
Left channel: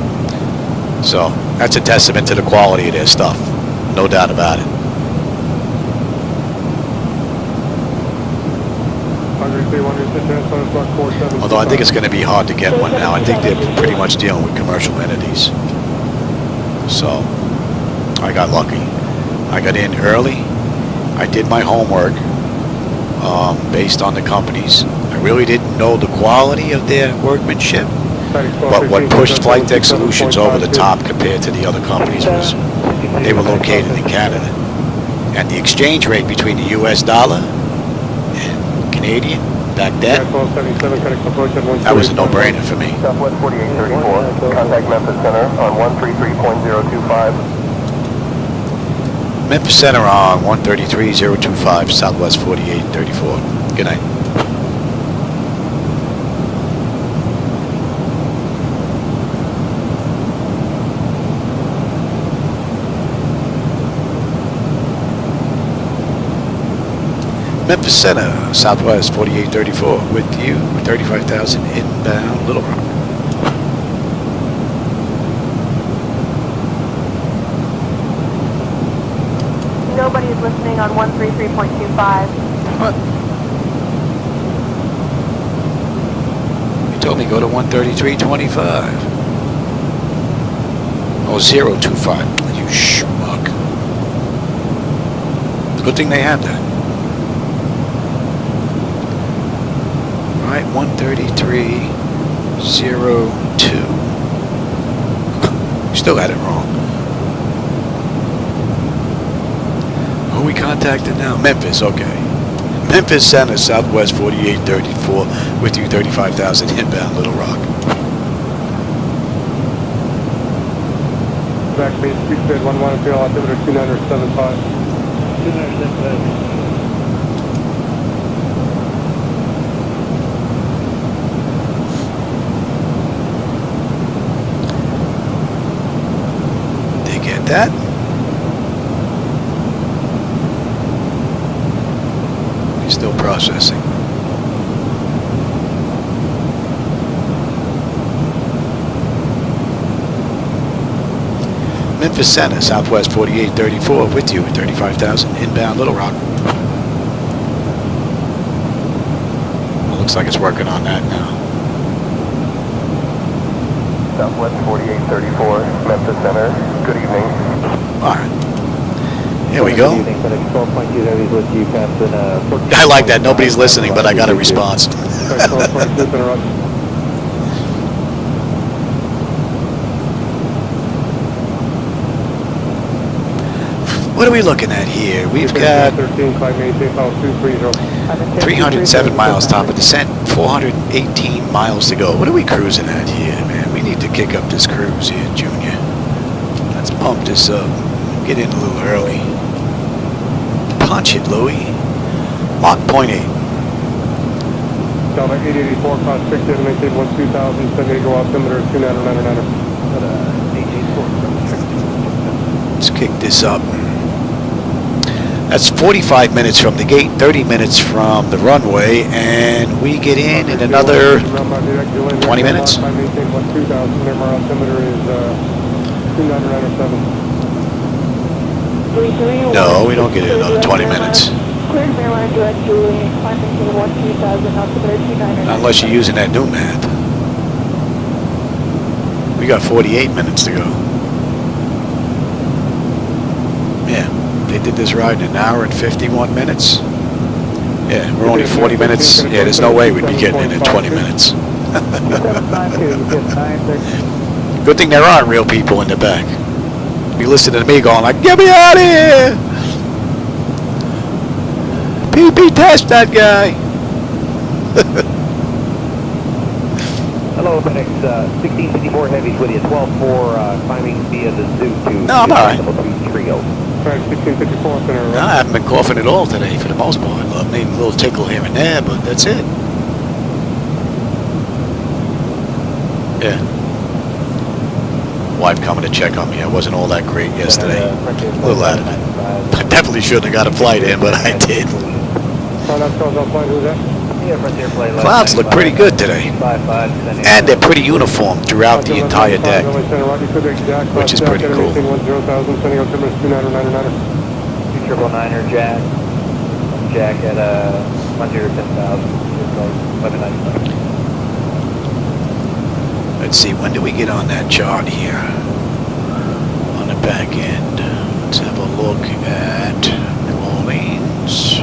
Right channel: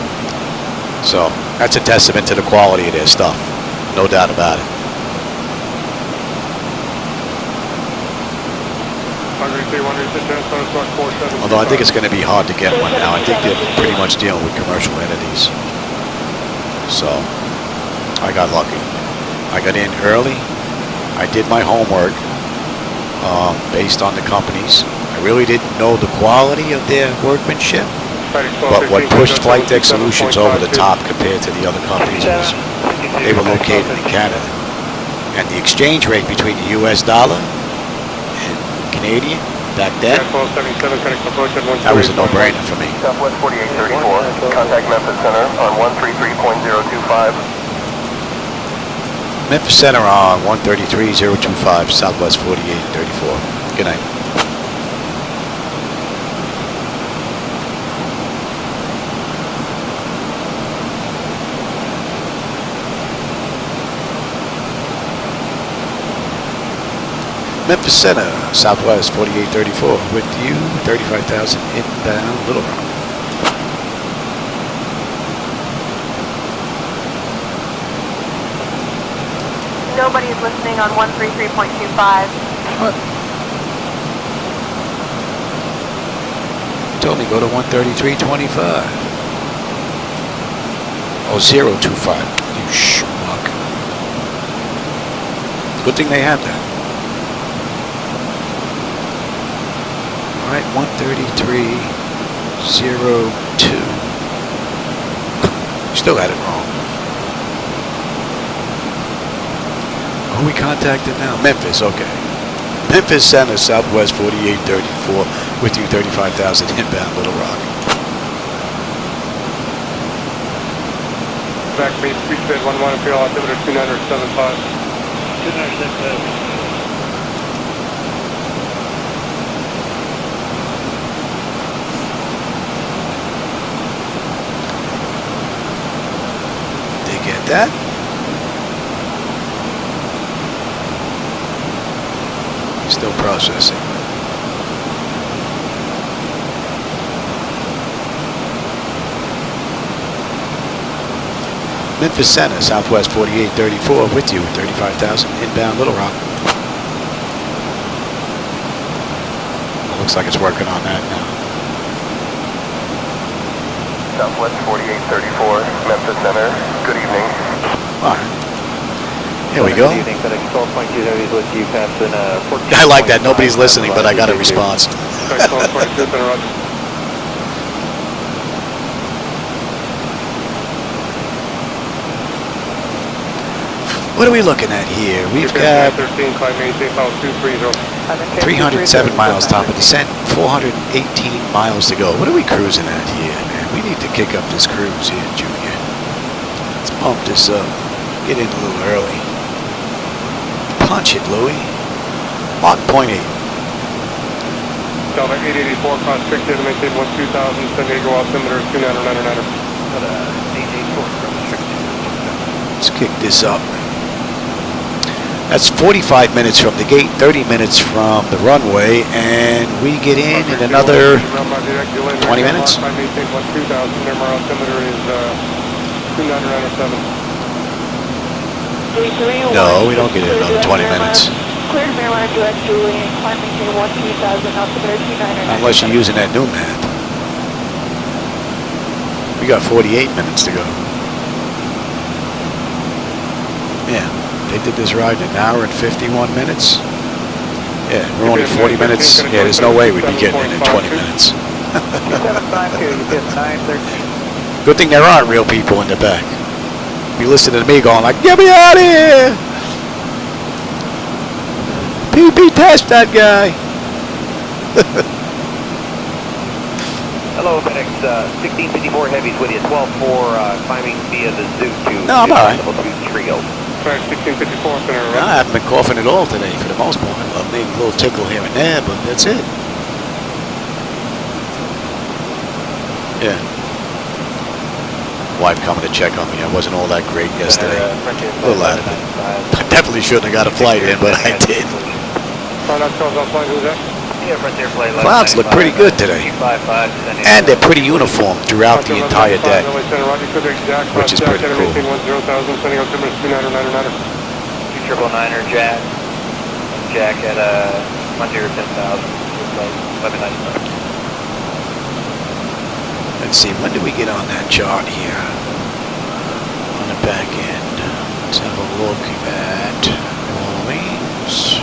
So that's a testament to the quality of their stuff, no doubt about it. Although I think it's going to be hard to get one now. I think they're pretty much dealing with commercial entities. So I got lucky. I got in early. I did my homework based on the companies. I really didn't know the quality of their workmanship. But what pushed Flightdeck Solutions over the top compared to the other companies was they were located in Canada. And the exchange rate between the US dollar and Canadian back then, that was a no-brainer for me. Southwest 4834, contact Memphis Center on 133.025. Memphis Center on 133.025, Southwest 4834. Good night. Memphis Center, Southwest 4834, with you, 35,000 inbound Little Rock. Nobody's listening on 133.25. What? You told me go to 133.25. Oh, 025. You schmuck. Good thing they have that. All right, 133.25. 02. Still got it wrong. Who we contacted now? Memphis, okay. Memphis Center, Southwest 4834, with you 35,000 inbound Little Rock. Back base, speed bed 11, fuel altimeter 2975. 2975. They get that? He's still processing. Memphis Center, Southwest 4834, with you at 35,000 inbound Little Rock. Well, looks like it's working on that now. Southwest 4834, Memphis Center. Good evening. All right. Here we go. I like that. Nobody's listening, but I got a response. What are we looking at here? We've got 307 miles top of descent, 418 miles to go. What are we cruising at here, man? We need to kick up this cruise here, Junior. Let's pump this up. Get in a little early. Punch it, Louie. Mach 0.8. Delta 884, cross 6, maintain 12,000, San Diego altimeter 2999. Let's kick this up. That's 45 minutes from the gate, 30 minutes from the runway, and we get in another 20 minutes. No, we don't get in another 20 minutes. Unless you're using that new math. We got 48 minutes to go. Yeah. They did this ride in an hour and 51 minutes. Yeah, we're only 40 minutes. Yeah, there's no way we'd be getting in 20 minutes. Good thing there aren't real people in the back. Be listening to me going like, get me out of here! PP, test that guy! Hello, FedEx 1654 Heavies with you, 12-4 climbing via the Zoo to... No, I'm alright. No, I haven't been coughing at all today for the most part. Maybe a little tickle here and there, but that's it. Yeah. Wife coming to check on me. I wasn't all that great yesterday. A little out of it. I definitely shouldn't have got a flight in, but I did. Clouds look pretty good today. And they're pretty uniform throughout the entire deck, which is pretty cool. 999er Jack at 10,000. Let's see, when do we get on that chart here? On the back end. Let's have a look at New Orleans.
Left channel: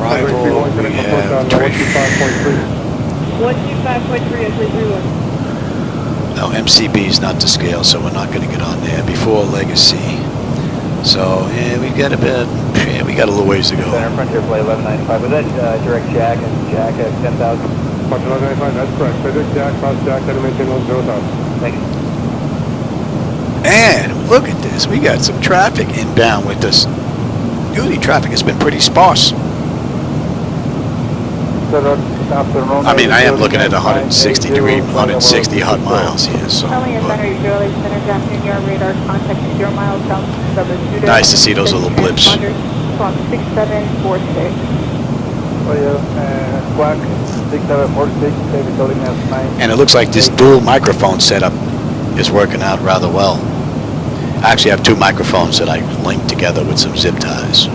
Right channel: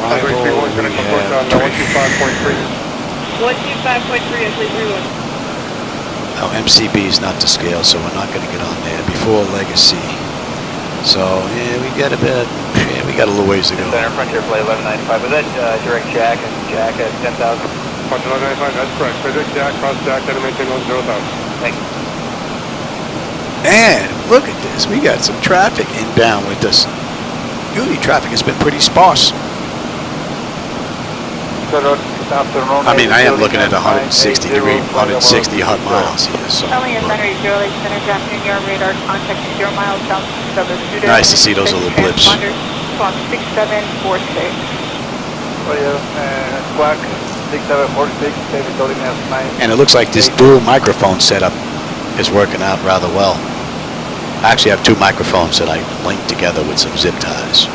Arrival, we have 125.3. Oh, MCB is not to scale, so we're not going to get on there. Before Legacy. So, yeah, we got a bit, yeah, we got a little ways to go. Center Frontier Flight 1195. Was that direct Jack at 10,000? 1195, that's correct. Direct Jack, cross Jack, then maintain 10,000. Thank you. And look at this. We got some traffic inbound with us. Usually traffic has been pretty sparse. I mean, I am looking at 160 hot miles here, so. Nice to see those little blips. And it looks like this dual microphone setup is working out rather well. I actually have two microphones that I link together with some zip ties.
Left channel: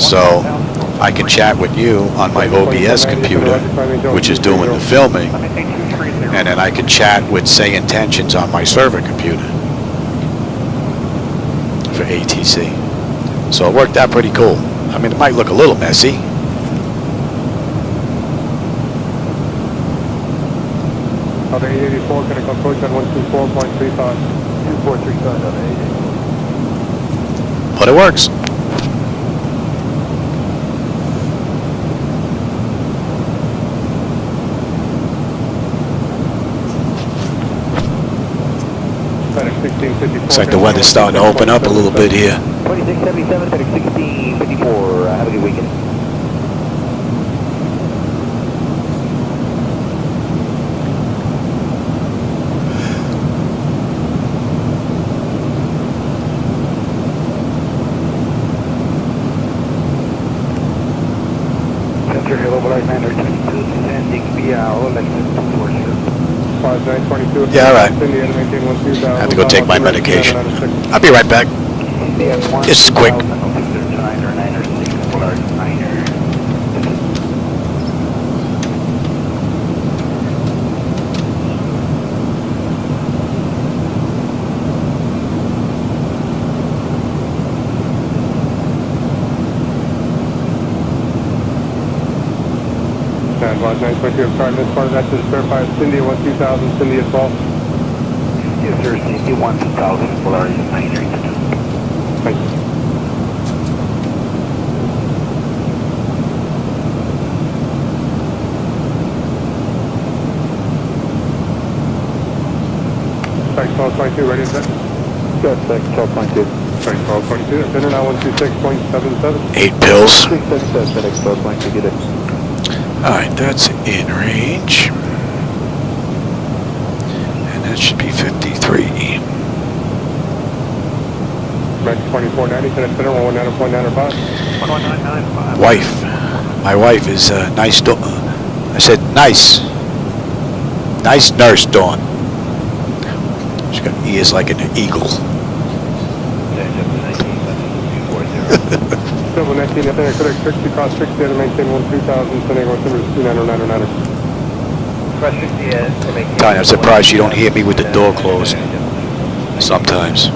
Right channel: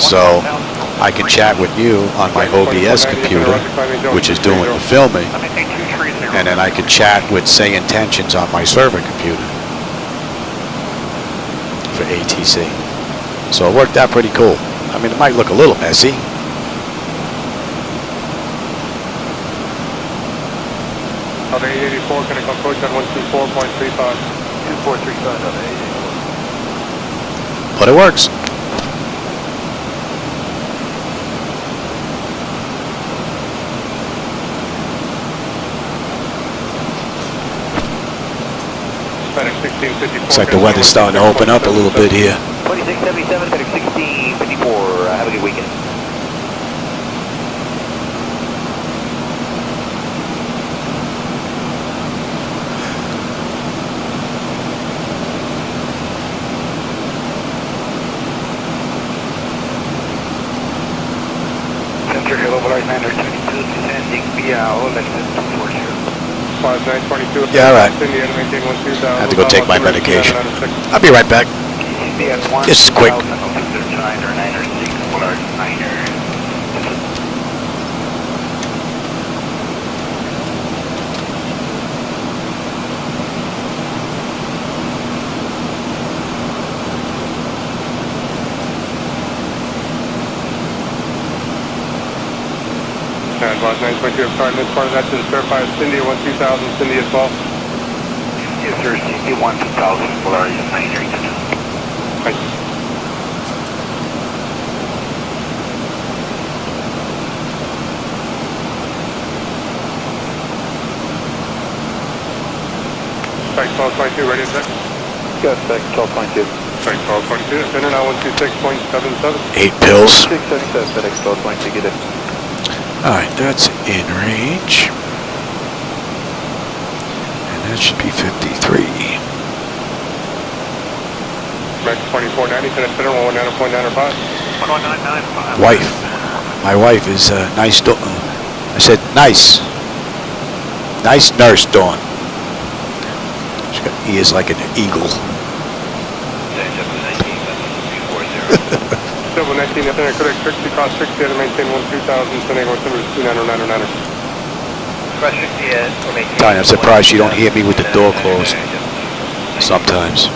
So I can chat with you on my OBS computer, which is doing the filming, and then I can chat with SayIntentions on my server computer for ATC. So it worked out pretty cool. I mean, it might look a little messy, Delta 884, can I come approach at 124.35? 2435, Delta 884. But it works. Looks like the weather's starting to open up a little bit here. 2677, FedEx 1654, have a good weekend. Center Hello, Flight 922, Lexus 5922. Yeah, all right. I have to go take my medication. I'll be right back. This is quick. Advance 922, I'm sorry, this part of that is verified. Cindy 12000, Cindy as well. Yes, sir, Cindy 1000, Polaris 932. Thank you. Thanks, 1222, ready to check? Yes, thanks, 1222. Thanks, 1222, send it out 126.77. 8 pills. 677, FedEx 1222, get it. Alright, that's in range. And that should be 53. Max 2490, can I spin it on 19.95? Wife. My wife is nice. I said nice. Nice nurse, Dawn. She's got ears like an eagle. Double 19, I think I could expect to cost 60 to maintain 12000, sending 1290909. Tanya, I'm surprised you don't hear me with the door closed. Sometimes.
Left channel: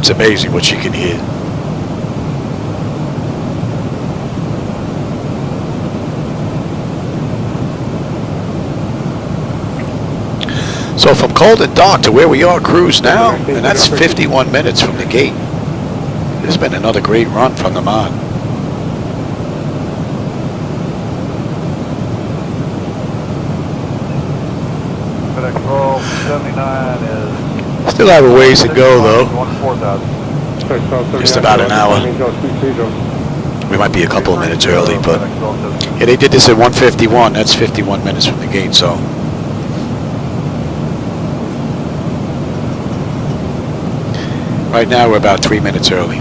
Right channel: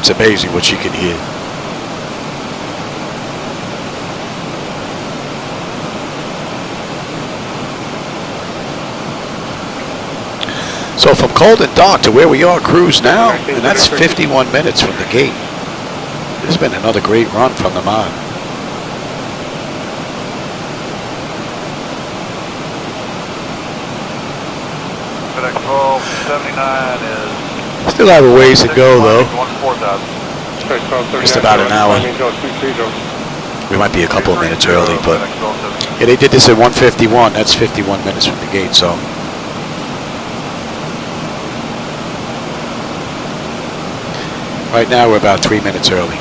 It's amazing what she can hear. So from Colden Dock to where we are cruise now, and that's 51 minutes from the gate. This has been another great run from the mod. Still have a ways to go though. Just about an hour. We might be a couple of minutes early, but yeah, they did this at 1:51. That's 51 minutes from the gate, so. Right now we're about 3 minutes early.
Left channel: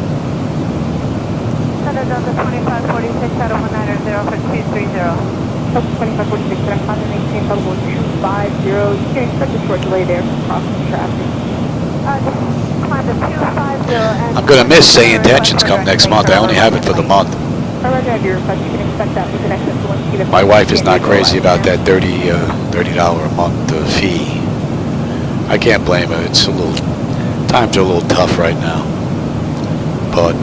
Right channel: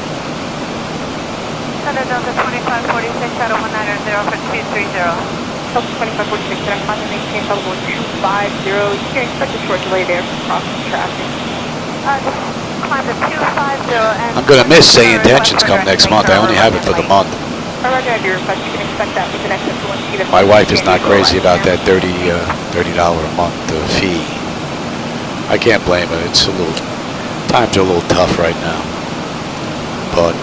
I'm going to miss SayIntentions come next month. I only have it for the month. My wife is not crazy about that $30 a month fee. I can't blame her. It's a little, times are a little tough right now. But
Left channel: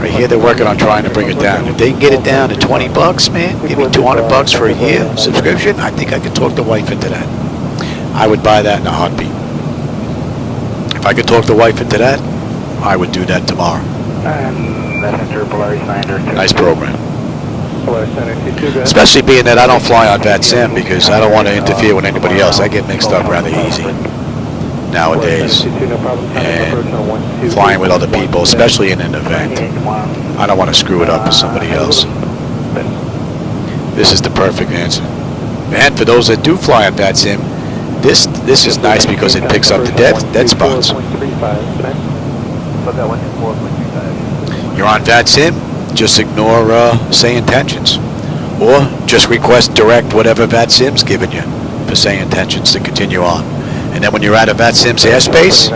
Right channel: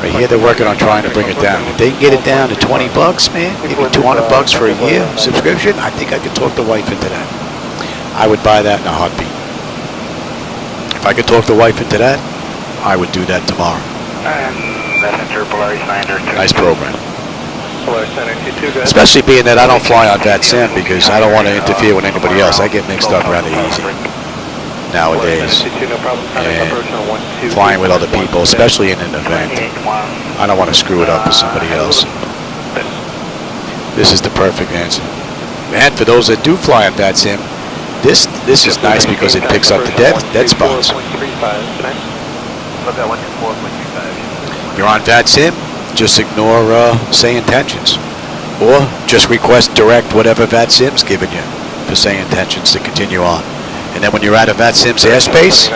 right here they're working on trying to bring it down. If they can get it down to 20 bucks, man, give me 200 bucks for a year subscription, I think I could talk the wife into that. I would buy that in a heartbeat. If I could talk the wife into that, I would do that tomorrow. Nice program. Especially being that I don't fly on VATSIM because I don't want to interfere with anybody else. I get mixed up rather easy nowadays. And flying with other people, especially in an event, I don't want to screw it up with somebody else. This is the perfect answer. And for those that do fly on VATSIM, this is nice because it picks up the dead spots. You're on VATSIM, just ignore SayIntentions. Or just request direct whatever VATSIM's given you for SayIntentions to continue on. And then when you're out of VATSIM's airspace,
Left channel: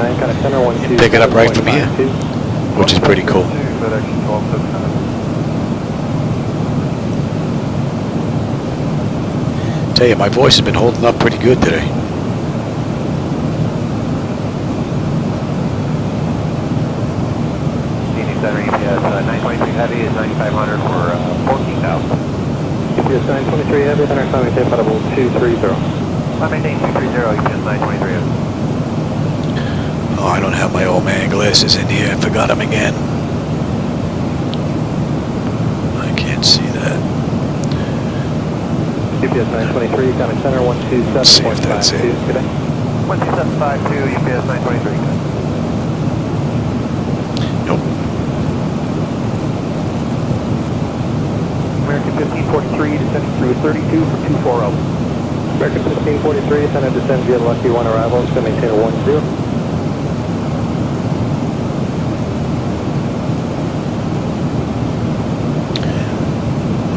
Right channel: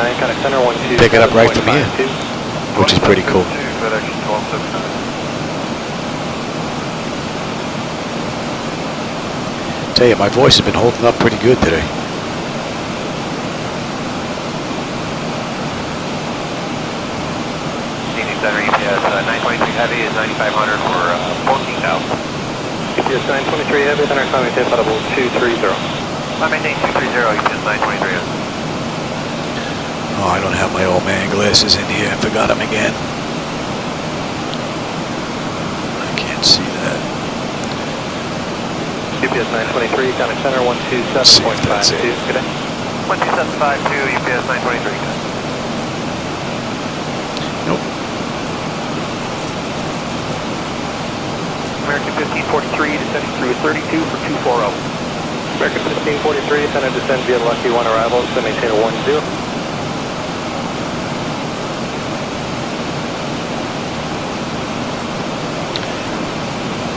you pick it up right from here, which is pretty cool. Tell you, my voice has been holding up pretty good today. Heavy is 9,500 for 14,000. Yes, 923 heavy, then I finally did about 230. maintain 230, UPS 923. Oh, I don't have my old man glasses in here. I forgot them again. I can't see that. UPS 923, County Center, 127. Let's see if that's it. 12752, UPS 923. Nope. American 1543, descending through 32 for 240. American 1543, center descend via Lucky 1 arrival, so maintain a 10.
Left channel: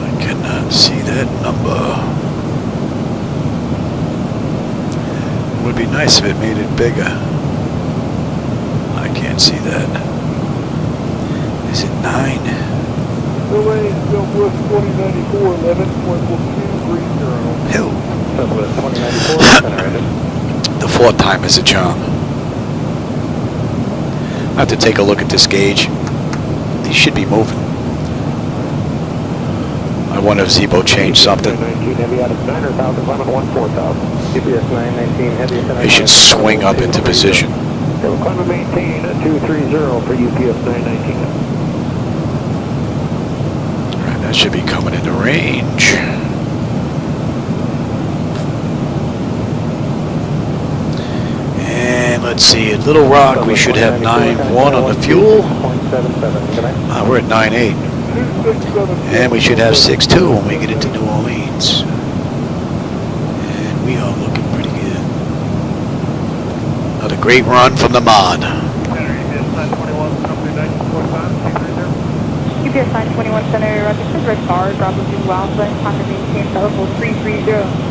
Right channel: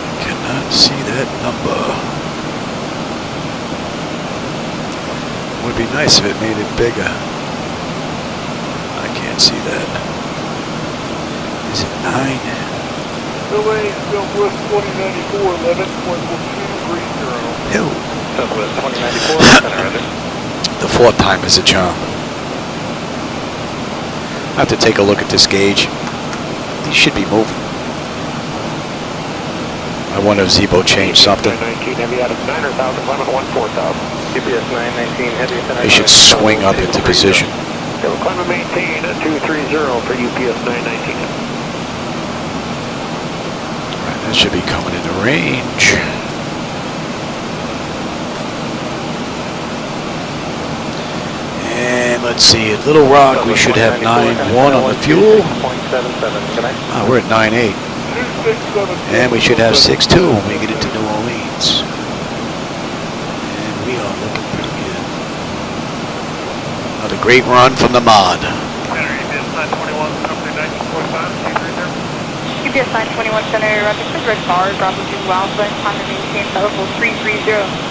I cannot see that number. It would be nice if it made it bigger. I can't see that. Is it 9? Southwest 2094, 11.1230. Hill. Southwest 2094, center. The fourth time is a charm. I have to take a look at this gauge. These should be moving. I wonder if Zibo changed something. They should swing up into position. Climb and maintain 230 for UPS 919. Right, that should be coming into range. And let's see, at Little Rock we should have 9.1 on the fuel. We're at 9.8. And we should have 6.2 when we get into New Orleans. And we are looking pretty good. Another great run from the mod. UPS 921 Center, Roger, Red Car, Bravo 2 Alpha, time to maintain level 330.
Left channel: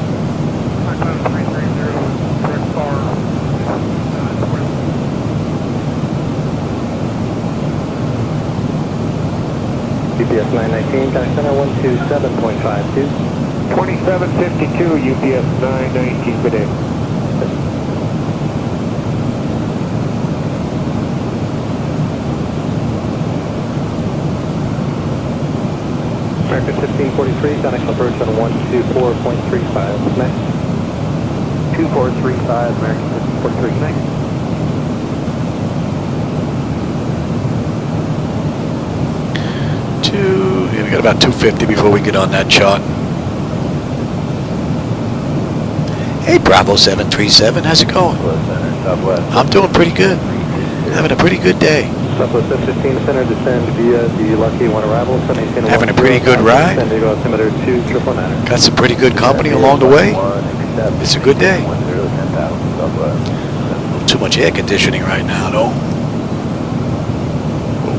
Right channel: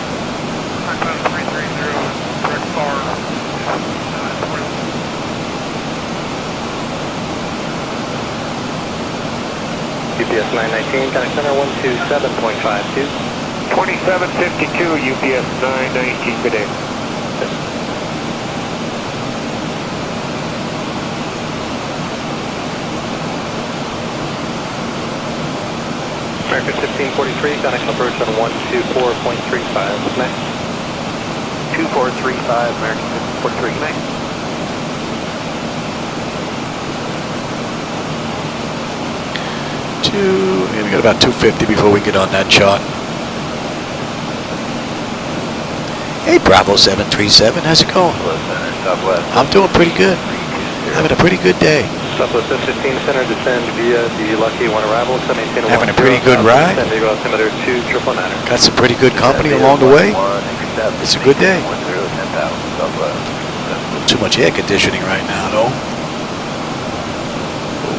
UPS 919, County Center 127.52. 2752, UPS 919, good day. American 1543, connection approach on 124.35, next. 2435, American 1543, next. Yeah, we got about 250 before we get on that chart. Hey, Bravo 737, how's it going? I'm doing pretty good. Having a pretty good day. Southwest 15 Center, descend via the Lucky 1 arrival. Having a pretty good ride. Got some pretty good company along the way. It's a good day. Too much air conditioning right now, though. Whoa,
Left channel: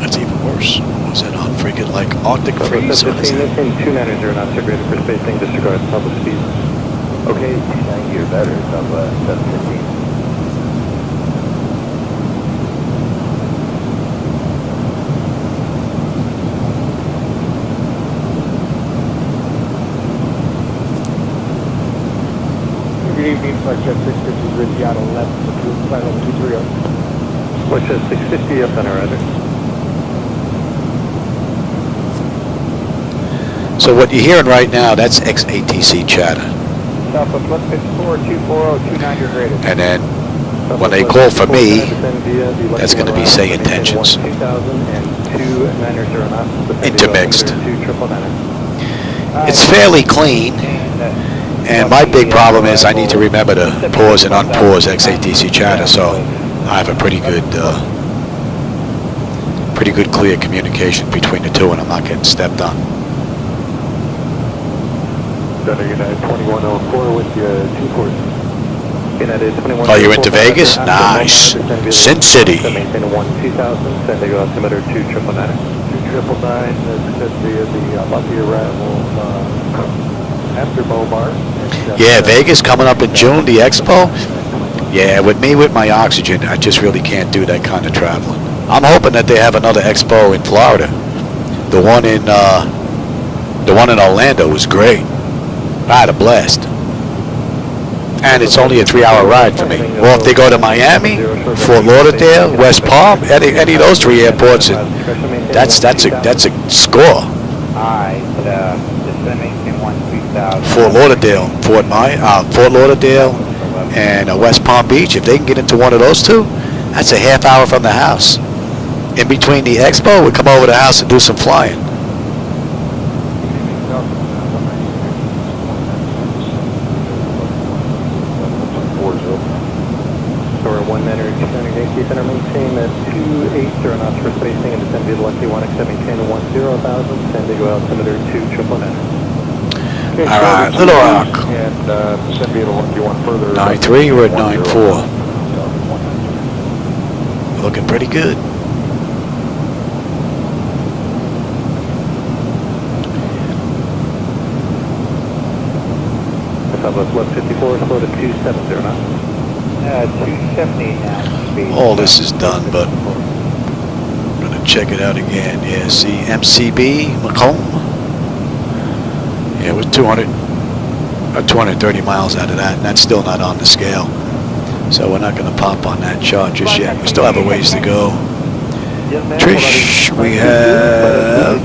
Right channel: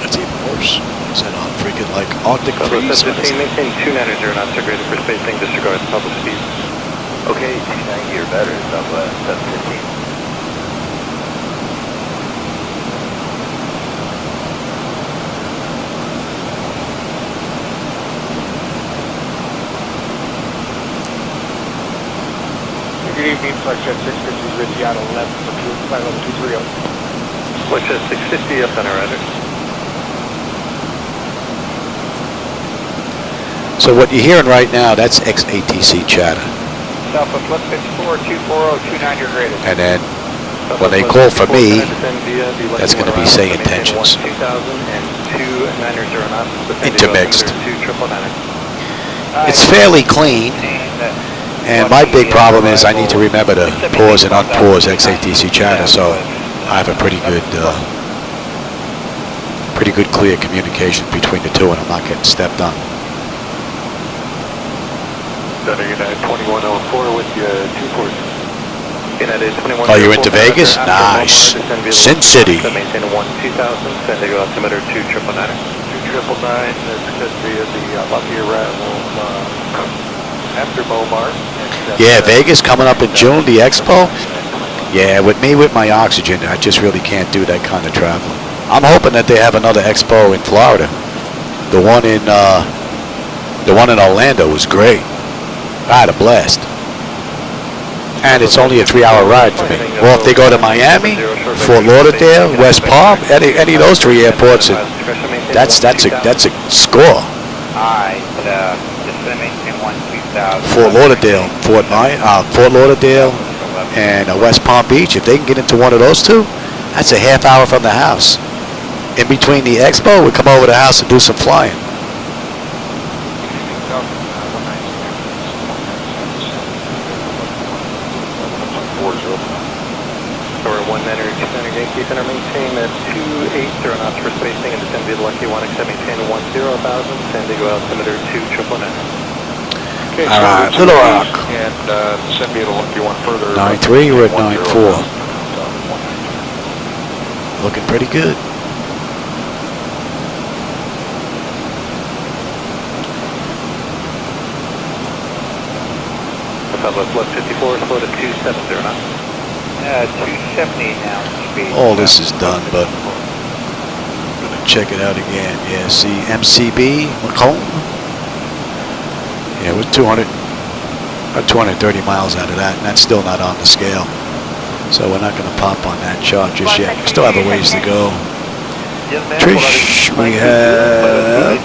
that's even worse. Was that on freaking like Arctic freeze? Or is it? 290 knots are greater for spacing, disregard public speed. Okay, 290 or better, Southwest 715. Good evening, Flightdeck 650 with Seattle left for flight level 230. Flightdeck 650 up on our radar. So what you're hearing right now, that's ex-ATC chatter. Southwest 154, 240, 29 graded. And then when they call for me, that's going to be SayIntentions. Intermixed. It's fairly clean. And my big problem is I need to remember to pause and unpause ex-ATC chatter, so I have a pretty good clear communication between the two, and I'm not getting stepped on. Oh, you're into Vegas? Nice. Sin City. Yeah, Vegas coming up in June, the expo. Yeah, with me with my oxygen, I just really can't do that kind of traveling. I'm hoping that they have another expo in Florida. The one in Orlando was great. I had a blast. And it's only a 3-hour ride for me. Well, if they go to Miami, Fort Lauderdale, West Palm, any of those 3 airports, and that's a score. Fort Lauderdale, Fort Lauderdale, and West Palm Beach. If they can get into one of those two, that's a half hour from the house. In between the expo, we come over to the house and do some flying. Center maintain at 280 knots for spacing and descend via the Lucky 1, maintain 10,000, San Diego altimeter 299. All right, Little Rock. And descend via the Lucky 1 further. 9.3, we're at 9.4. Looking pretty good. Left 54, slow to 270 knots. 270 now. All this is done, but I'm going to check it out again. Yeah, see, MCB, Macomb. Yeah, we're 230 miles out of that, and that's still not on the scale. So we're not going to pop on that chart just yet. We still have a ways to go. Trish, we have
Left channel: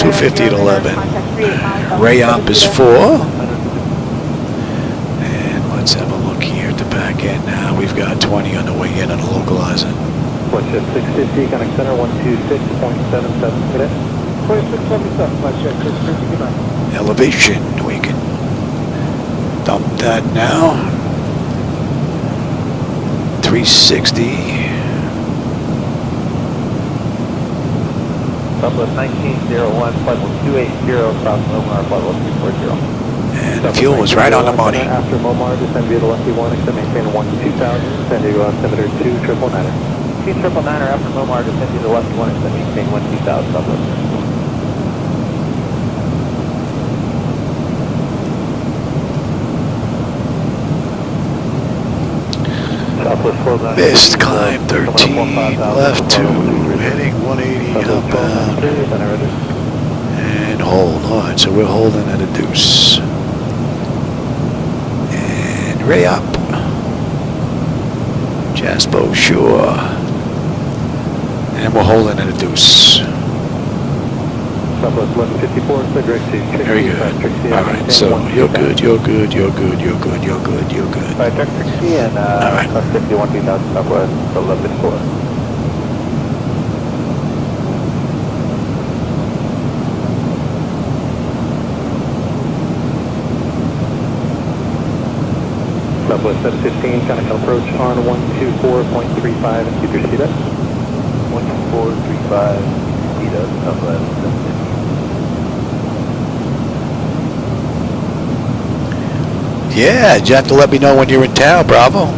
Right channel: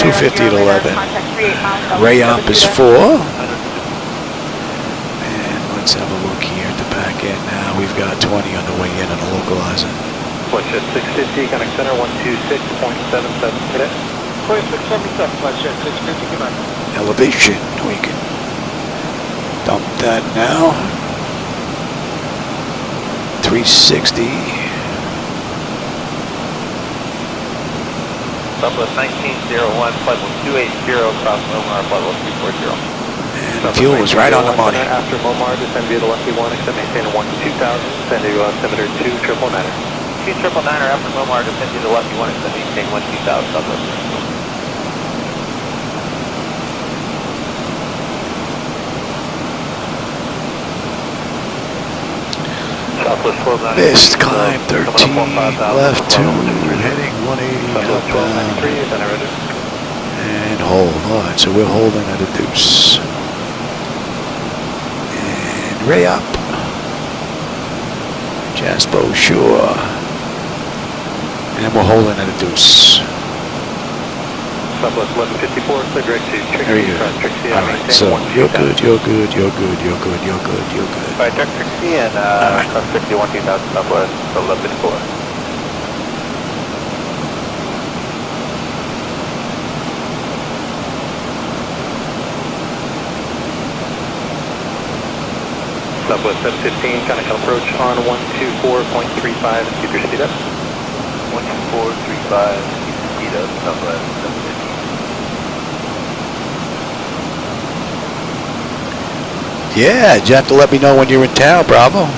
250 at 11. Rayop is 4. Let's have a look here at the back end now. We've got 20 on the way in on the localizer. Watch at 650, connect center 126.77 today. 2677, watch at 650. Elevation, we can dump that now. 360. Southwest 1901, flight level 280, South Omar, flight level 240. And the fuel was right on the money. After Momar, descend via the Lucky 1, maintain 12000, San Diego altimeter 2999. 2999 after Momar, descend via the Lucky 1, maintain 12000, Southwest. Missed climb 13, left 2, heading 180 outbound. And hold. All right, so we're holding at a deuce. And Ray up. Jaspo Shore. And we're holding at a deuce. Very good. All right, so you're good, you're good, you're good, you're good, you're good, you're good. All right. Southwest 715, conical approach on 124.35 and keep your speed up. 124.35, speed up, Southwest 715. Yeah, you have to let me know when you're in town, Bravo.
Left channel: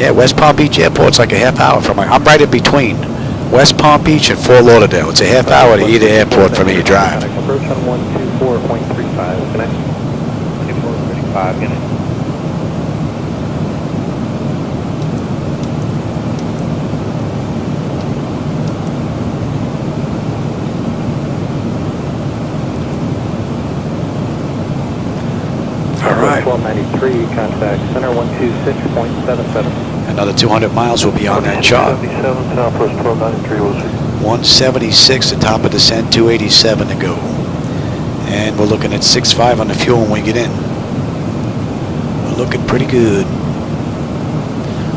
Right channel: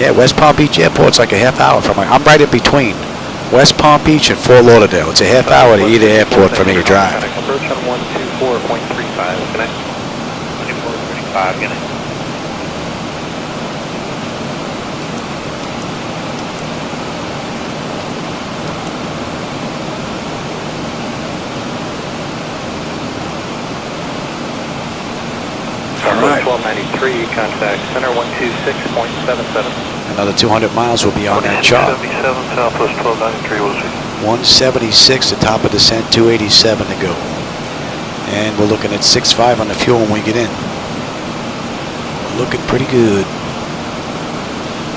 Yeah, West Palm Beach Airport's like a half hour from my, I'm right in between West Palm Beach and Fort Lauderdale. It's a half hour to either airport for me to drive. Approach on 124.35, connect. 5 minutes. All right. 1293, contact center 126.77. Another 200 miles will be on that chart. Southwest 1293 was 176 the top of descent, 287 to go. And we're looking at 6.5 on the fuel when we get in. Looking pretty good.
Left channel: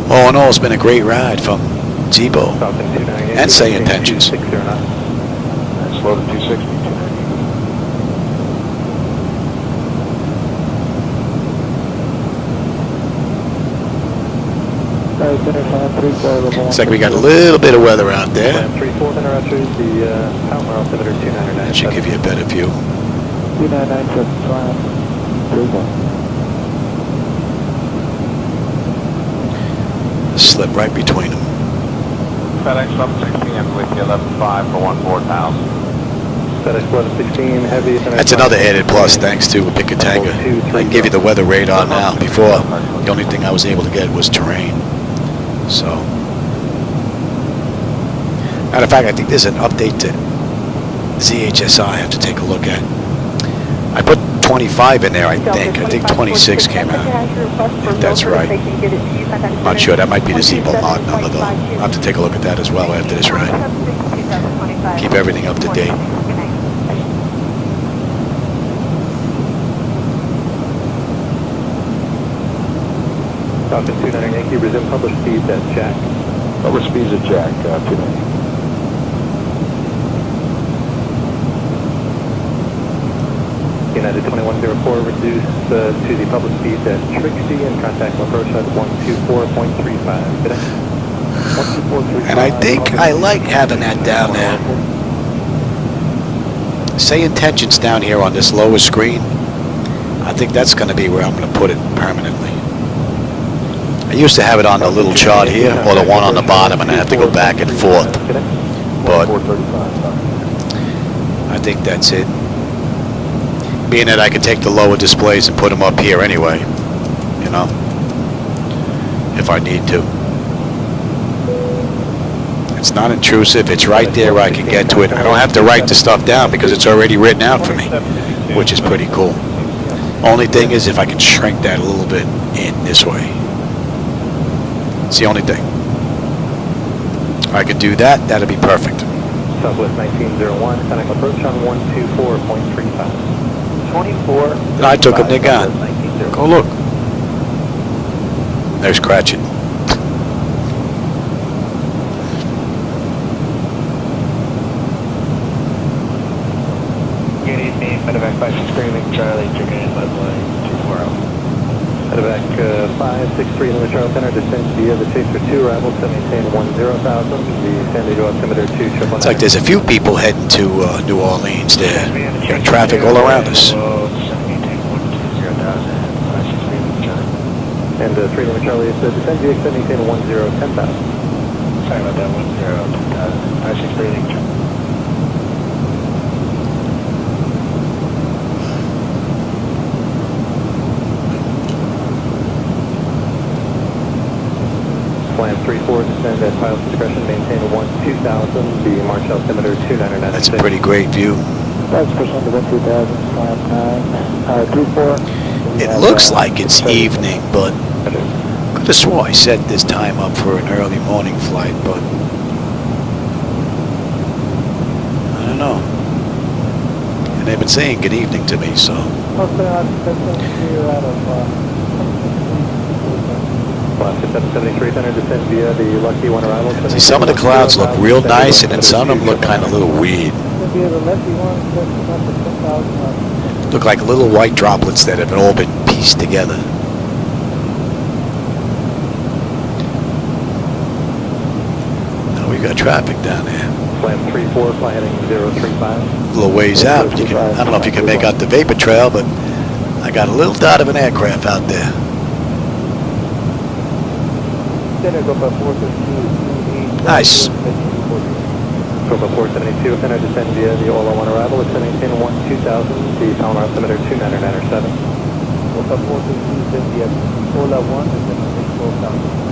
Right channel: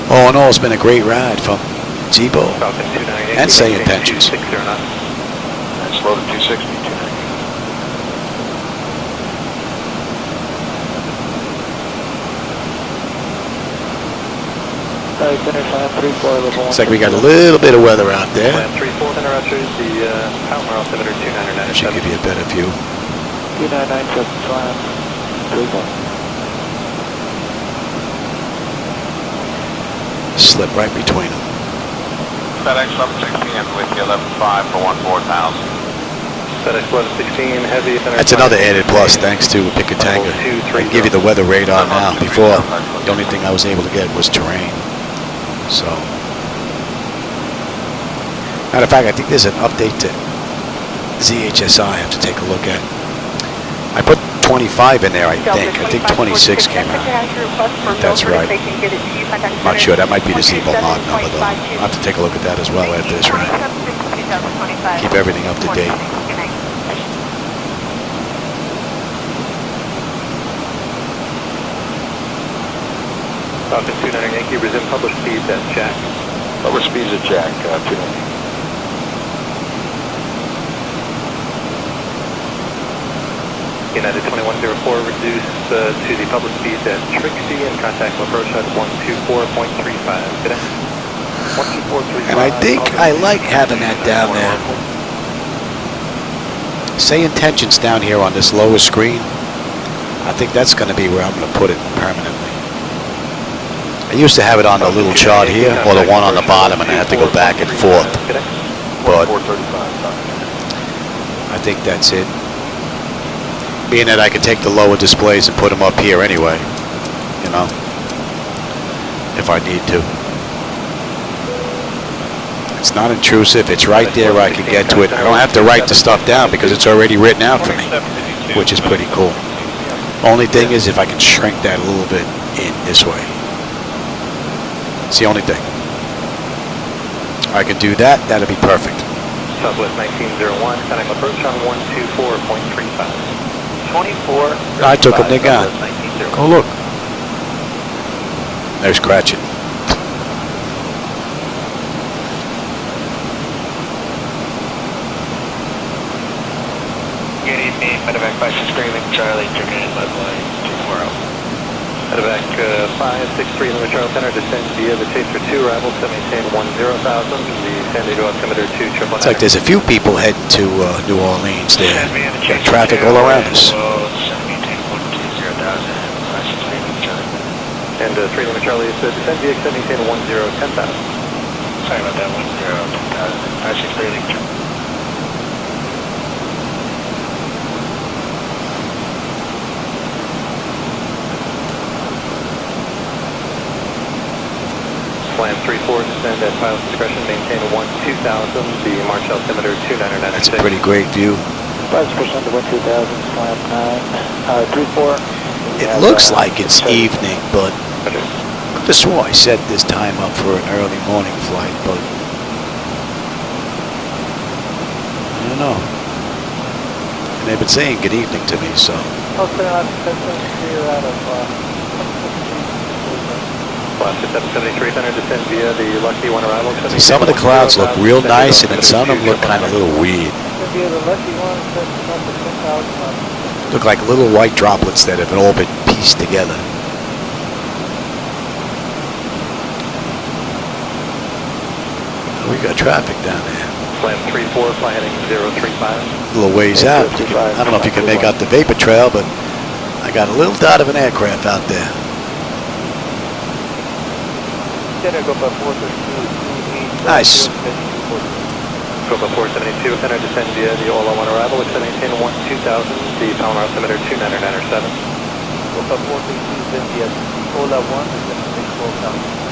All in all, it's been a great ride from Zibo and SayIntentions. That's low to 260. Looks like we got a little bit of weather out there. That should give you a better view. Slip right between them. FedEx 1116 with you 11.5 for 14,000. FedEx 1116 heavy. That's another added plus thanks to Picatanga. I can give you the weather radar now. Before, the only thing I was able to get was terrain. So, matter of fact, I think there's an update to ZHSI I have to take a look at. I put 25 in there, I think 26 came out, if that's right. I'm not sure, that might be the Zibo mod number though. I'll have to take a look at that as well after this ride. Keep everything up to date. Cockpit 29 Yankee, resume public speeds at Jack. Public speeds at Jack, 2. United 2104, reduce to the public speeds at Trixie and contact approach at 124.35. Good afternoon. And I think I like having that down there. SayIntentions down here on this lower screen. I think that's going to be where I'm going to put it permanently. I used to have it on the little chart here, or the one on the bottom, and I have to go back and forth. But I think that's it. Being that I can take the lower displays and put them up here anyway, you know, if I need to. It's not intrusive. It's right there where I can get to it. I don't have to write the stuff down because it's already written out for me, which is pretty cool. Only thing is if I can shrink that a little bit in this way. It's the only thing. I could do that. That'll be perfect. Southwest 1901, contact approach on 124.35. 24. I took them. They're gone. Go look. They're scratching. Good evening, medevac Vice Screaming Charlie, German Leadline 240. Medevac 563 Lima Charlie Center, descend via the Chaser 2, arrival to maintain 10,000, the San Diego altimeter 2 It's like there's a few people heading to New Orleans there. You got traffic all around us. And 3 Lima Charlie is descend via extend maintain 10,000. Sorry about that, 10,000. Actually, clearly. Plan 34, descend at pilot's discretion, maintain 2,000, the March altimeter 299. That's a pretty great view. Pilot's discretion to 1,000, slant 9, 34. It looks like it's evening, but I could have swore I set this time up for an early morning flight, but I don't know. And they've been saying good evening to me, so. See, some of the clouds look real nice, and then some of them look kind of a little weird. Look like little white droplets that have all been pieced together. Oh, we got traffic down there. Plan 34, fly heading 035. A little ways out. You can, I don't know if you can make out the vapor trail, but I got a little dot of an aircraft out there. Nice. Copa 472, center descend via the Ola 1 arrival, extend maintain 2000, the Palomar altimeter 29907. Copa 472, descend via Ola 1, descend 12,000.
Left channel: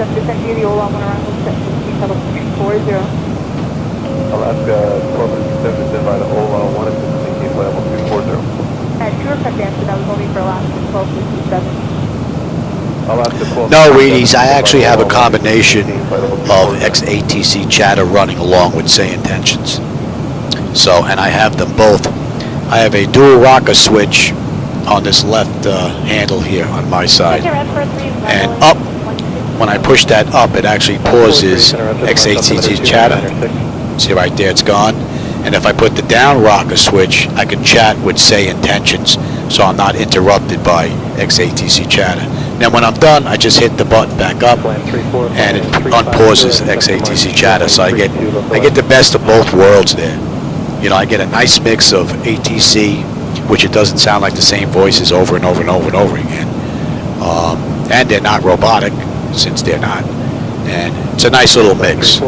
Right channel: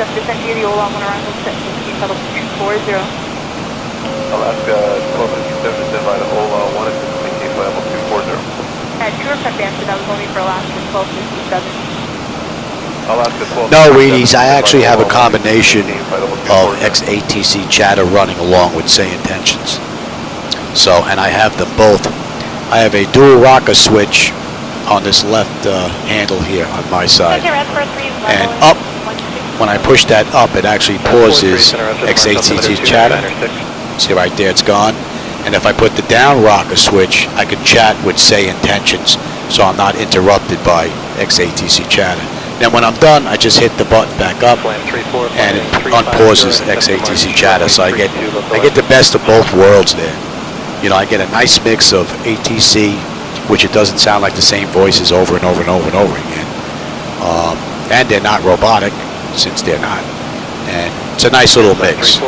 Descend via the Ola 1 arrival, set level 240. Alaska 1257, descend by the Ola 1 at maintain level 240. And Europe advanced, that was only for Alaska 1257. Alaska 12. No, Wheaties, I actually have a combination of XATC chatter running along with SayIntentions. So, and I have them both. I have a dual rocker switch on this left handle here on my side. And up, when I push that up, it actually pauses XATC chatter. See right there, it's gone. And if I put the down rocker switch, I can chat with SayIntentions, so I'm not interrupted by XATC chatter. Then when I'm done, I just hit the button back up, and it unpauses XATC chatter. So I get the best of both worlds there. You know, I get a nice mix of ATC, which it doesn't sound like the same voices over and over and over and over again. And they're not robotic, since they're not. And it's a nice little mix.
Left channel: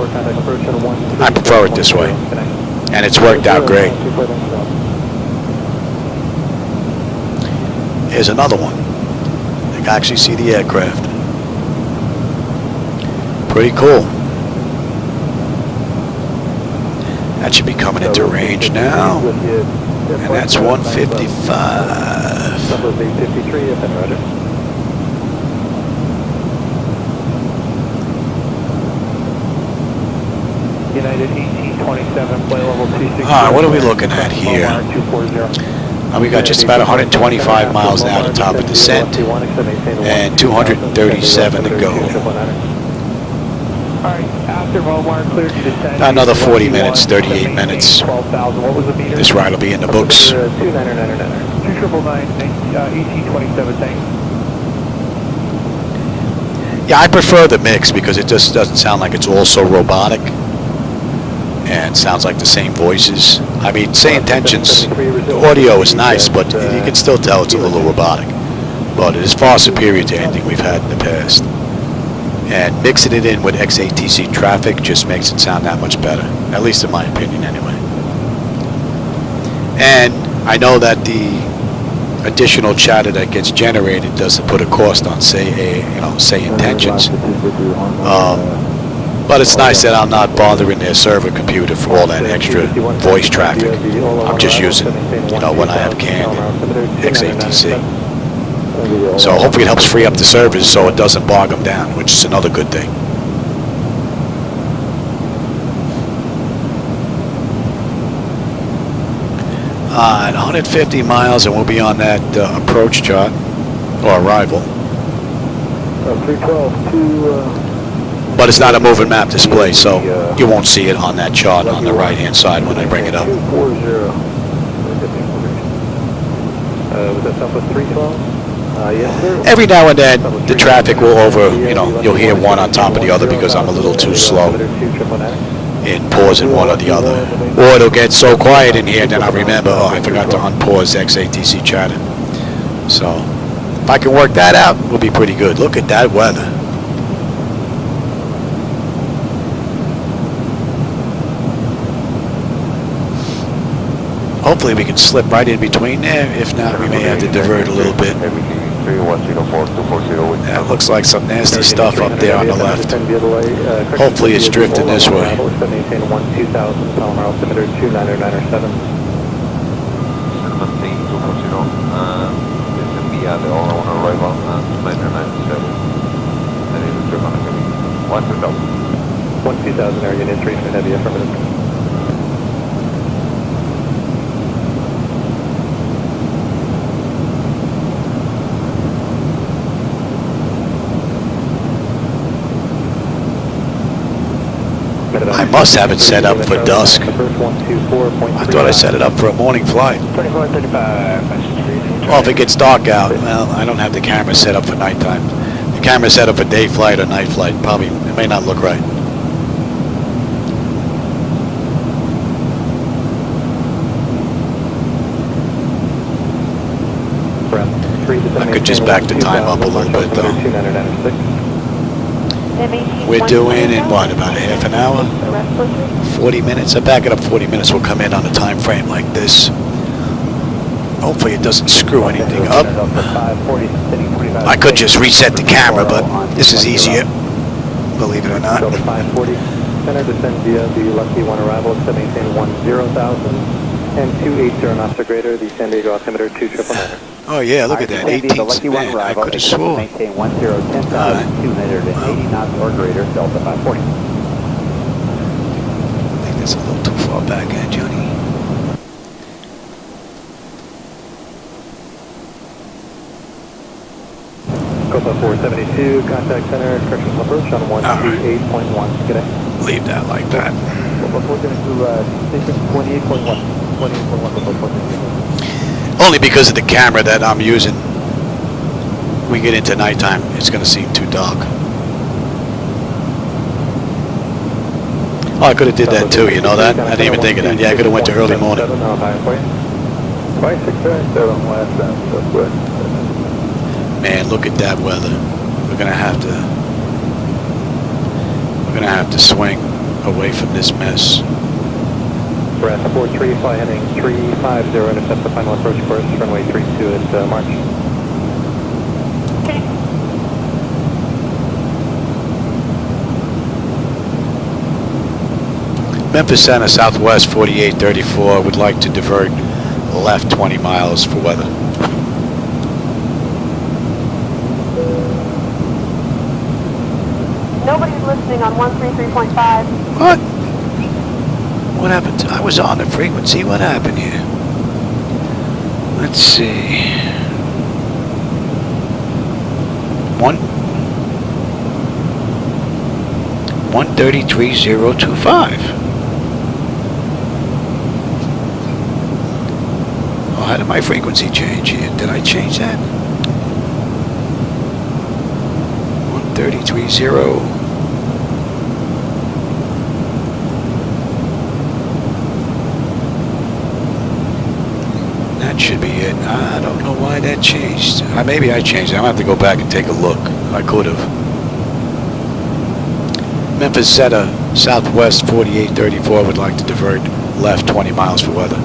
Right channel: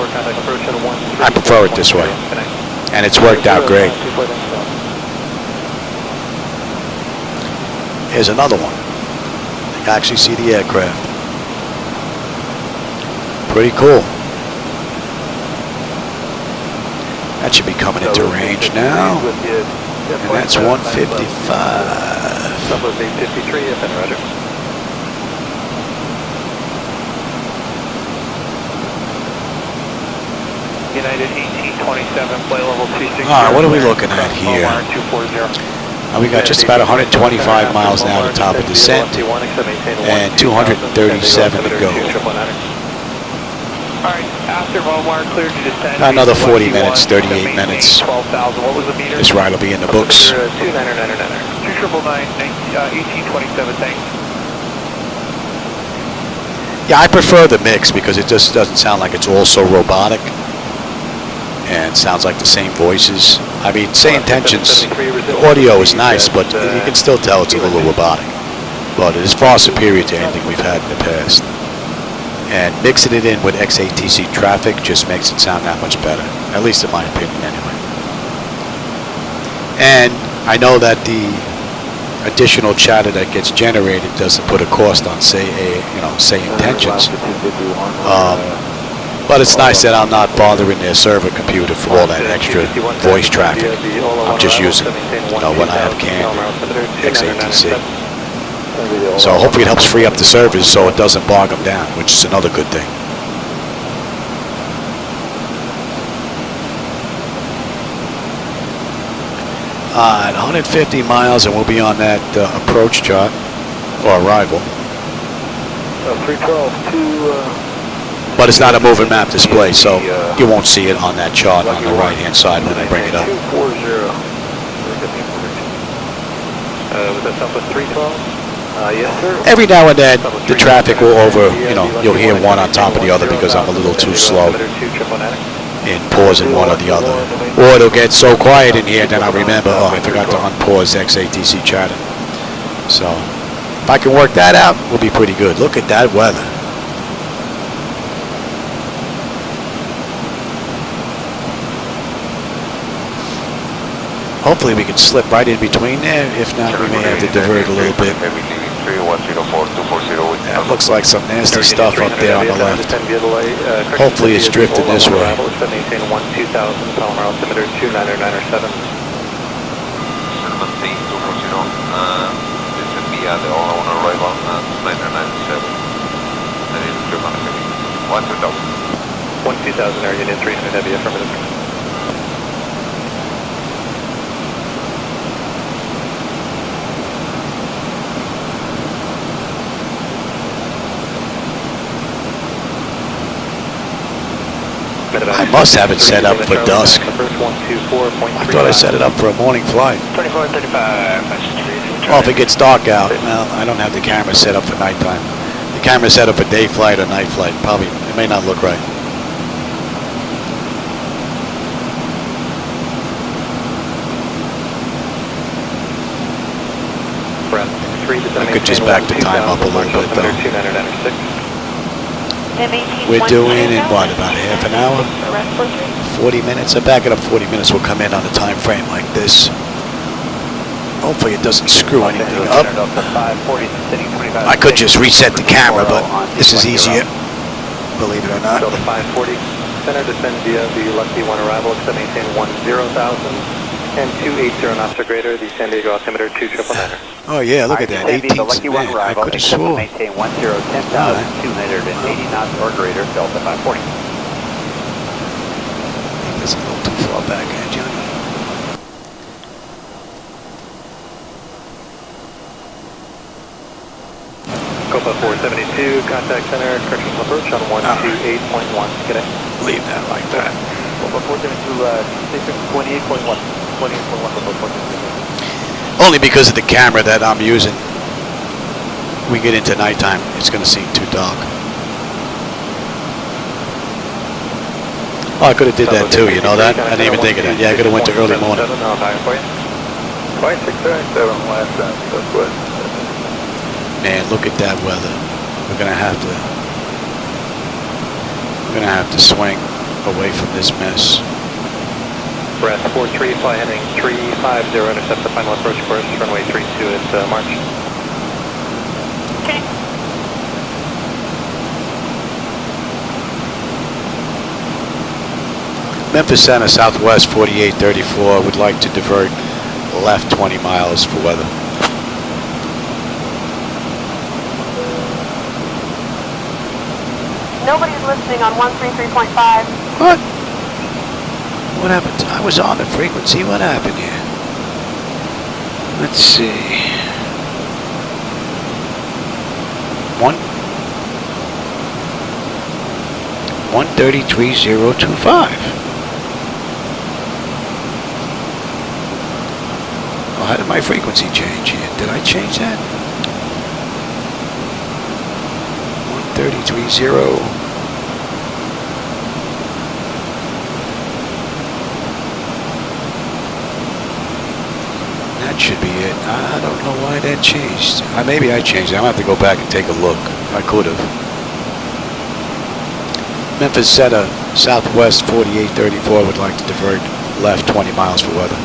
I prefer it this way. And it's worked out great. Here's another one. I can actually see the aircraft. Pretty cool. That should be coming into range now. And that's 155. United 1827, flight level 260. What are we looking at here? We got just about 125 miles now to top of descent and 237 to go. About another 40 minutes, 38 minutes. This ride will be in the books. Yeah, I prefer the mix because it just doesn't sound like it's all so robotic and sounds like the same voices. I mean, SayIntentions, the audio is nice, but you can still tell it's a little robotic. But it is far superior to anything we've had in the past. And mixing it in with XATC traffic just makes it sound that much better, at least in my opinion anyway. And I know that the additional chatter that gets generated doesn't put a cost on SayIntentions. But it's nice that I'm not bothering their server computer for all that extra voice traffic. I'm just using, when I have canned XATC. So hopefully it helps free up the servers so it doesn't bog them down, which is another good thing. At 150 miles and we'll be on that approach chart, or arrival. 312 But it's not a moving map display, so you won't see it on that chart on the right-hand side when I bring it up. Was that Southwest 312? Yes, sir. Every now and then, the traffic will you'll hear one on top of the other because I'm a little too slow in pausing one or the other. Or it'll get so quiet in here, then I'll remember, oh, I forgot to unpause XATC chatter. So, if I can work that out, we'll be pretty good. Look at that weather. Hopefully we can slip right in between there. If not, we may have to divert a little bit. That looks like some nasty stuff up there on the left. Hopefully it's drifting this way. I must have it set up for dusk. I thought I set it up for a morning flight. Well, if it gets dark out, well, I don't have the camera set up for nighttime. The camera set up for day flight or night flight. Probably, it may not look right. I could just back the time up a little bit, though. We're doing in what, about a half an hour? 40 minutes. I back it up 40 minutes. We'll come in on a time frame like this. Hopefully it doesn't screw anything up. I could just reset the camera, but this is easier, believe it or not. Center descend via the Lucky 1 arrival, extending 10,000 and 280 knots or greater, the San Diego altimeter 2999. Oh yeah, look at that, 18, man, I could have sworn. Alright. Well, I think that's a little too far back, Johnny? Copa 472, contact center, corrections approach on 128.1 today. Leave that like that. Copa 472, 28.1. 28.1. Only because of the camera that I'm using. We get into nighttime, it's going to seem too dark. Oh, I could have did that too, you know that? I didn't even think of that. Yeah, I could have went to early morning. Man, look at that weather. We're gonna have to swing away from this mess. Brad 43, fly heading 350, intercept the final approach course, runway 32 is March. Okay. Memphis Center, Southwest 4834, would like to divert left 20 miles for weather. Nobody's listening on 133.5. What? What happened? I was on the frequency. What happened here? Let's see. 133.025. Oh, how did my frequency change here? Did I change that? 133.0. That should be it. I don't know why that changed. Maybe I changed it. I'm going to have to go back and take a look. I could have. Memphis Center, Southwest 4834 would like to divert left 20 miles for weather.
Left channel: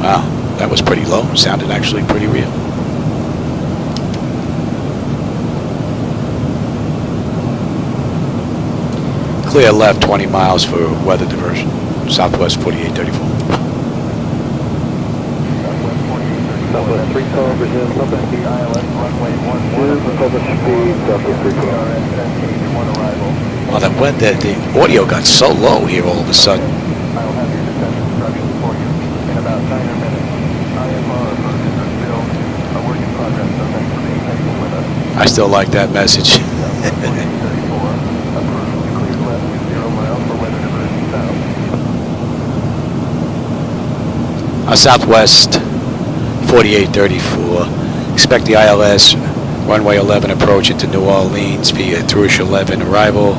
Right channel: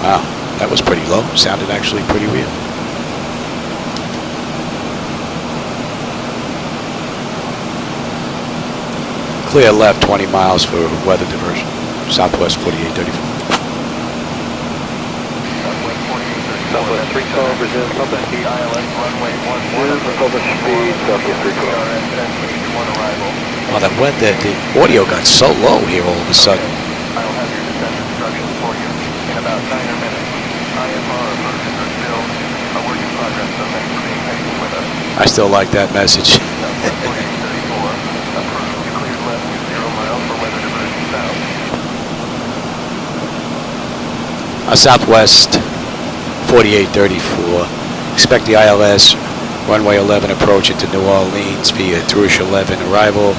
Wow, that was pretty low. Sounded actually pretty real. Clear left 20 miles for weather diversion. Southwest 4834. Southwest 3 car, Brazil, Southwest ILS, runway 11, Southwest speed, Southwest 3 car. Oh, the audio got so low here all of a sudden. I'll have your descent instructions for you in about 9 minutes. IFR approaches are still a work in progress, so thanks for being patient with us. I still like that message. Southwest 4834. Expect the ILS runway 11 approach into New Orleans via Thrush 11 arrival,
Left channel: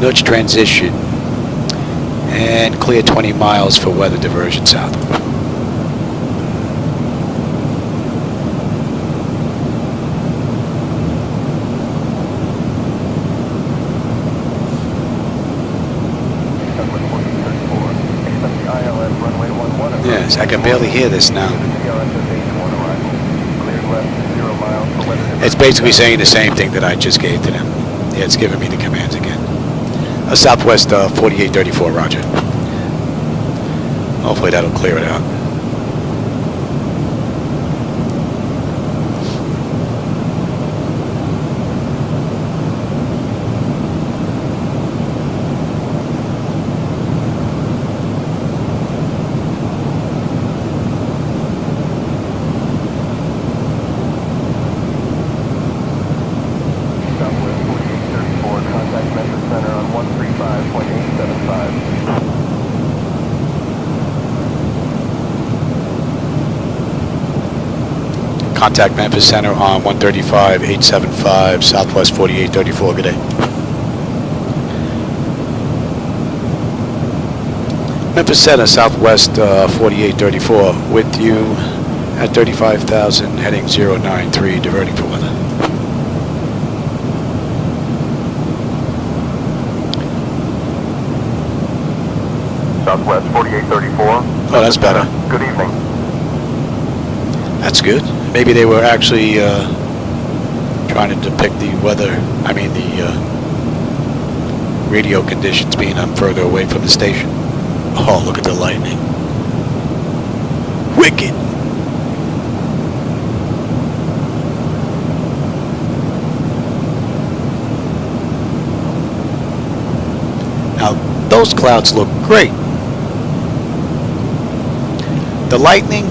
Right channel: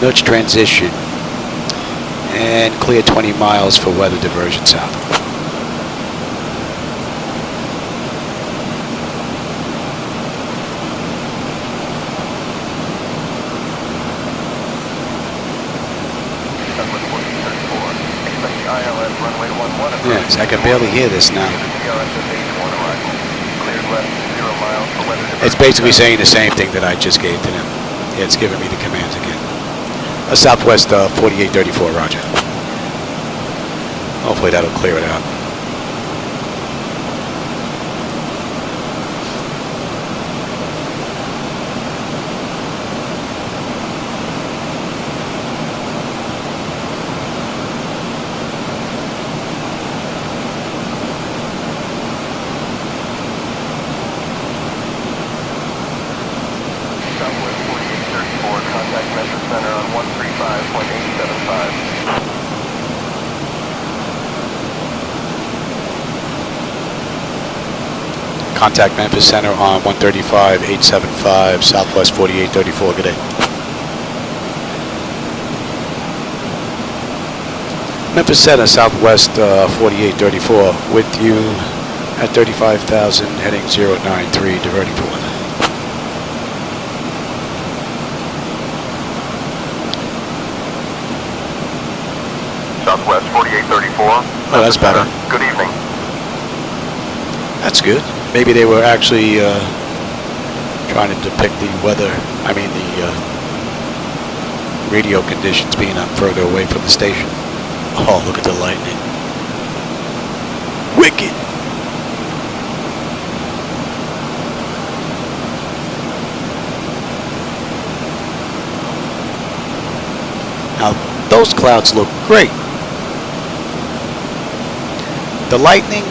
nudge transition, and clear 20 miles for weather diversion south. Yes, I can barely hear this now. It's basically saying the same thing that I just gave to them. Yeah, it's giving me the commands again. Southwest 4834, roger. Hopefully that'll clear it out. Contact Memphis Center on 135.875, Southwest 4834. Good day. Memphis Center, Southwest 4834, with you at 35,000, heading 093, diverting for weather. Southwest 4834. Oh, that's better. Good evening. That's good. Maybe they were actually trying to depict the weather, the radio conditions being further away from the station. Oh, look at the lightning. Wicked. Now, those clouds look great. The lightning,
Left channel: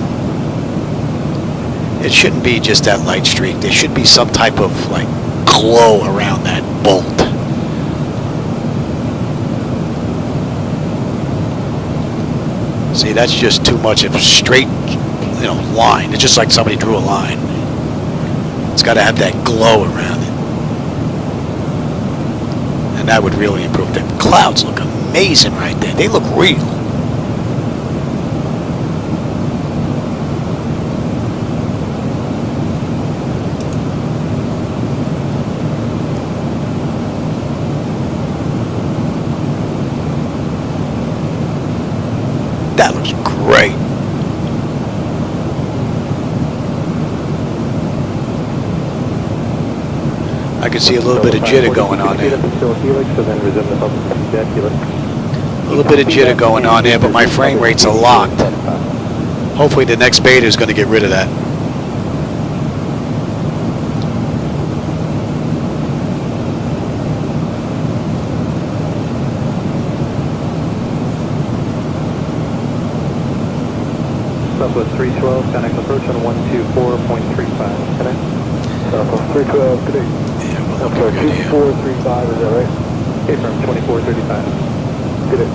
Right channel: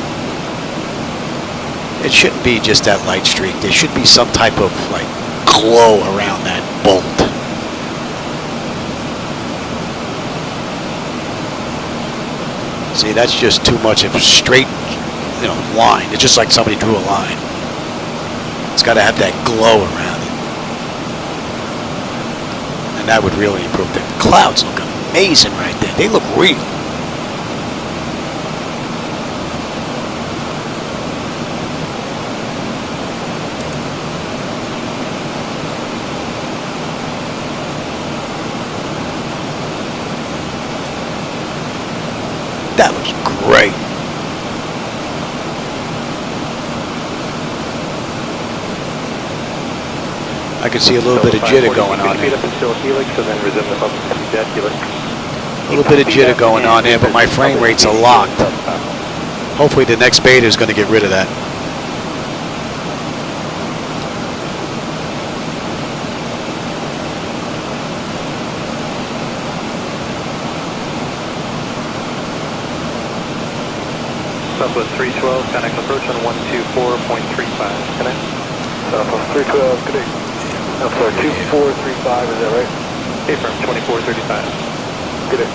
it shouldn't be just that light streak. There should be some type of glow around that bolt. See, that's just too much of a straight, line. It's just like somebody drew a line. It's got to have that glow around it. And that would really improve. The clouds look amazing right there. They look real. That looks great. I can see a little bit of jitter going on there. A little bit of jitter going on there, but my frame rates are locked. Hopefully the next beta is going to get rid of that. Southwest 312, connect approach on 124.35. Connect. Southwest 312, good day. Yeah, we're looking good here. 2435, is that right? Hey, from 2435. Good day.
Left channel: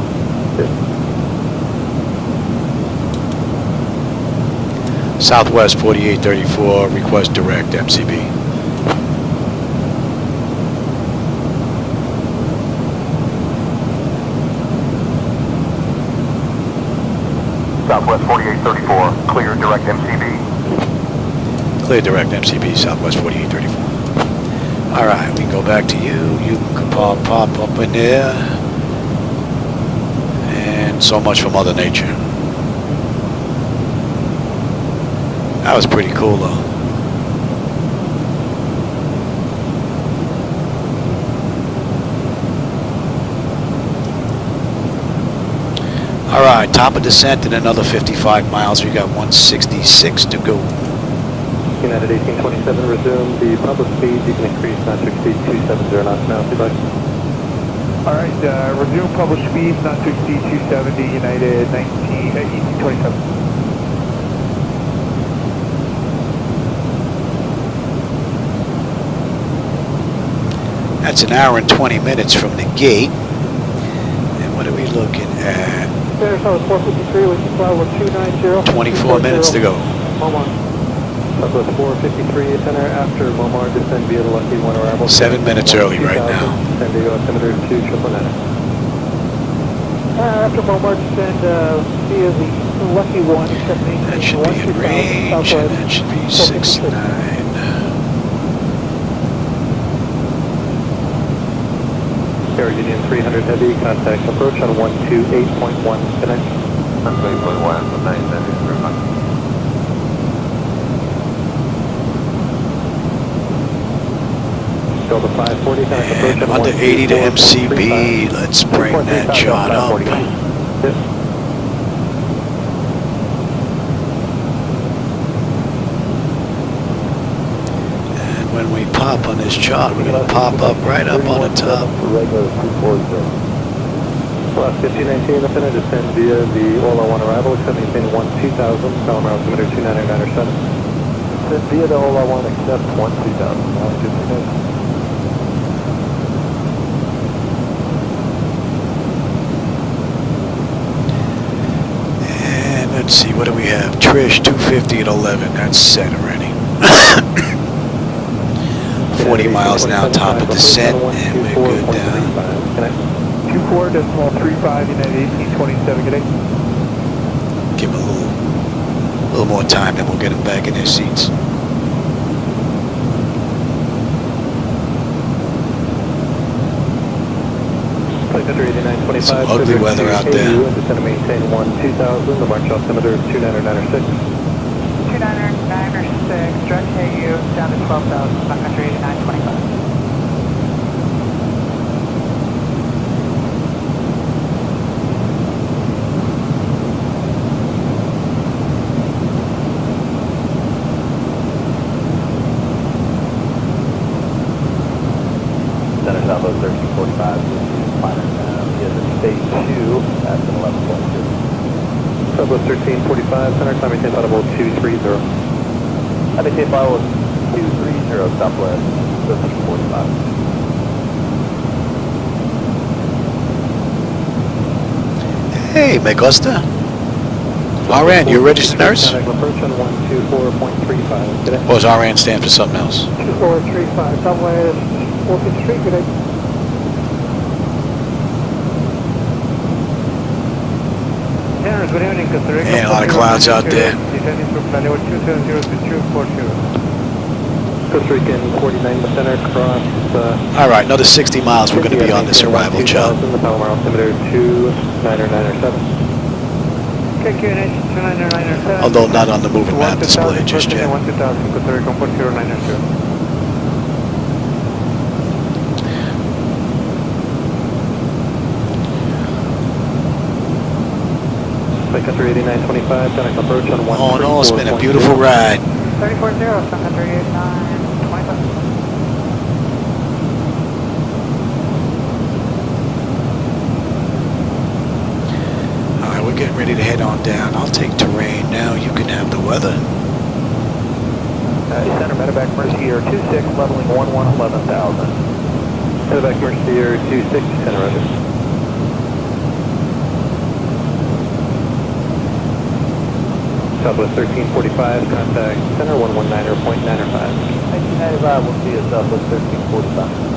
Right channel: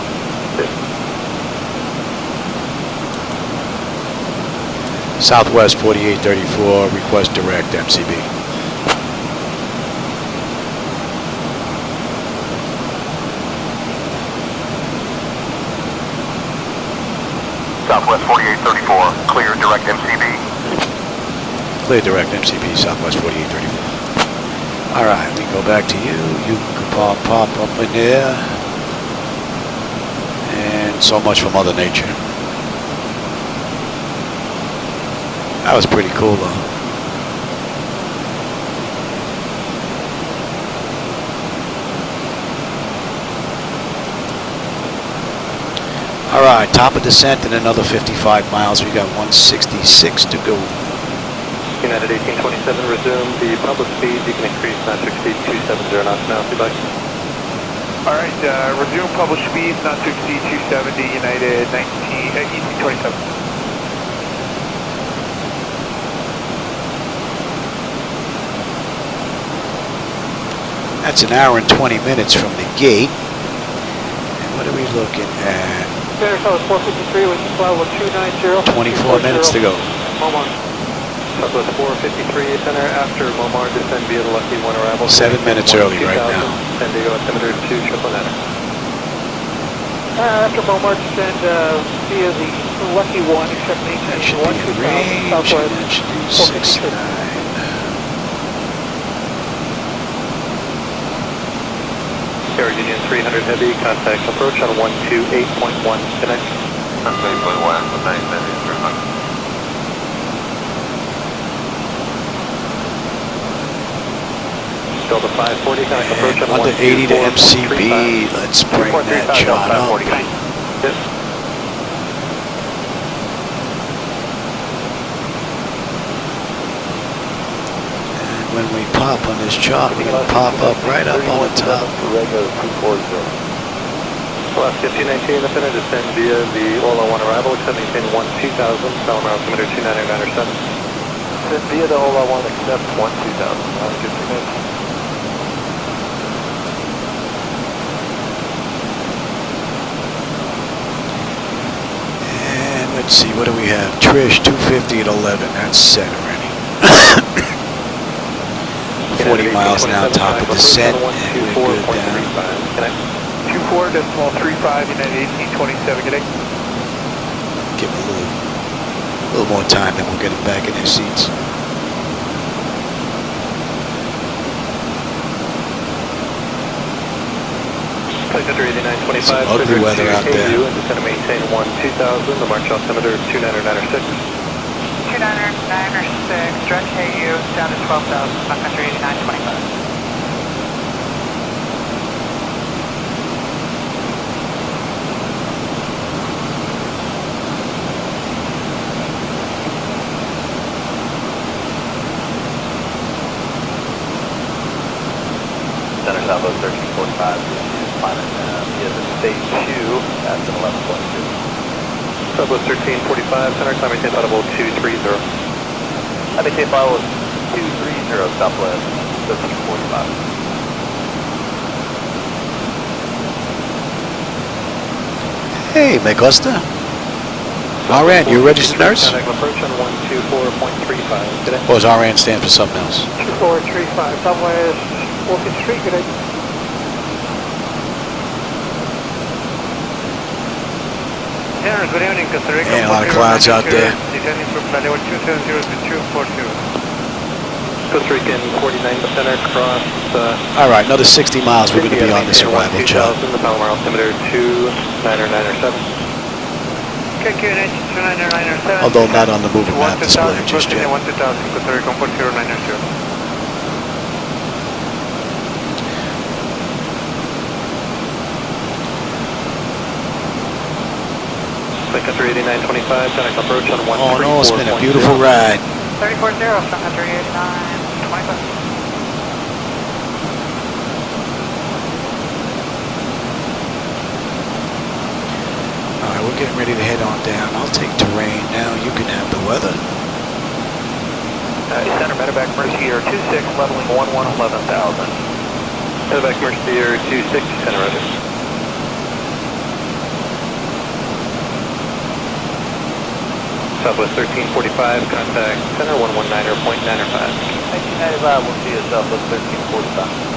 Southwest 4834, request direct MCB. Southwest 4834, clear direct MCB. Clear direct MCB, Southwest 4834. All right, we can go back to you. You can pop up in there. And so much for Mother Nature. That was pretty cool, though. All right, top of descent and another 55 miles. We got 166 to go. United 1827, resume the public speed. You can increase not to exceed 270 knots now if you'd like. All right, resume published speed, not to exceed 270, United 1827. That's an hour and 20 minutes from the gate. And what are we looking at? 24 minutes to go. Southwest 453, center after Lomar, descend via the Lucky 1 arrival. 7 minutes early right now. San Diego altimeter 299. After Lomar, descend via the Lucky 1. That should be in range, and that should be 6-9. Air Union 300 Heavy, contact approach on 128.1, connect. 128.1, 990. Delta 540, And under 80 to MCB, let's bring that chart up. Yes. And when we pop on this chart, we're going to pop up right up on the top. Alaska 219 in the center, descend via the Ola 1 arrival, except maintain 2000, Palomar altimeter 299.7. Descend via the Ola 1, except 2000. And let's see, what do we have? Trish, 250 at 11. That's set already. 40 miles an hour, top of descent, and we're good down. 24.35, United 1827, good day. Give them a little more time, then we'll get them back in their seats. Some ugly weather out there. It's going to maintain 2000, the March altimeter 299.6. 299.6, direct KU down to 12,000, Sun Country 8925. Center Southwest 1345. Stage 2, that's an 11.2. Southwest 1345, center climb maintain audible 230. IDK file is 230, Southwest 1345. Hey, Megusta. RN, you a registered nurse? Approach on 124.35. Or does RN stand for something else? 2435, Southwest 14th Street, good day. And a lot of clouds out there. Costa Rican 49 center cross. All right, another 60 miles. We're going to be on this arrival chart. The Palomar altimeter 299.7. Although not on the moving map display just yet. Second 8925, contact approach on 1. All in all, it's been a beautiful ride. 340, Cessna 389, 25. All right, we're getting ready to head on down. I'll take terrain now. You can have the weather. Center medevac Mercy Air 26, leveling 11,000. Medevac Mercy Air 26, center ready. Southwest 1345, contact center 119.905. 1995 will see you Southwest 1345.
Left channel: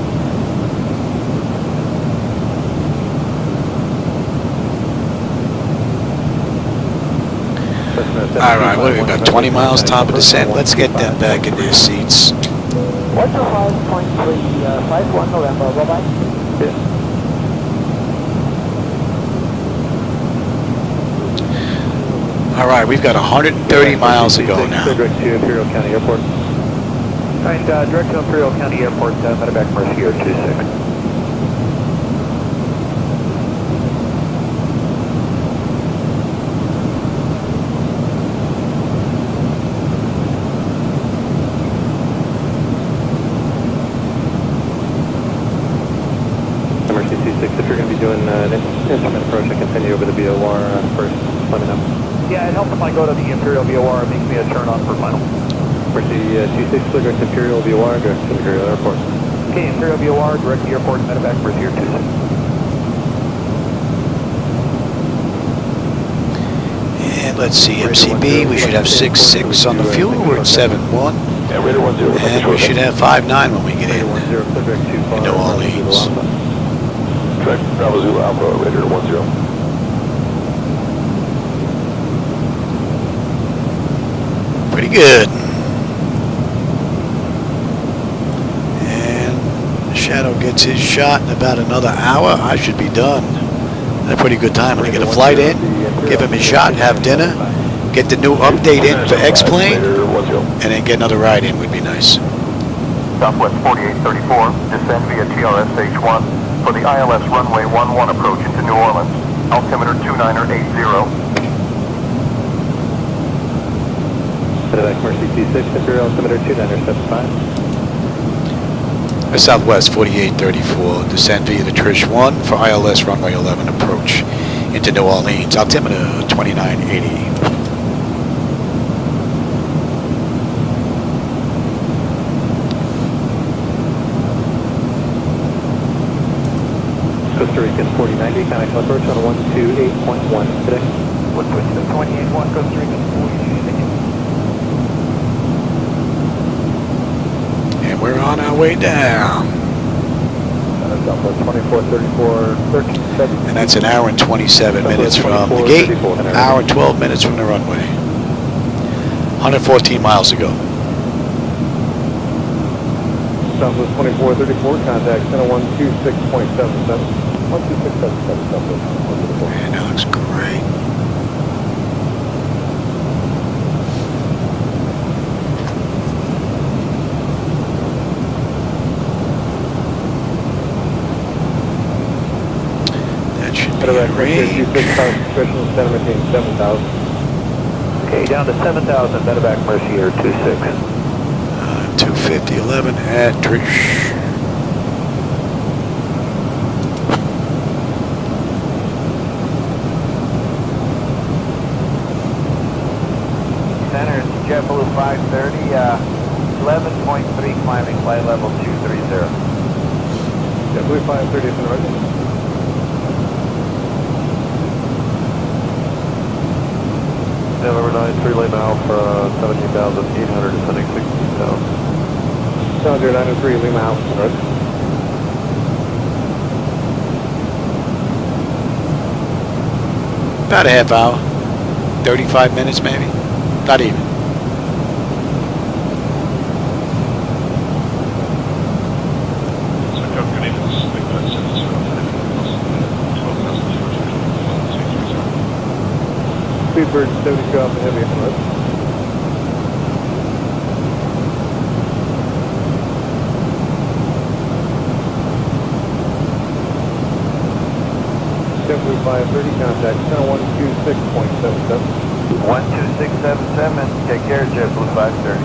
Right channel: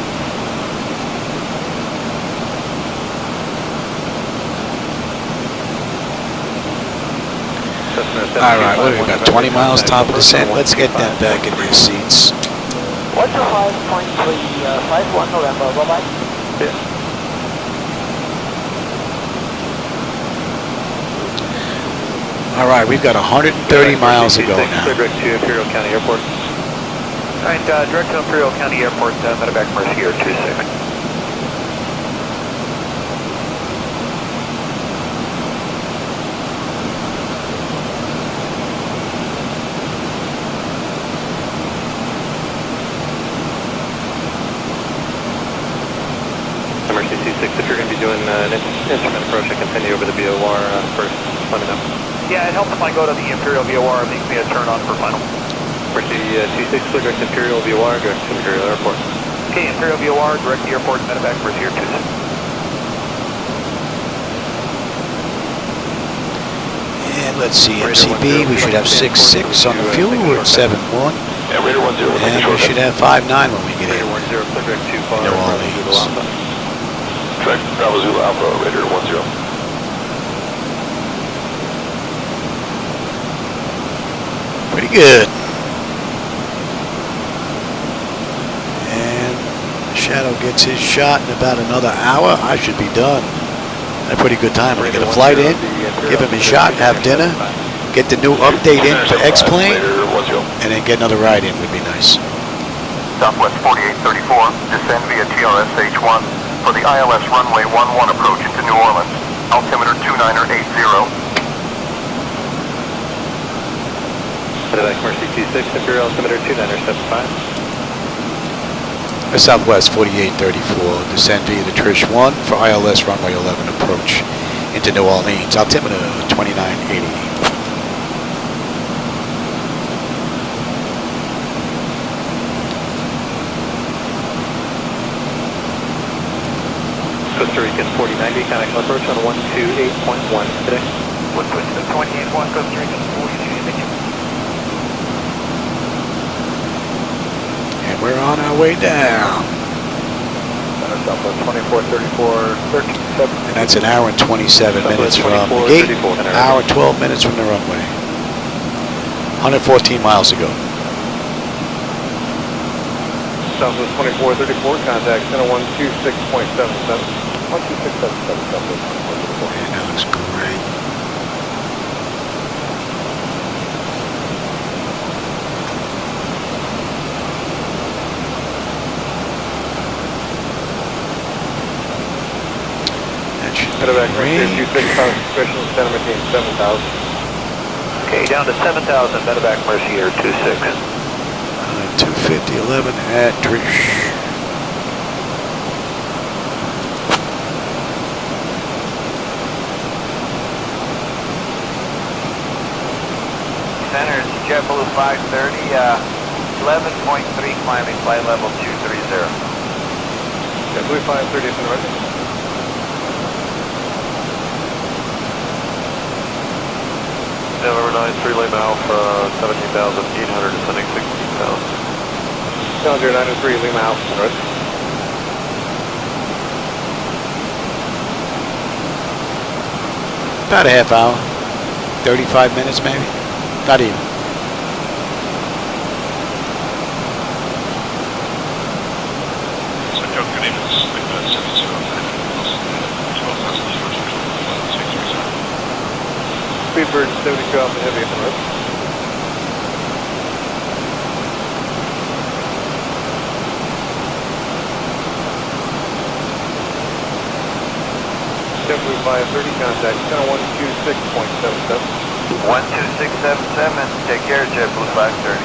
All right, what do we got? 20 miles top of descent. Let's get them back in their seats. What's your 5.3, 51 November, bye-bye. All right, we've got 130 miles to go now. Direct to Imperial County Airport. All right, direct to Imperial County Airport, medevac Mercy Air 26. Mercy 26, if you're going to be doing an instrument approach, I can send you over the VOR first. Let me know. Yeah, it helps if I go to the Imperial VOR and leave me a turn on for final. Mercy 26, direct to Imperial VOR, direct to Imperial Airport. Okay, Imperial VOR, direct to the airport, medevac Mercy Air 26. And let's see, MCB, we should have 6.6 on the fuel. We're at 7.1. And we should have 5.9 when we get in New Orleans. Bravo Zulu Alpha, Raider 10. Pretty good. And Shadow gets his shot in about another hour. I should be done. Had a pretty good time. I'm going to get a flight in, give him his shot, have dinner, get the new update in for X-Plane, and then get another ride in would be nice. Southwest 4834, descend via TRS H1 for the ILS runway 11 approach to New Orleans. Altimeter 2980. Medevac Mercy 26, Imperial altimeter 2975. Southwest 4834, descend via the Trish 1 for ILS runway 11 approach into New Orleans. Altimeter 2980. Costa Rican 4090, contact approach on 128.1 today. 128.1, Costa Rican 4260. And we're on our way down. Southwest 2434, 1370. And that's an hour and 27 minutes from the gate, hour and 12 minutes from the runway. 114 miles to go. Southwest 2434, contact center 126.77. 126.77. Man, that looks great. That should be in range. Okay, down to 7,000, medevac Mercy Air 26. 250.11 at Trish. Center is JetBlue 530, 11.3 climbing, flight level 230. JetBlue 530 is in order. Delaware 93, Lima Alpha, 17,800, descending 16,000. Delaware 93, Lima Alpha, north. About a half hour. 35 minutes maybe. Not even. Speedbird 72 Alpha Heavy on the road. JetBlue 2530, contact center 126.77. 12677, take care, JetBlue 530.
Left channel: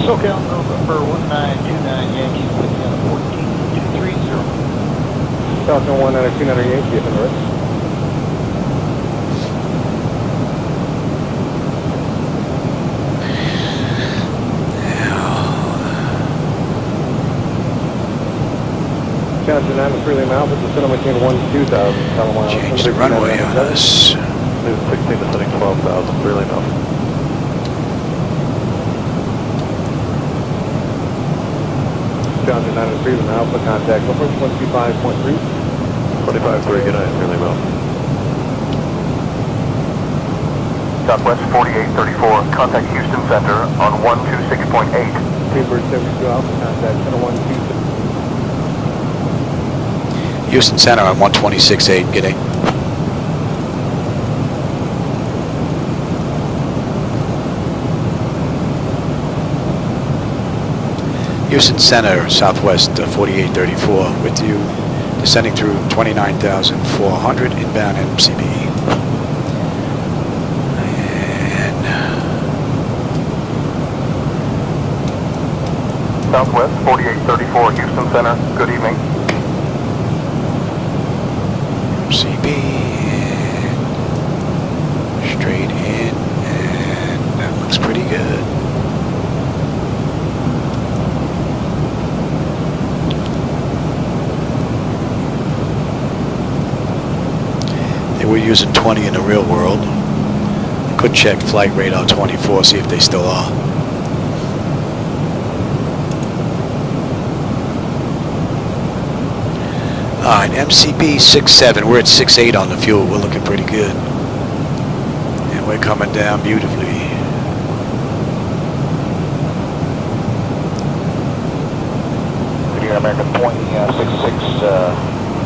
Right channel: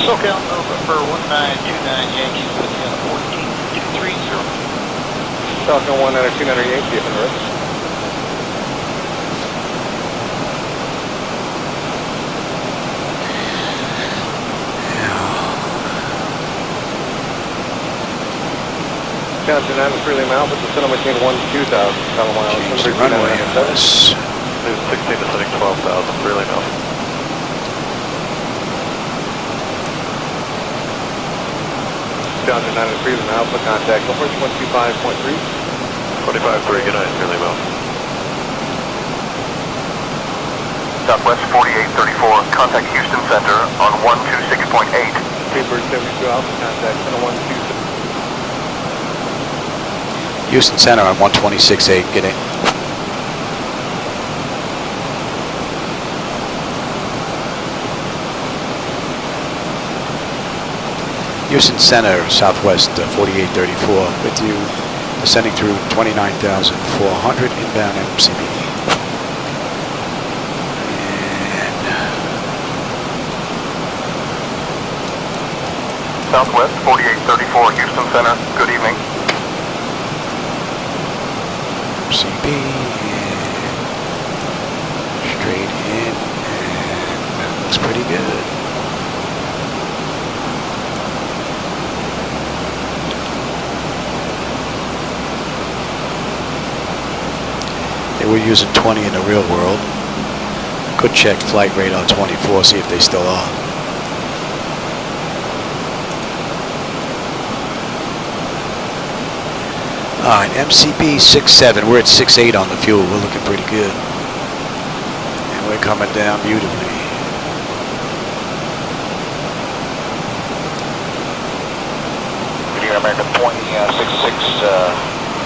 SoCal November 1929 Yankees, Indiana 1430. Falcon 192 Yankee, if I'm right. Johnson 9 to Freely Mount, with the center maintain 1-2000. Change the runway on us. 16 to setting 12,000, Freely Mount. Johnson 9 to Freely Mount, for contact number 125.3. 25.3, good night, Freely Mount. Southwest 4834, contact Houston Center on 126.8. Paper 72 Alpha, contact center 126. Houston Center on 126.8, get in. Houston Center, Southwest 4834, with you, descending through 29,400 inbound MCB. And Southwest 4834, Houston Center, good evening. MCB, and straight in, and that looks pretty good. They were using 20 in the real world. I could check Flight Radar 24, see if they still are. Alright, MCB 6.7, we're at 6.8 on the fuel, we're looking pretty good. And we're coming down beautifully. Good evening, American 2066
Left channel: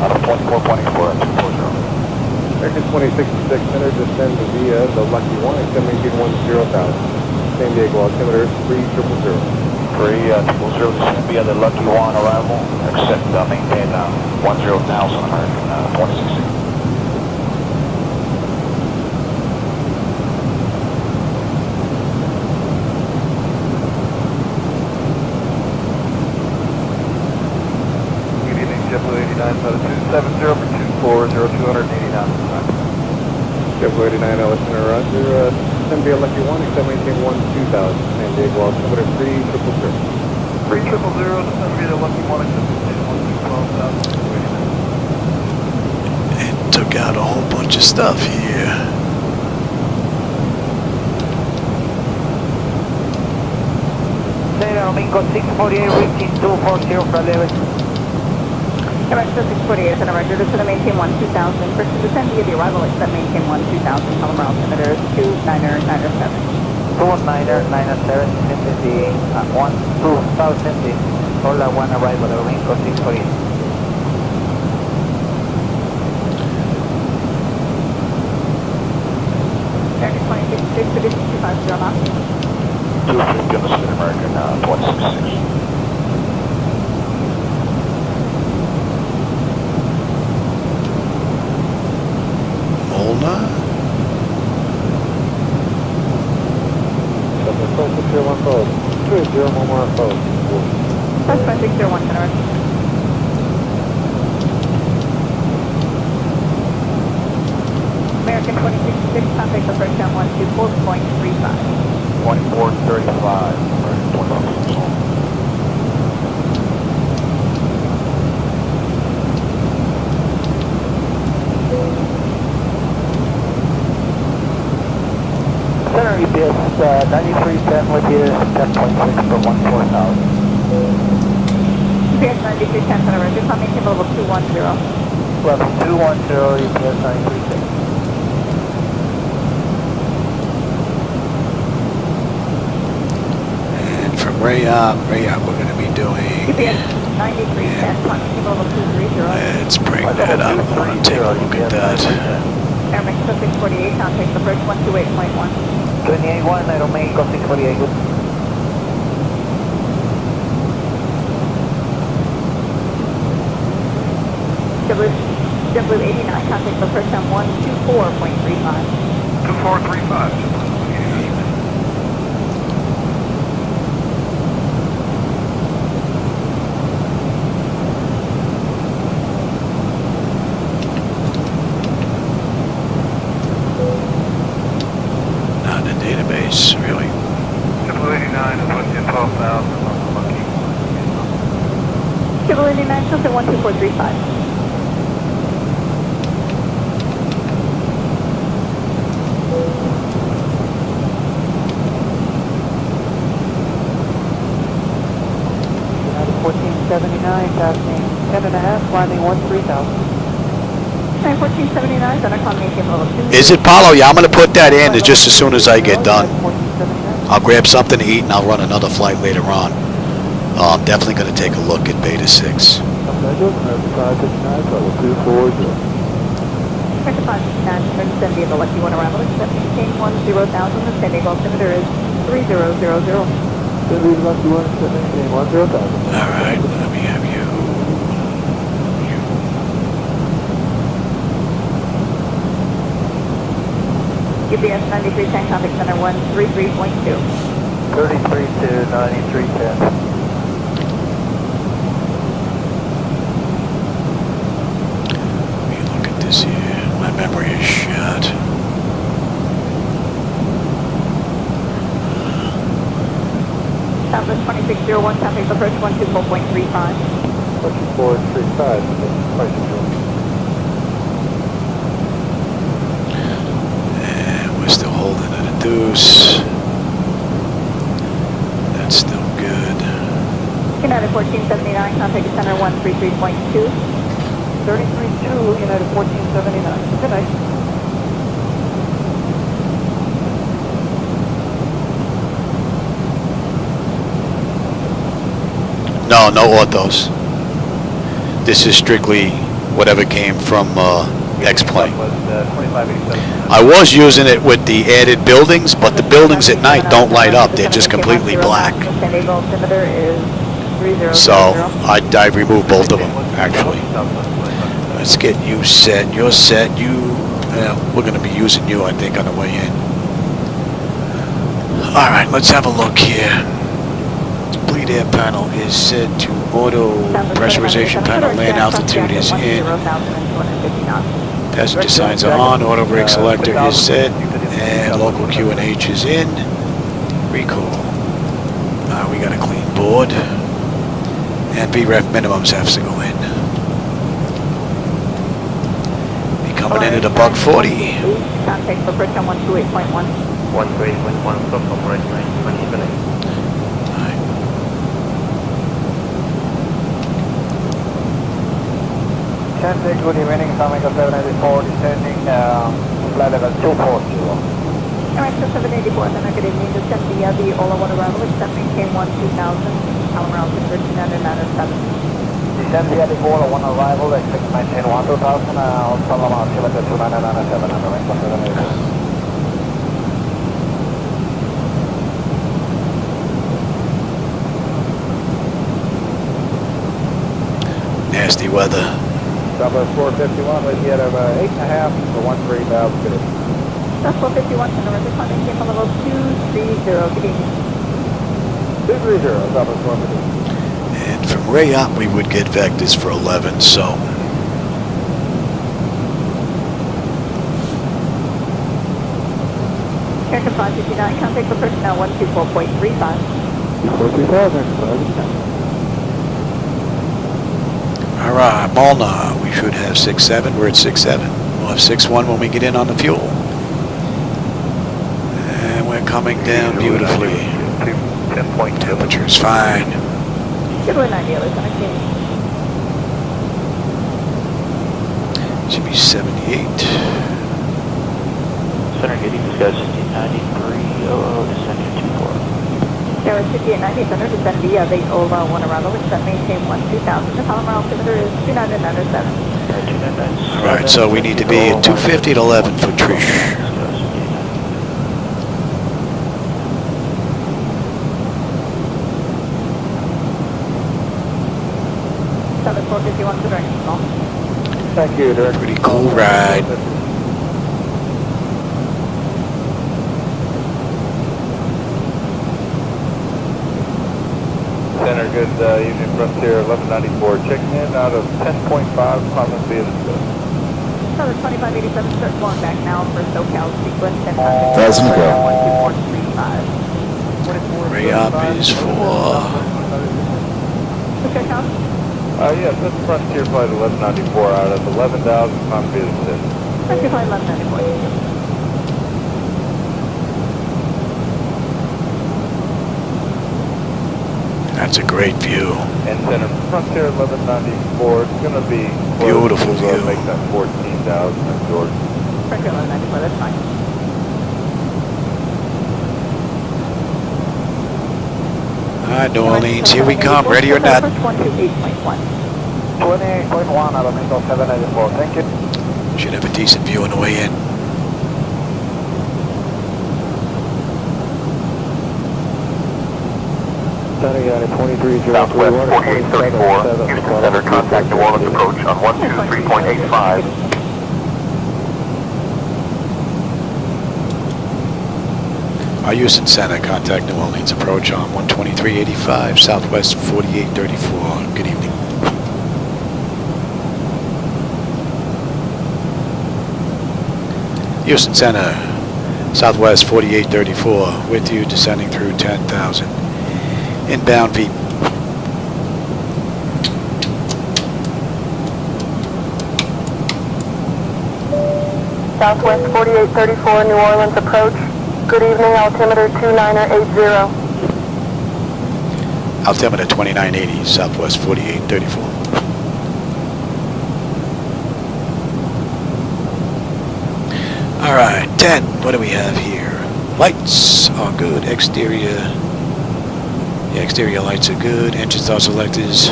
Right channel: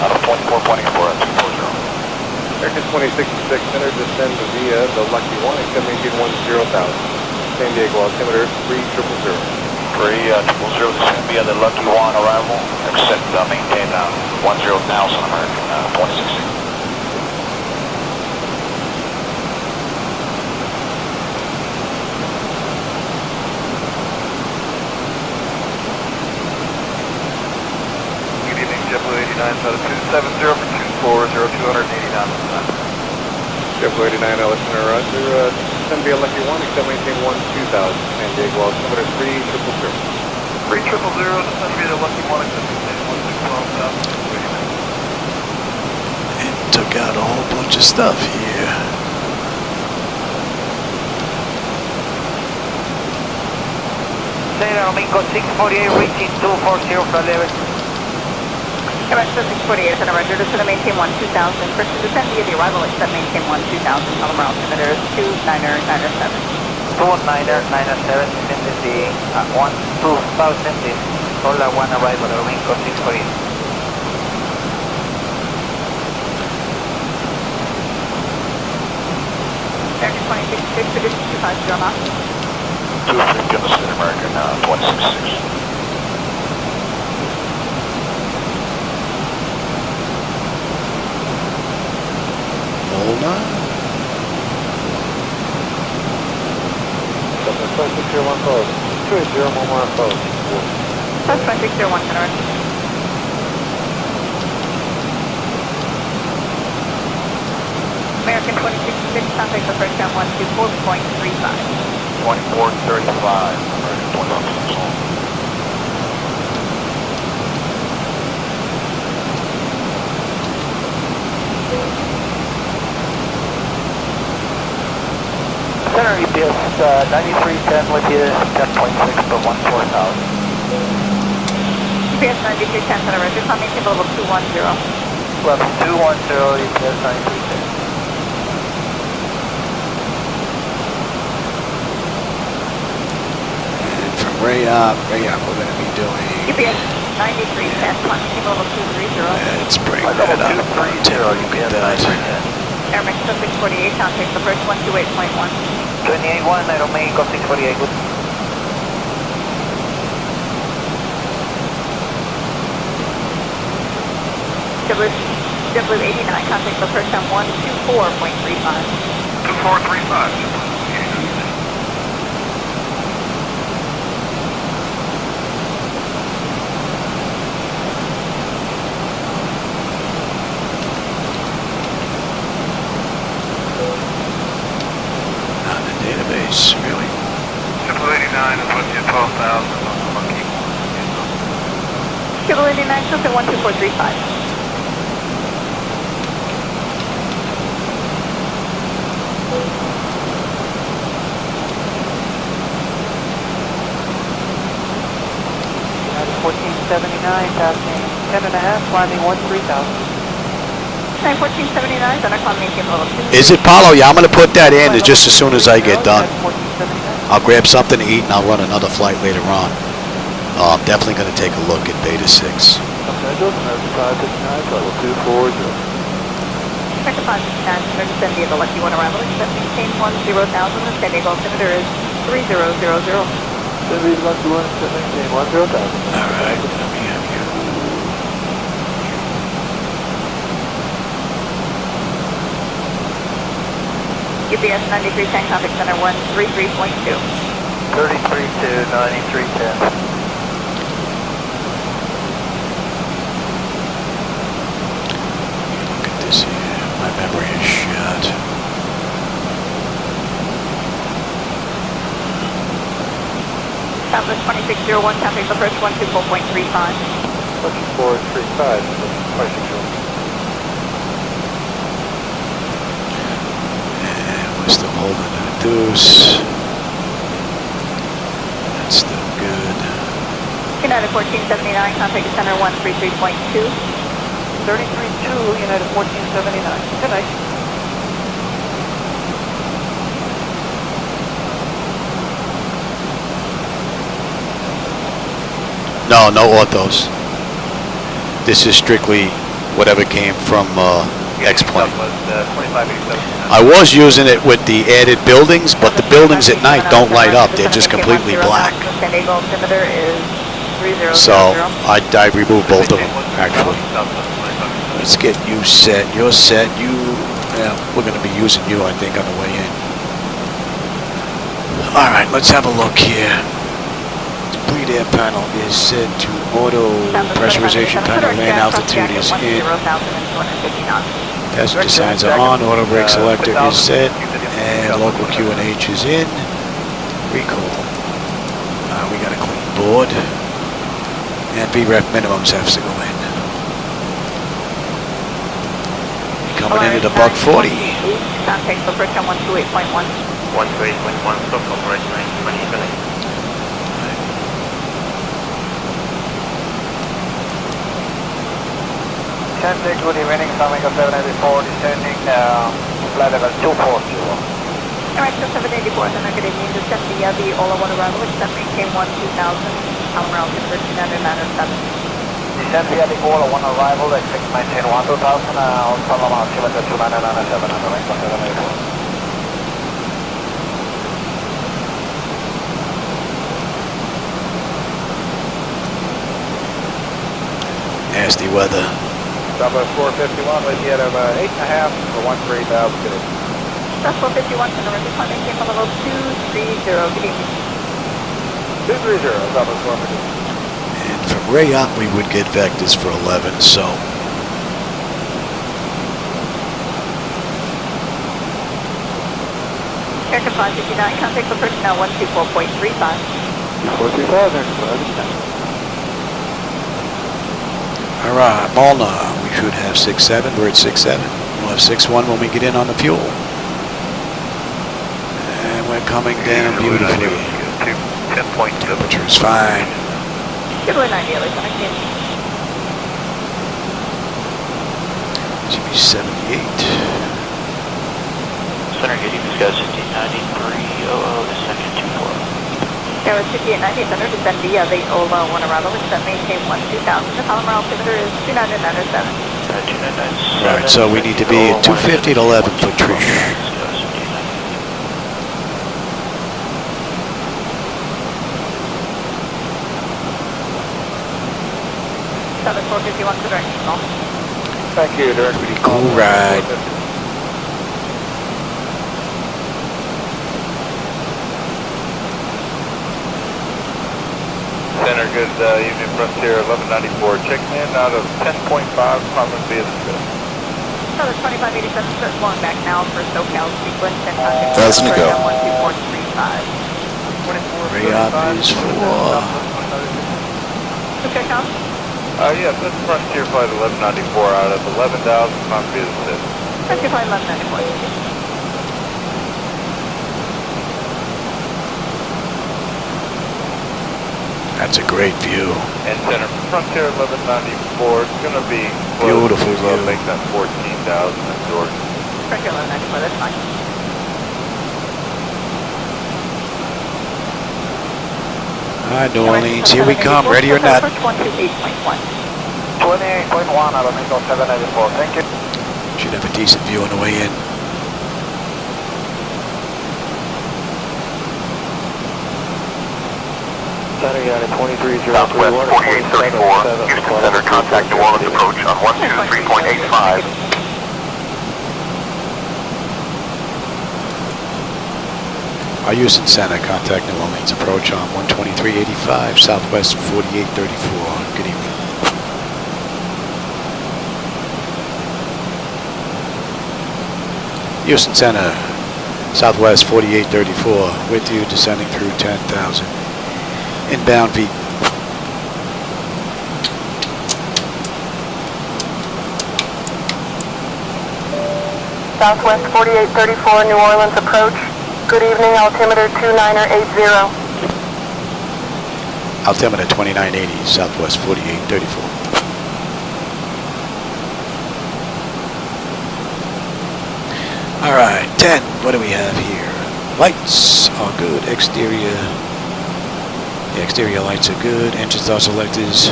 out of 24 pointing for us. American 266 Center, descend via the Lucky One, extend maintain 10,000. San Diego altimeter 3000. 3000, descend via the Lucky One arrival, except maintain 10,000, American 2066. Good evening, JetBlue 89, out of 270 for 280 knots. JetBlue 89, Alexander Roger, descend via Lucky One, extend maintain 2000. San Diego altimeter 3000. 3000, descend via the Lucky One, extend maintain 10,000. And took out a whole bunch of stuff here. Mingo 648, reaching 240 for level. Commercial 648, Center Roger, descend to maintain 12,000. First descend via the arrival, extend maintain 12,000. Palomar altimeter 2997. 2997, descending 12,000, is Hola One arrival, Mingo 648. American 266, position 250 knots. 250 on the City American 2066. Molna? That's 2601, Center Roger. American 266, contact the first time 124.35. 2435. Center EPS 9310 with you, 10.6 for 14,000. EPS 9310, Center Roger, coming to level 210. Level 210, EPS 9310. And from Rayop, we're going to be doing... UPS 93, Yeah. level 230. Let's bring that up. I want to take a look at that. Airmax 648, contact the first 128.1. 28-1, I don't make of 648. Good. W89, contact the first on 124.35. 2435. Not in the database, really. 789 is what's in 12,000 on the monkey. W89, contact 12435. Passing 10.5, climbing 13,000. 1479, then accommodating level 2. Is it Paulo? Yeah, I'm going to put that in just as soon as I get done. I'll grab something to eat and I'll run another flight later on. I'm definitely going to take a look at Beta 6. Second 569, the Lucky One arrival, accepting change 10,000, the San Diego altimeter is 3000. Alright, let me have you. UPS 9310, contact center 133.2. 33 to 9310. Let me look at this here. My memory is shot. Southwest 2601, contact the first 124.35. 435, And we're still holding at a deuce. That's still good. United 1479, contact center 133.2. 33-2, United 1479. Good night. No, no orthos. This is strictly whatever came from X-Plane. I was using it with the added buildings, but the buildings at night don't light up. They're just completely black. So I removed both of them, actually. Let's get you set. You're set. We're going to be using you, I think, on the way in. All right, let's have a look here. Bleed air panel is set to auto. Pressurization panel, land altitude is in. Passenger signs are on. Auto brake selector is set. And local QNH is in. Recall. We got a clean board. And VREF minimums have to go in. Be coming in at a buck 40. Contact for first on 128.1. 128.1, stop from right 920. Descending to the remaining summing of 784, descending flight level 240. Alright, so 784, then I'm going to need to send the Ola 1 arrival, accepting KM 2000, power altimeter 2997. Descend via the Ola 1 arrival, expect maintain 1000, follow altimeter 2997 on the right of 784. Nasty weather. Southwest 451, lady out of 8.5 for 13,000 today. Southwest 451, North Department, came from level 230, 230, Southwest 451. And from Rayop, we would get vectors for 11, so. Aircraft 559, contact for personnel 124.35. 435, Alright, Molnar, we should have 6.7. We're at 6.7. We'll have 6.1 when we get in on the fuel. And we're coming down beautifully. Temperature's fine. Should be 78. Center getting discussed 1593, descending 24. Tower 5890, center descend via the Ola 1 arrival, descend maintain 12,000. The column altimeter is 2997. Alright, so we need to be at 250 at 11 for Trish. Southern 451 for directional. Thank you, Dirk. Pretty cool ride. Center, good evening, Frontier 1194. Checking in out of 10.5, common via Southern 2587, start going back now for SoCal sequence. As we go. 12435. Re-up is for... Okay, Tom? Yes, that's Frontier Flight 1194 out of 11,000, common via Frontier Flight 1194. That's a great view. And center Frontier 1194, it's going to be... Beautiful view. Make that 14,000 absorbed. Frontier 1194, that's fine. Alright, New Orleans, here we come, ready or not. 128.1. 28.1 out of Mingo 784, thank you. Should have a decent view on the way in. Southwest 4834, Houston Center, contact New Orleans approach on 123.85. Our Houston Center, contact New Orleans approach on 123.85, Southwest 4834. Good evening. Houston Center, Southwest 4834, with you, descending through 10,000. Inbound feet. Southwest 4834, New Orleans approach. Good evening, altimeter 2980. Altimeter 2980, Southwest 4834. All right, 10. What do we have here? Lights are good. Exterior. The exterior lights are good. Engines are selectors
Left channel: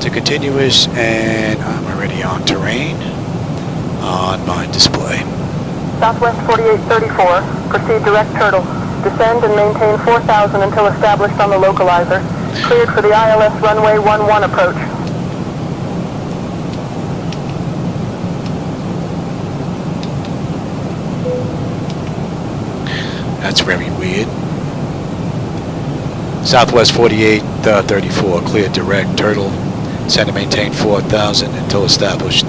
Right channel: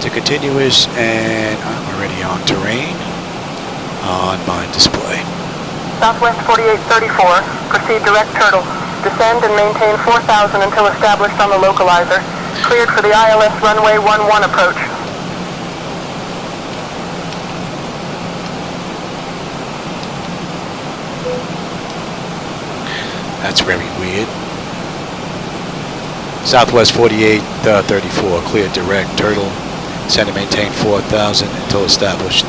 to continuous, and I'm already on terrain on my display. Southwest 4834, proceed direct turtle. Descend and maintain 4,000 until established on the localizer. Cleared for the ILS runway 11 approach. That's very weird. Southwest 4834, cleared direct turtle. Send and maintain 4,000 until established.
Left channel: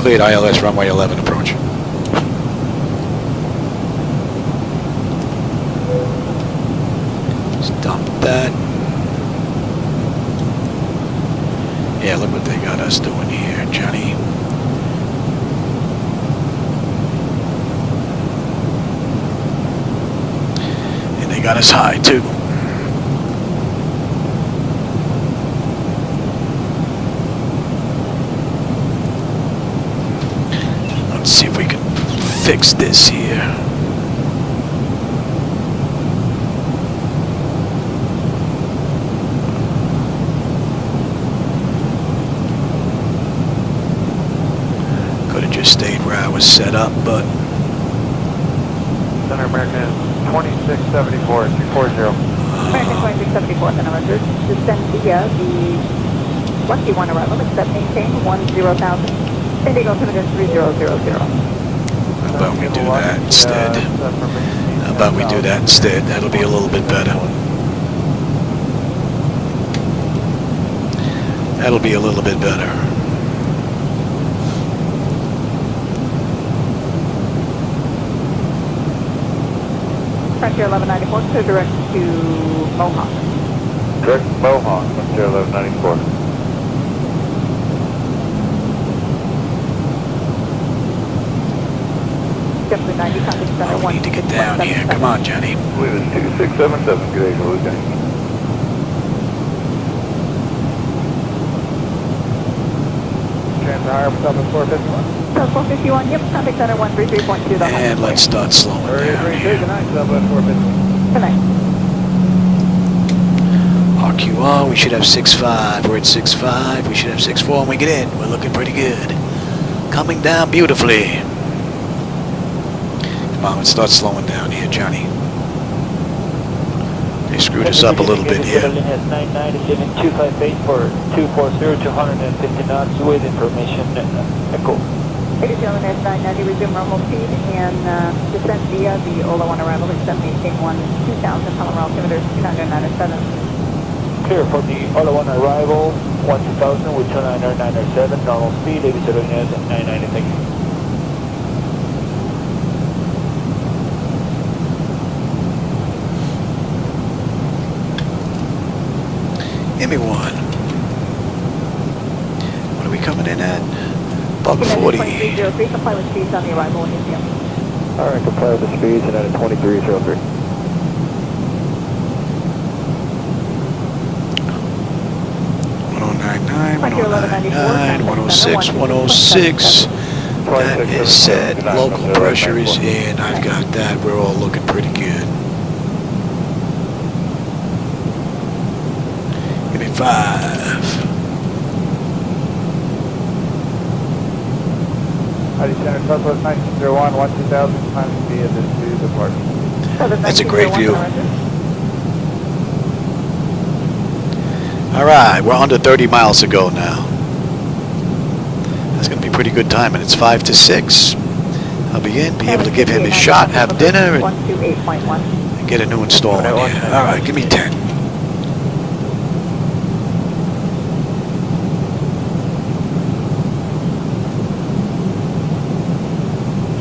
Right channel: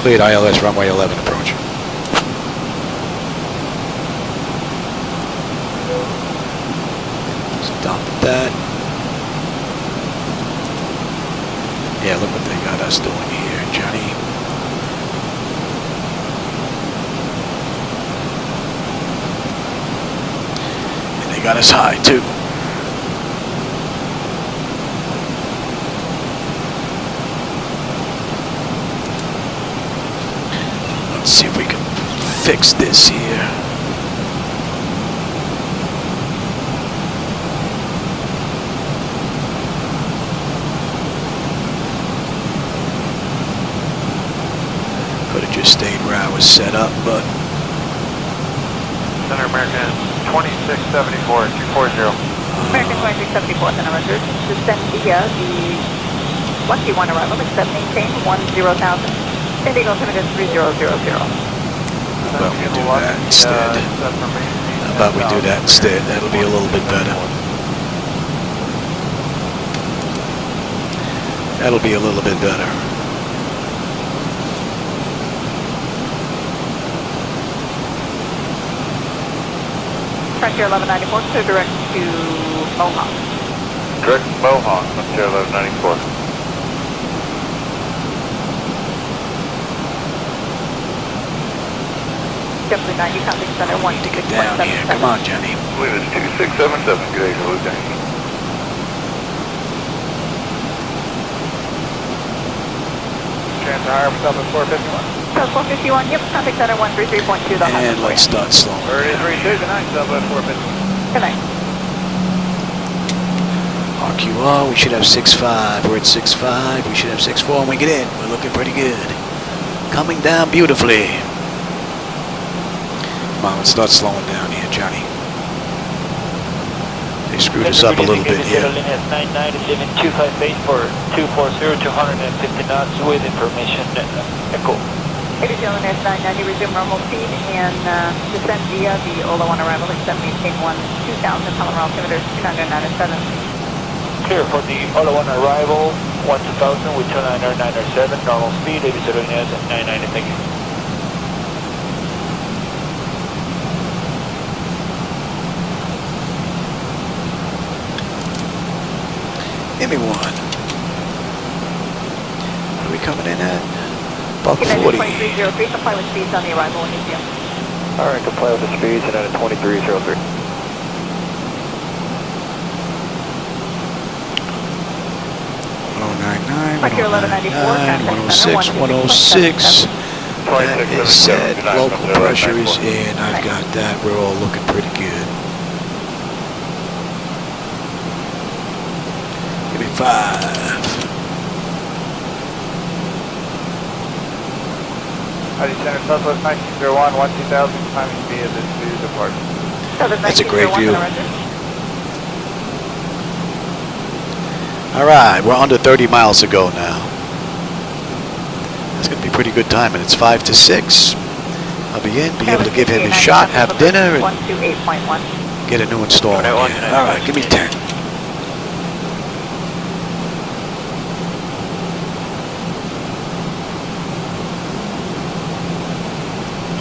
Cleared ILS runway 11 approach. Stop that. Yeah, look what they got us doing here, Johnny. And they got us high too. Let's see if we can fix this here. Could have just stayed where I was set up, but... Center American 2674, 240. American 2674, Center Roger. Descend via the 21 arrival, except maintain 10,000. Ending altimeter 3000. How about we do that instead? How about we do that instead? That'll be a little bit better. That'll be a little bit better. Frontier 1194, so direct to Mohawk. Direct Mohawk, Frontier 1194. Oh, we need to get down here. Come on, Johnny. Fleet is 2677, good day, Lieutenant. Transfer for Southwest 451. Southwest 451, yep, traffic center 133.2. And let's start slowing down here. Good night. RQR, we should have 6.5. We're at 6.5. We should have 6.4 when we get in. We're looking pretty good. Coming down beautifully. Come on, let's start slowing down here, Johnny. They screwed us up a little bit here. 997-258 for 240, 250 knots with information. Echo. Airfield at 990, resume normal speed and descend via the Ola 1 arrival, except maintain 2000, Colorado altimeter 2997. Clear for the Ola 1 arrival, 2000 with 29907, normal speed, 87 990, thank you. Give me one. What are we coming in at? Buck 40. Comply with speeds on the arrival in India. Alright, comply with the speeds and at a 2303. $109.9, $109.9, 106, 106. That is set. Local pressure is in. I've got that. We're all looking pretty good. Give me 5. Southwest 1901, 12000, climbing via the new departure. That's a great view. All right, we're under 30 miles to go now. That's going to be pretty good time, and it's 5 to 6. I'll be able to give him his shot, have dinner, and get a new install in here. All right, give me 10.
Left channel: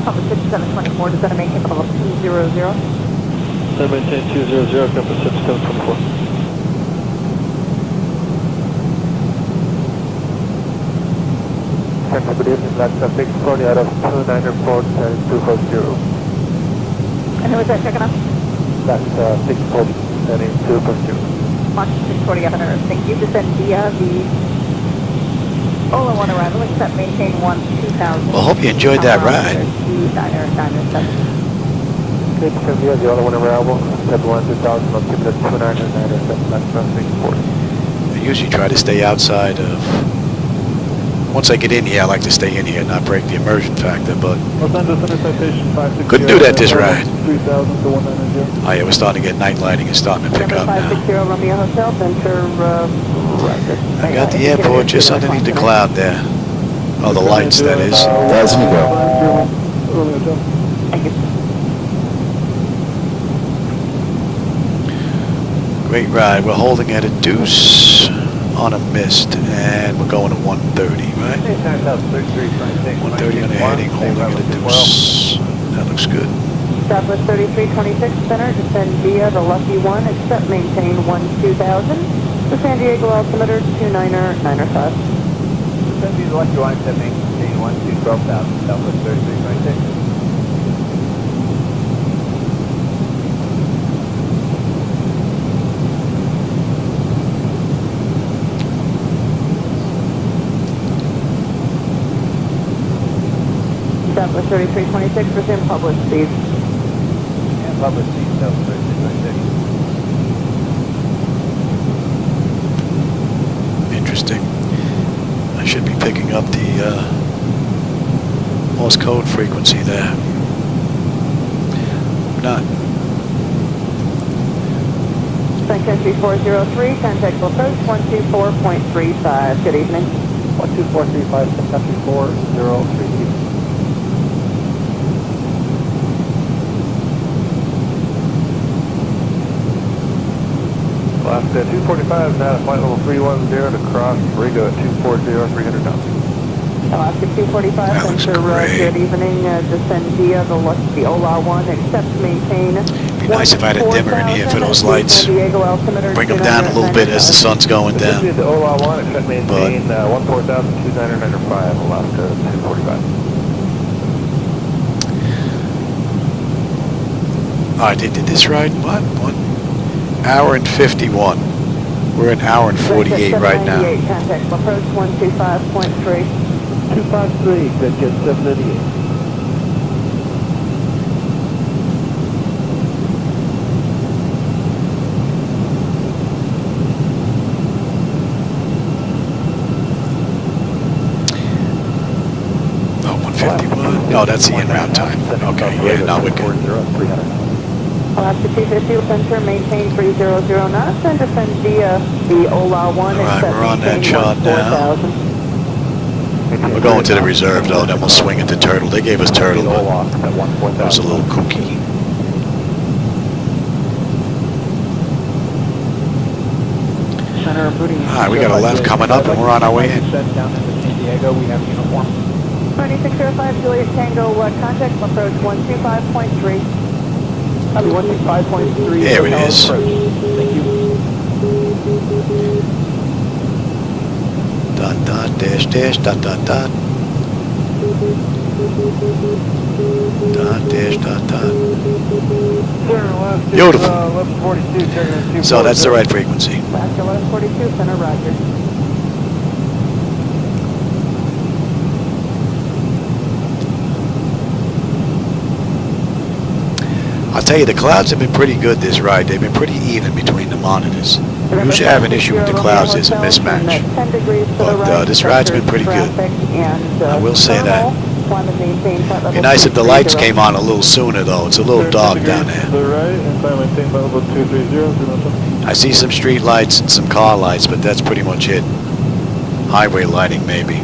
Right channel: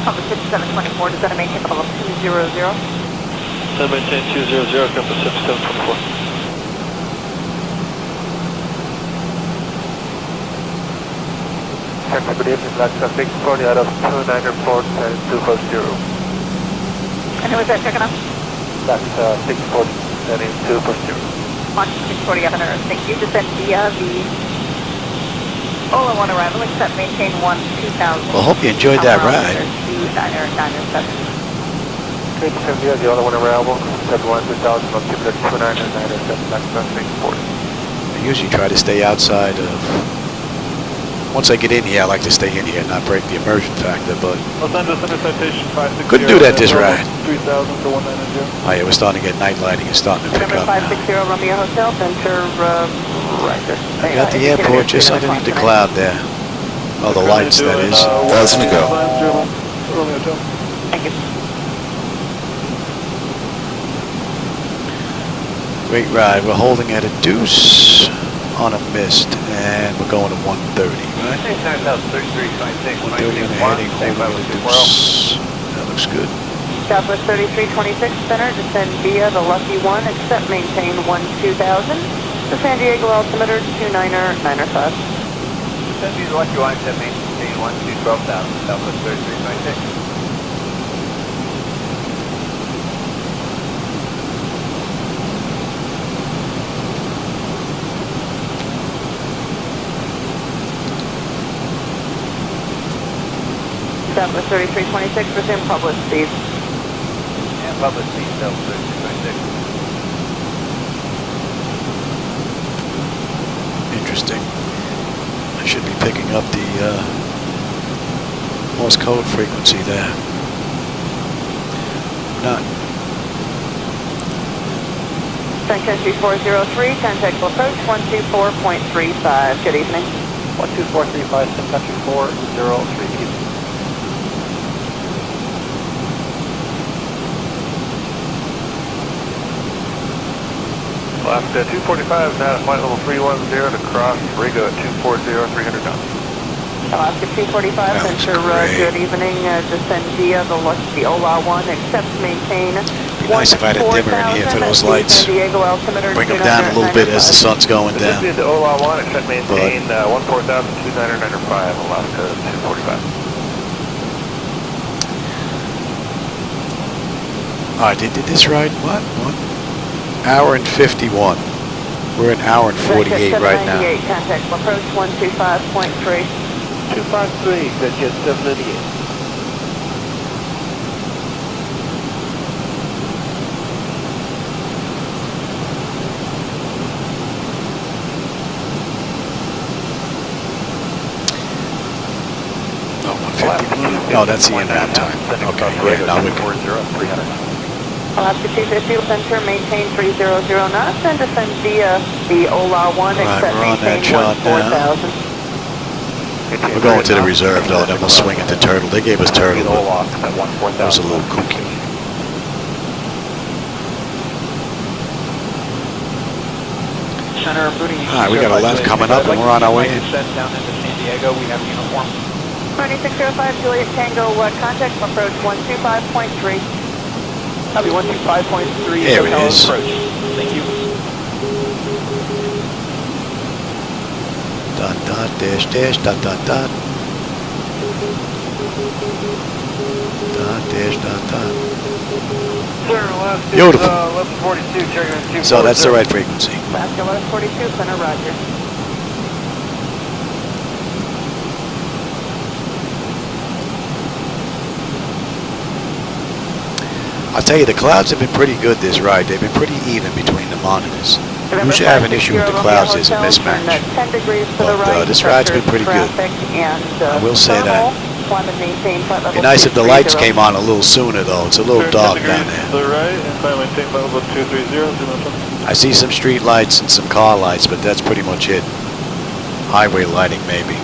Number 6724, does that maintain level 200? 78200, Captain 6724. Good evening, Black traffic 40 out of 294 and 250. And who was that checking out? That's 640 and 250. On 640 up on Earth. Thank you. Descend via the Ola 1 arrival, except maintain 2000. Well, hope you enjoyed that ride. Good, descend via the Ola 1 arrival, set 1000 on 297, Black traffic 40. I usually try to stay outside of... Once I get in here, I like to stay in here and not break the immersion factor, but couldn't do that this ride. Oh yeah, we're starting to get night lighting. It's starting to pick up now. I got the airport just underneath the cloud there. Oh, the lights, that is. That's gonna go. Great ride. We're holding at a deuce on a mist, and we're going to 130, right? 130 on the heading, holding at a deuce. That looks good. Southwest 3326 center, descend via the Lucky 1, except maintain 2000. The San Diego altimeter 29905. Descend via the Lucky 1, except maintain 12,000, Southwest 3326. Southwest 3326, resume public speed. And public speed, Southwest 3326. Interesting. I should be picking up the Morse code frequency there. Not. SayIntentions 403, contactable approach 124.35. Good evening. 12435, SayIntentions 403. Left 245 now at flight level 310 to cross Riga at 240, 300 knots. Alaska 245, that looks great. Good evening, descend via the Ola 1, except maintain. Be nice if I had a dimmer in here for those lights. Bring them down a little bit as the sun's going down. The Ola 1, except maintain 14,295, Alaska 245. All right, they did this ride, what? 1 hour and 51. We're an hour and 48 right now. Contact approach 125.3. 253, good jet 788. 151. No, that's the in-route time. Okay, yeah, now we're good. Alaska 250 will center, maintain 300 knots, and descend via the OLA 1. All right, we're on that chart now. We're going to the reserve, though, then we'll swing into Turtle. They gave us Turtle, but that was a little kooky. All right, we got a left coming up, and we're on our way in. 2605 Juliet Tango, contact approach 125.3. Copy 125.3. There it is. Thank you. Dot, dot, dash, dash, dot, dot, dot. Dot, dash, dot, dot. Beautiful. So that's the right frequency. Alaska 1142, center, roger. I'll tell you, the clouds have been pretty good this ride. They've been pretty even between the monitors. Usually I have an issue with the clouds, there's a mismatch. But this ride's been pretty good. I will say that. It'd be nice if the lights came on a little sooner, though. It's a little dark down there. I see some street lights and some car lights, but that's pretty much it. Highway lighting, maybe.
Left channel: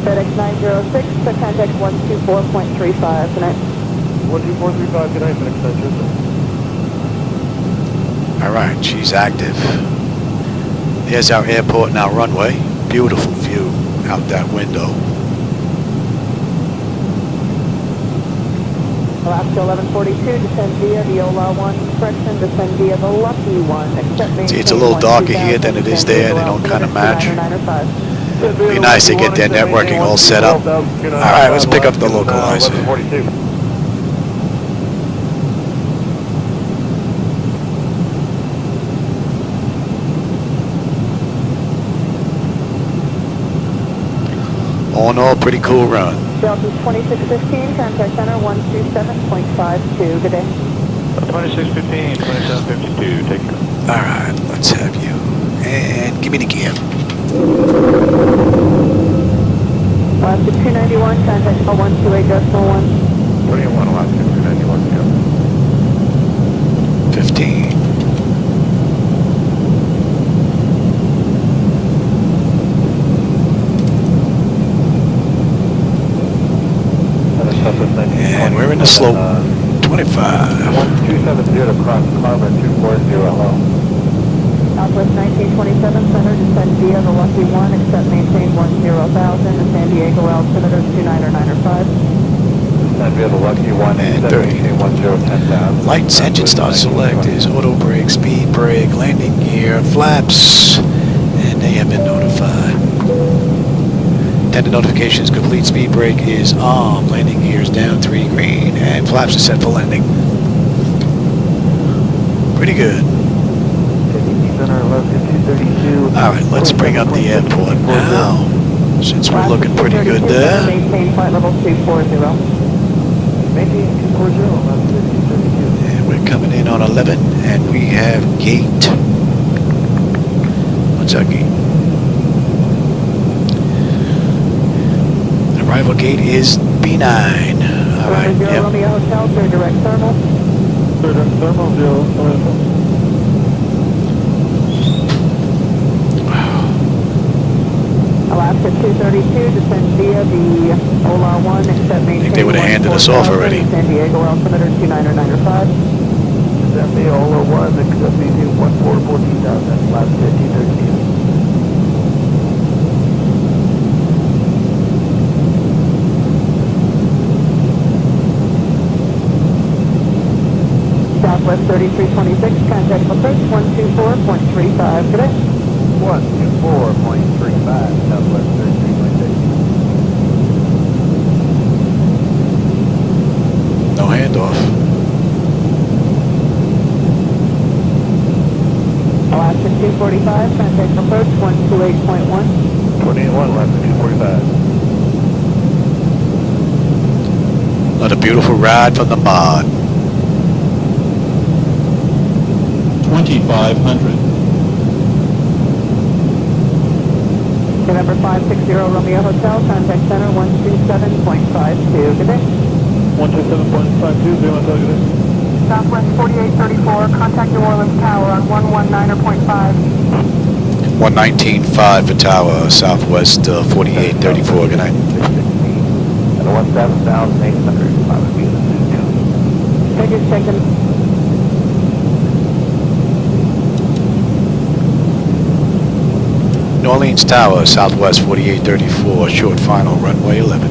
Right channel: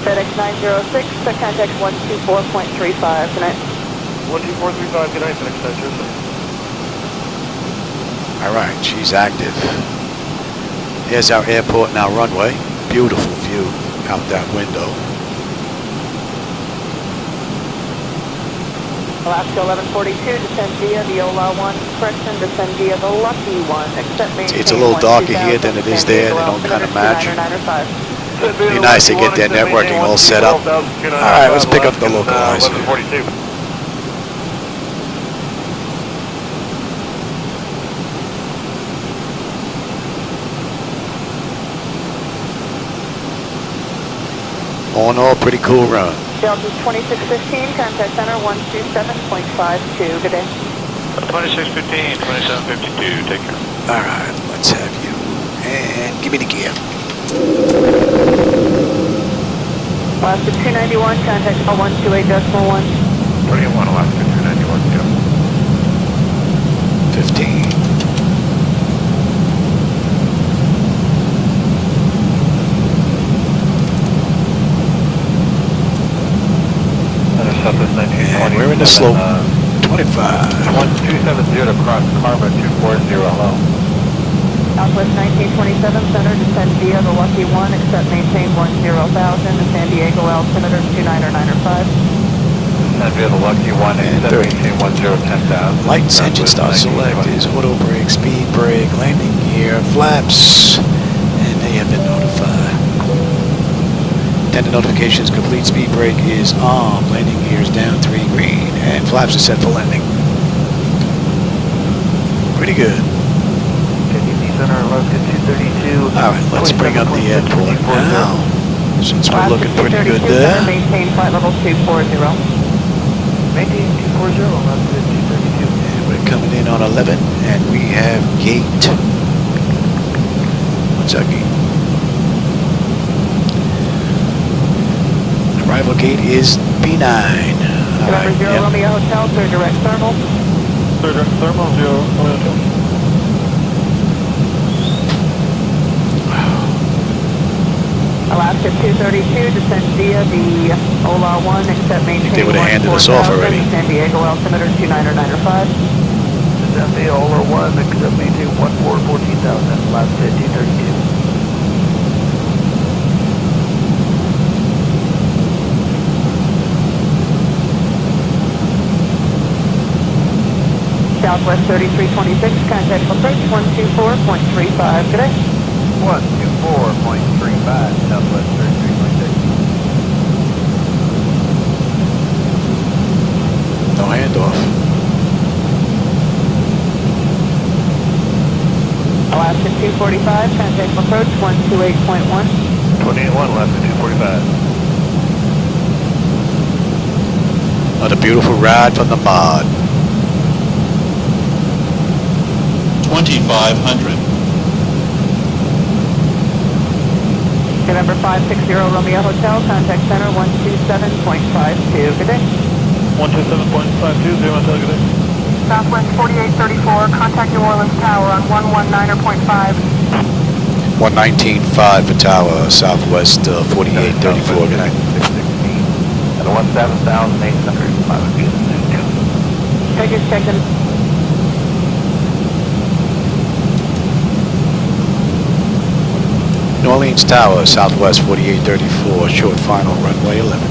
FedEx 906, contact 124.35 tonight. 12435, good night, FedEx 906. All right, she's active. There's our airport and our runway. Beautiful view out that window. Alaska 1142, descend via the OLA 1, correction, descend via the Lucky 1. See, it's a little darker here than it is there. They don't kind of match. Be nice to get their networking all set up. All right, let's pick up the localizer. All in all, pretty cool run. Delta 2615, contact center 127.52. Good day. 2615, 2752, take care. All right, let's have you. And give me the gear. Alaska 291, contact 128.1. 31, Alaska 291, go. 15. And we're in the slope. 25. 270 to cross Karma 240, hello. Southwest 1927, center, descend via the Lucky 1, except maintain 10,000 to San Diego altimeter 29905. Descend via the Lucky 1, And 30. 10,000. Lights, engine start select is auto brake, speed brake, landing gear, flaps, and they have been notified. Intended notifications complete, speed brake is on, landing gear is down 3 green, and flaps are set for landing. Pretty good. All right, let's bring up the airport now, since we're looking pretty good there. Maintain flight level 240. And we're coming in on 11, and we have gate. What's our gate? Arrival gate is B9. All right, yep. Romeo Hotel, clear direct thermal. Clear direct thermal, 0, Alaska 232, descend via the OLA 1, except maintain. I think they would have handed us off already. San Diego altimeter 29905. Descend via OLA 1, except maintain 14,000, Alaska 232. Southwest 3326, contact approach 124.35. Good day. 124.35, Southwest 3326. No handoff. Alaska 245, contact approach 128.1. 28-1, Alaska 245. What a beautiful ride from the mod. 2500. November 560 Romeo Hotel, contact center 127.52. Good day. 127.52, Zero Hotel, good day. Southwest 4834, contact New Orleans Tower on 119.5. 119.5 for tower, Southwest 4834. Good night. And 17,805 feet. Take it, second. New Orleans Tower, Southwest 4834, short final, runway 11.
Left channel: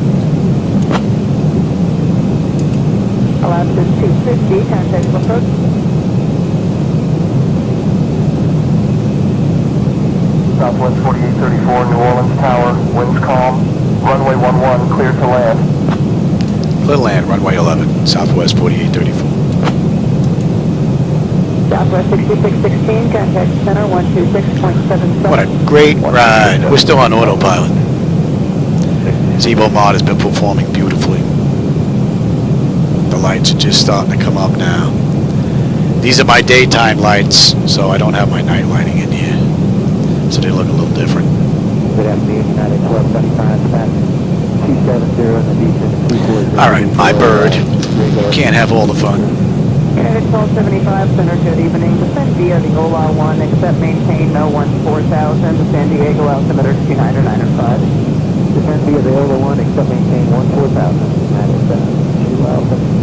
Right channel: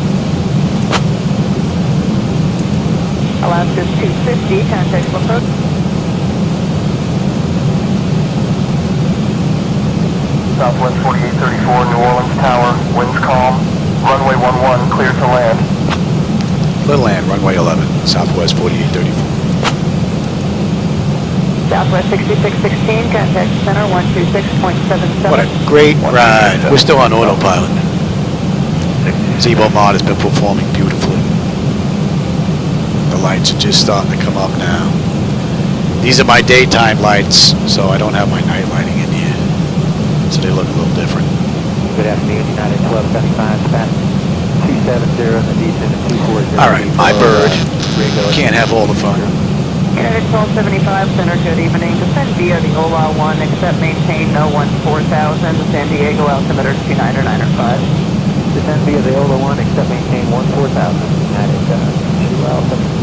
Alaska 250, contact approach. Southwest 4834, New Orleans Tower, winds calm, runway 11, clear to land. Clear land, runway 11, Southwest 4834. Southwest 6616, contact center 126.77. What a great ride. We're still on autopilot. Zibo mod has been performing beautifully. The lights are just starting to come up now. These are my daytime lights, so I don't have my night lighting in here. So they look a little different. Good afternoon, United 1275, 270, All right, my bird. You can't have all the fun. United 1275, center, good evening. Descend via the OLA 1, except maintain no 14,000, San Diego altimeter 29 or 9 or 5. Descend via the OLA 1, except maintain 14,000, United 2 altimeter.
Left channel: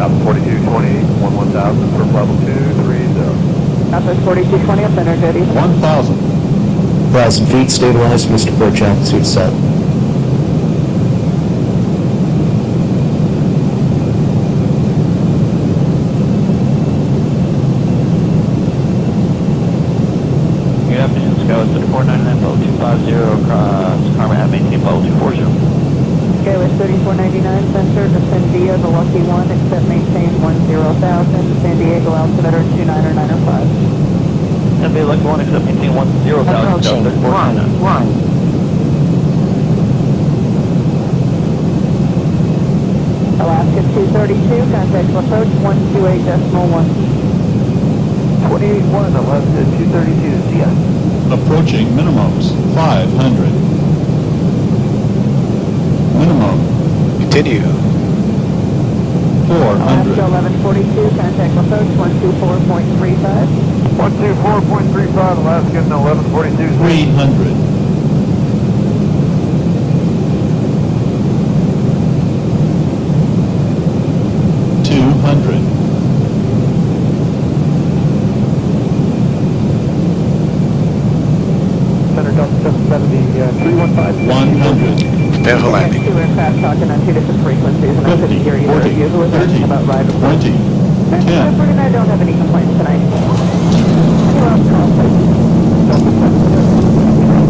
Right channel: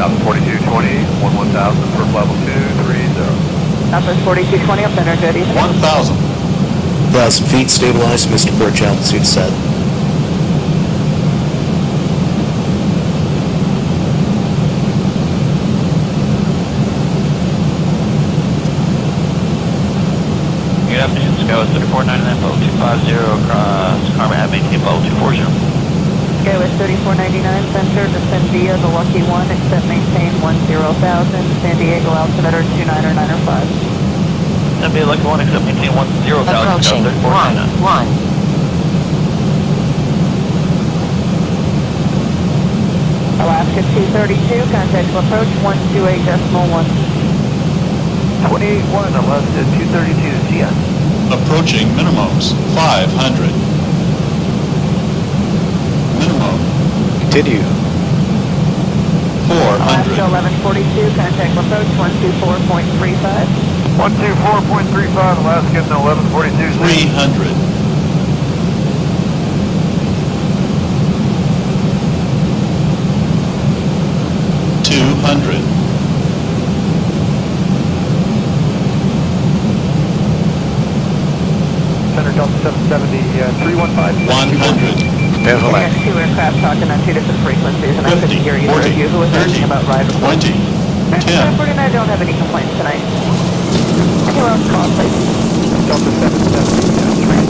South 4220, 11,000 for level 230. Southwest 4220, up center, good evening. 1,000. 1,000 feet, stabilized, Mr. Birch, altitude set. Good afternoon, Skywest 3499, level 250, across Carmen Avenue, level 240. Skywest 3499, center, descend via the Lucky 1, except maintain 10,000, San Diego altimeter 29 or 9 or 5. That'd be like one except maintain 10,000. Approaching 1, 1. Alaska 232, contact to approach 128.1. 28-1, Alaska 232 CN. Approaching minimums, 500. Minimum, Continue. 400. Alaska 1142, contact approach 124.35. 124.35, Alaska 1142. 300. 200. Center Delta 770, 315. 100. Prepare for landing. Two aircraft talking on two different frequencies, and I couldn't hear you. 40, Who was 30, asking about ride? 20, 10. And I don't have any complaints tonight. Anyone else call, please? Delta 770.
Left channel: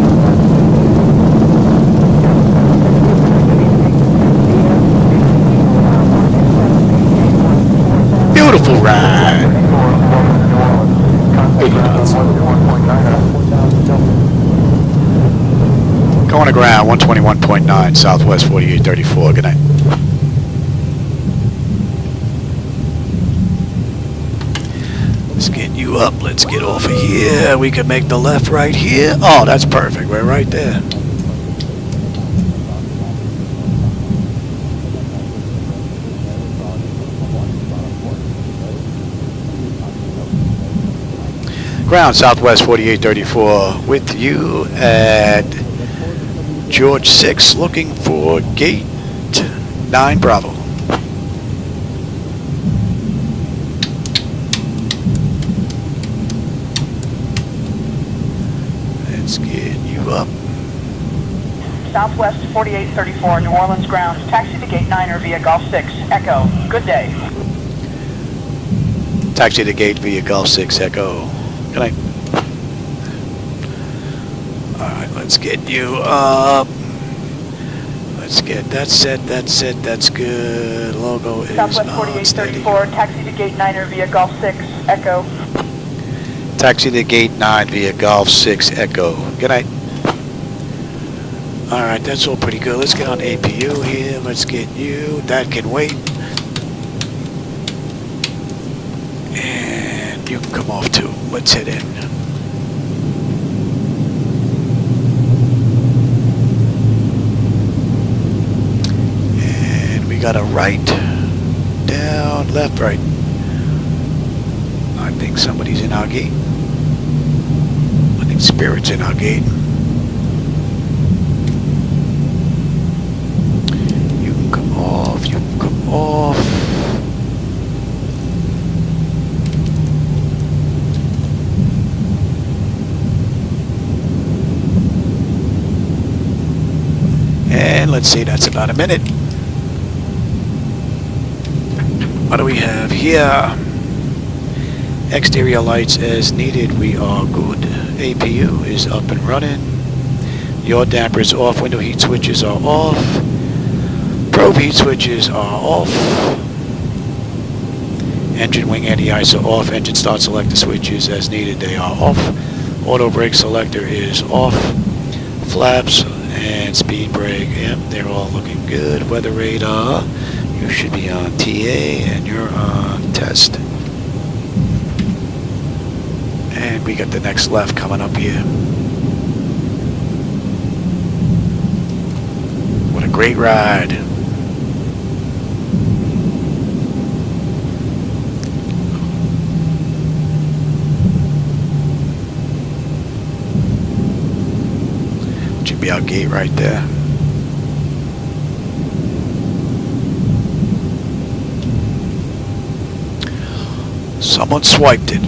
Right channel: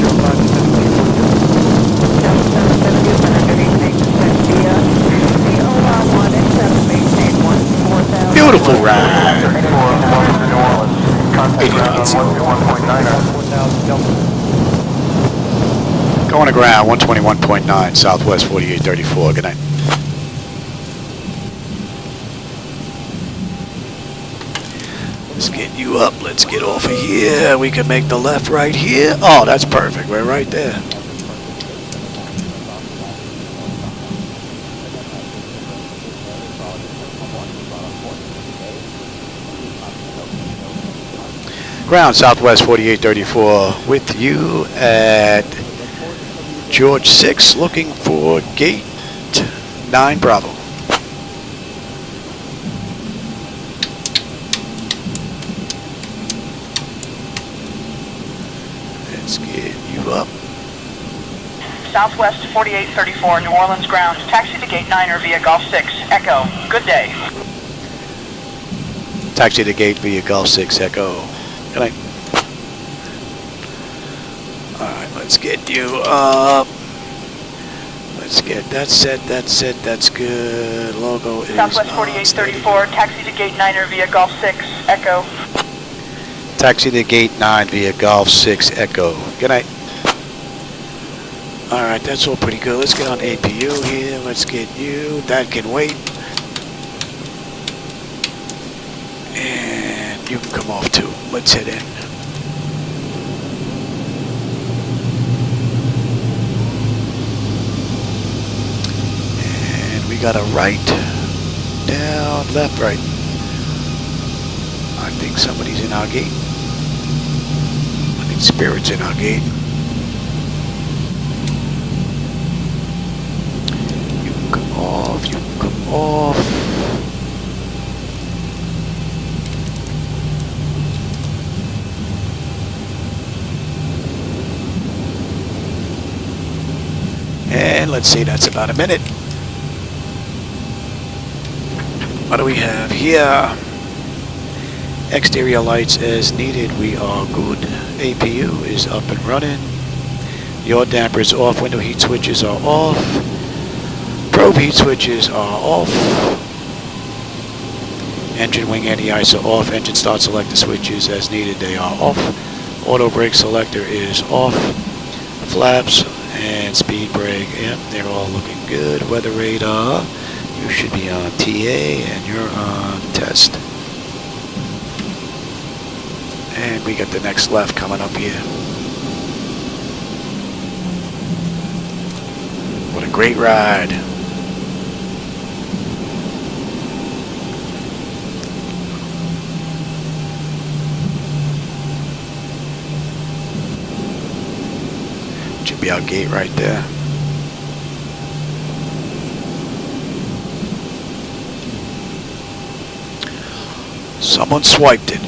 Beautiful ride. Going to ground, 121.9, Southwest 4834. Good night. Let's get you up. Let's get off of here. We can make the left right here. Oh, that's perfect. We're right there. Ground, Southwest 4834 with you at George 6, looking for gate 9 Bravo. Let's get you up. Southwest 4834, New Orleans ground. Taxi to gate 9 or via Golf 6. Echo. Good day. Taxi to gate via Golf 6 Echo. Good night. Alright, let's get you up. Let's get that set, that's good. Logo is Southwest on, steady. 4834, taxi to gate 9 or via Golf 6. Echo. Taxi to gate 9 via Golf 6 Echo. Good night. Alright, that's all pretty good. Let's get on APU here. Let's get you. That can wait. And you can come off too. Let's head in. And we got a right, down, left, right. I think somebody's in our gate. I think Spirit's in our gate. You can come off, you can come off. And let's see, that's about a minute. What do we have here? Exterior lights as needed. We are good. APU is up and running. Yaw dampers off. Window heat switches are off. Probe heat switches are off. Engine wing anti-ice are off. Engine start selector switches as needed. They are off. Auto brake selector is off. Flaps and speed brake. Yep, they're all looking good. Weather radar. You should be on TA and you're on test. And we got the next left coming up here. What a great ride. Should be our gate right there. Someone swiped it.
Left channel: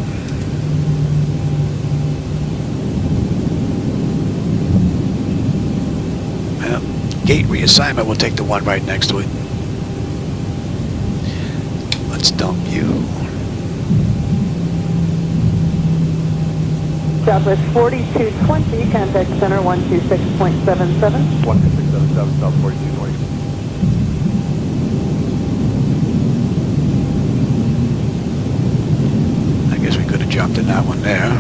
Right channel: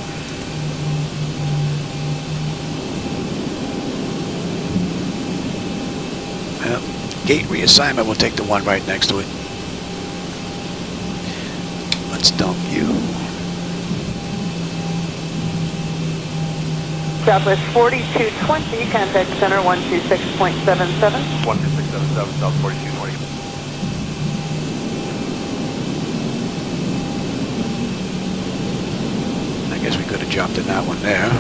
Well, gate reassignment, we'll take the one right next to it. Let's dump you. Southwest 4220, contact center 126.77. 12677, South 4220. I guess we could have jumped in that one there.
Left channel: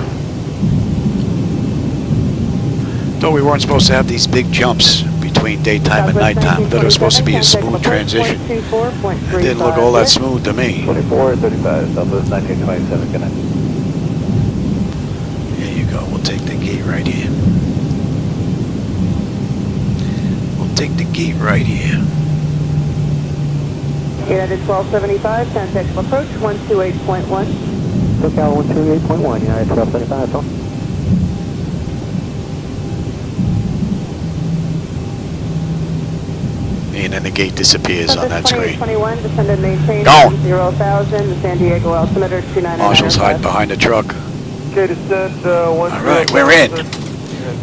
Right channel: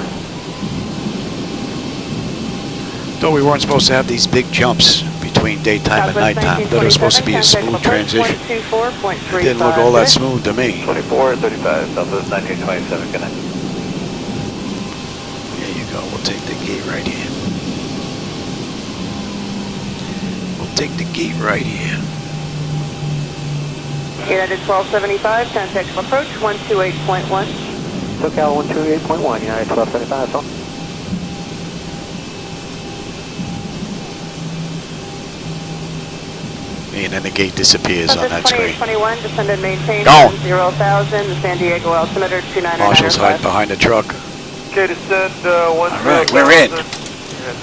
Though we weren't supposed to have these big jumps between daytime and nighttime. I thought it was supposed to be a smooth transition. It didn't look all that smooth to me. 2435, Southwest 1927, connected. There you go. We'll take the gate right here. We'll take the gate right here. United 1275, contact approach 128.1. SoCal 128.1, United 1275, phone. And then the gate disappears on that screen. 21, descend and maintain Gone. 0,000, the San Diego altimeter 29. Marshall's hiding behind the truck. Okay, descend, All right, we're in.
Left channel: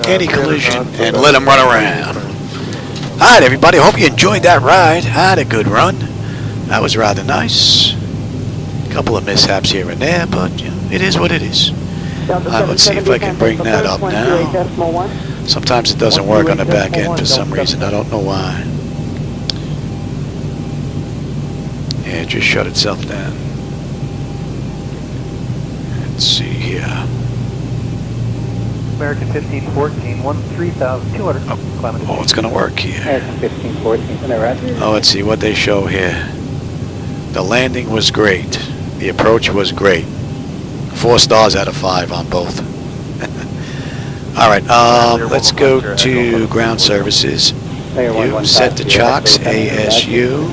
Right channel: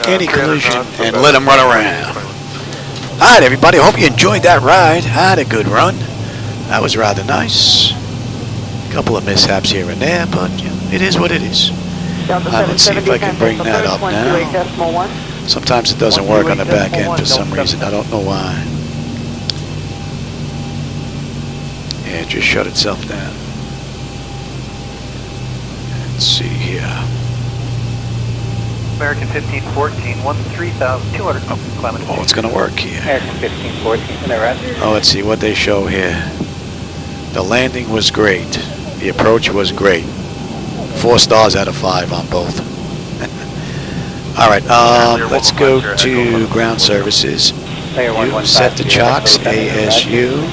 Anti-collision and let them run around. All right, everybody. Hope you enjoyed that ride. Had a good run. That was rather nice. A couple of mishaps here and there, but you know, it is what it is. All right, let's see if I can bring that up now. Sometimes it doesn't work on the back end for some reason. I don't know why. Yeah, it just shut itself down. Let's see here. American 1514, 13,200. Oh, it's going to work here. American 1514, Oh, let's see what they show here. The landing was great. The approach was great. 4 stars out of 5 on both. All right, let's go to ground services. You set the chocks, ASU.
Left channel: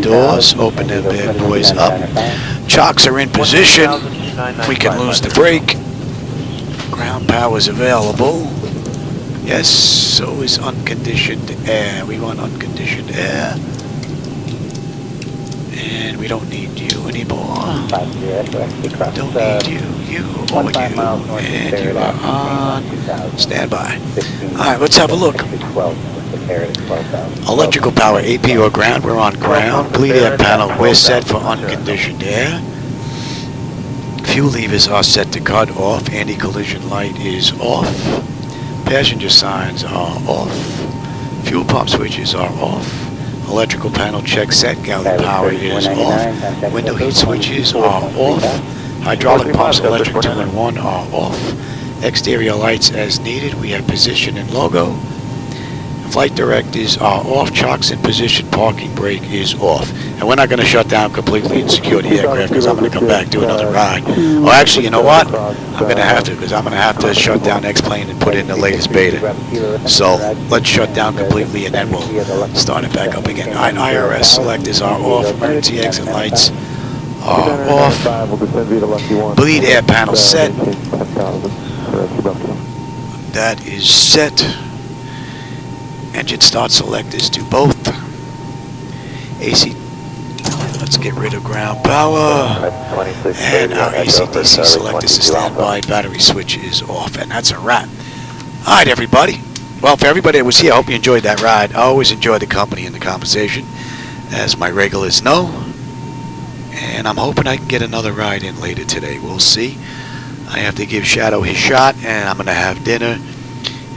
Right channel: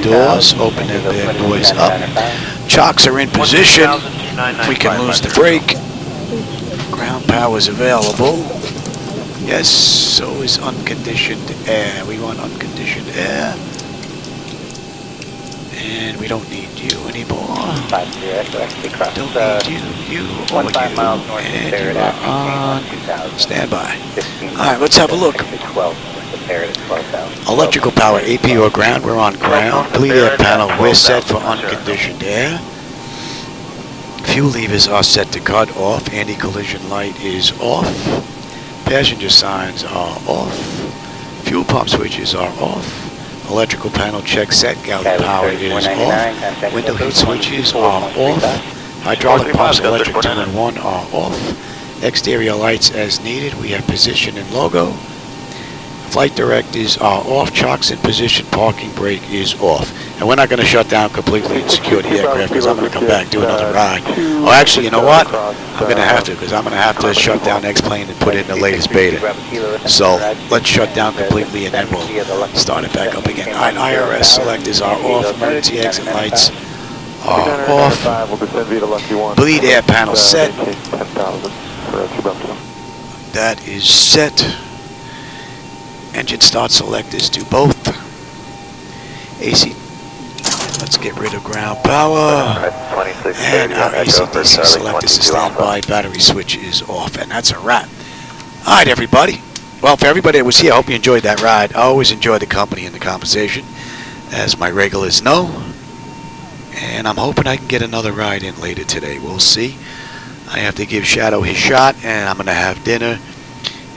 Doors, open them bad boys up. Chocks are in position. We can lose the brake. Ground power is available. Yes, so is unconditioned air. We want unconditioned air. And we don't need you anymore. Don't need you, or you. And you are on standby. Alright, let's have a look. Electrical power, AP or ground, we're on ground. Bleed air panel, we're set for unconditioned air. Fuel levers are set to cut off. Anti-collision light is off. Passenger signs are off. Fuel pump switches are off. Electrical panel check set. Galley power is off. Window heat switches are off. Hydraulic pumps, electric 2 and 1 are off. Exterior lights as needed. We have position and logo. Flight directives are off, chocks in position, parking brake is off. And we're not going to shut down completely and secure the aircraft because I'm going to come back and do another ride. Oh, actually, you know what? I'm going to have to because I'm going to have to shut down X-Plane and put in the latest beta. So let's shut down completely and then we'll start it back up again. All right, IRS selectors are off, emergency exit lights are off, bleed air panel set. That is set. Engine start selectors to both. AC, let's get rid of ground power. And our AC/DC selectors to standby. Battery switch is off. And that's a wrap. All right, everybody. Well, for everybody that was here, I hope you enjoyed that ride. I always enjoy the company and the conversation, as my regulars know. And I'm hoping I can get another ride in later today. We'll see. I have to give Shadow his shot, and I'm going to have dinner.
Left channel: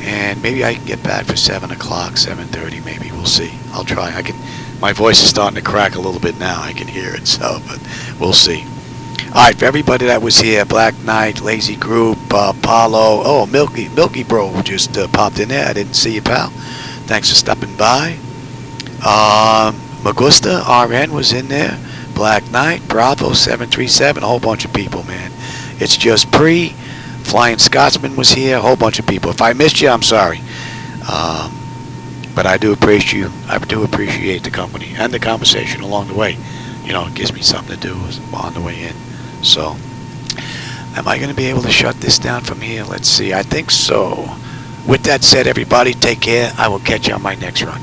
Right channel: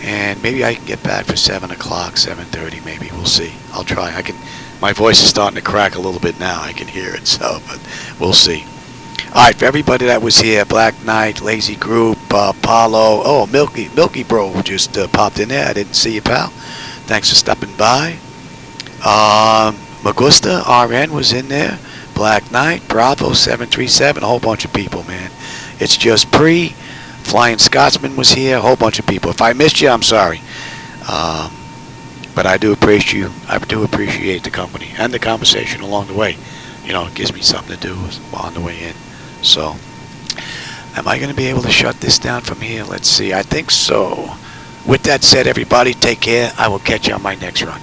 And maybe I can get back for 7 o'clock, 7:30 maybe. We'll see. I'll try. My voice is starting to crack a little bit now. I can hear it, so, but we'll see. All right, for everybody that was here, Black Knight, Lazy Group, Paulo, oh, Milky Bro just popped in there. I didn't see you, pal. Thanks for stopping by. Magusta, RN was in there. Black Knight, Bravo 737, a whole bunch of people, man. It's just pre. Flying Scotsman was here, a whole bunch of people. If I missed you, I'm sorry. But I do appreciate you. I do appreciate the company and the conversation along the way. You know, it gives me something to do on the way in. So, am I going to be able to shut this down from here? Let's see. I think so. With that said, everybody, take care. I will catch you on my next run.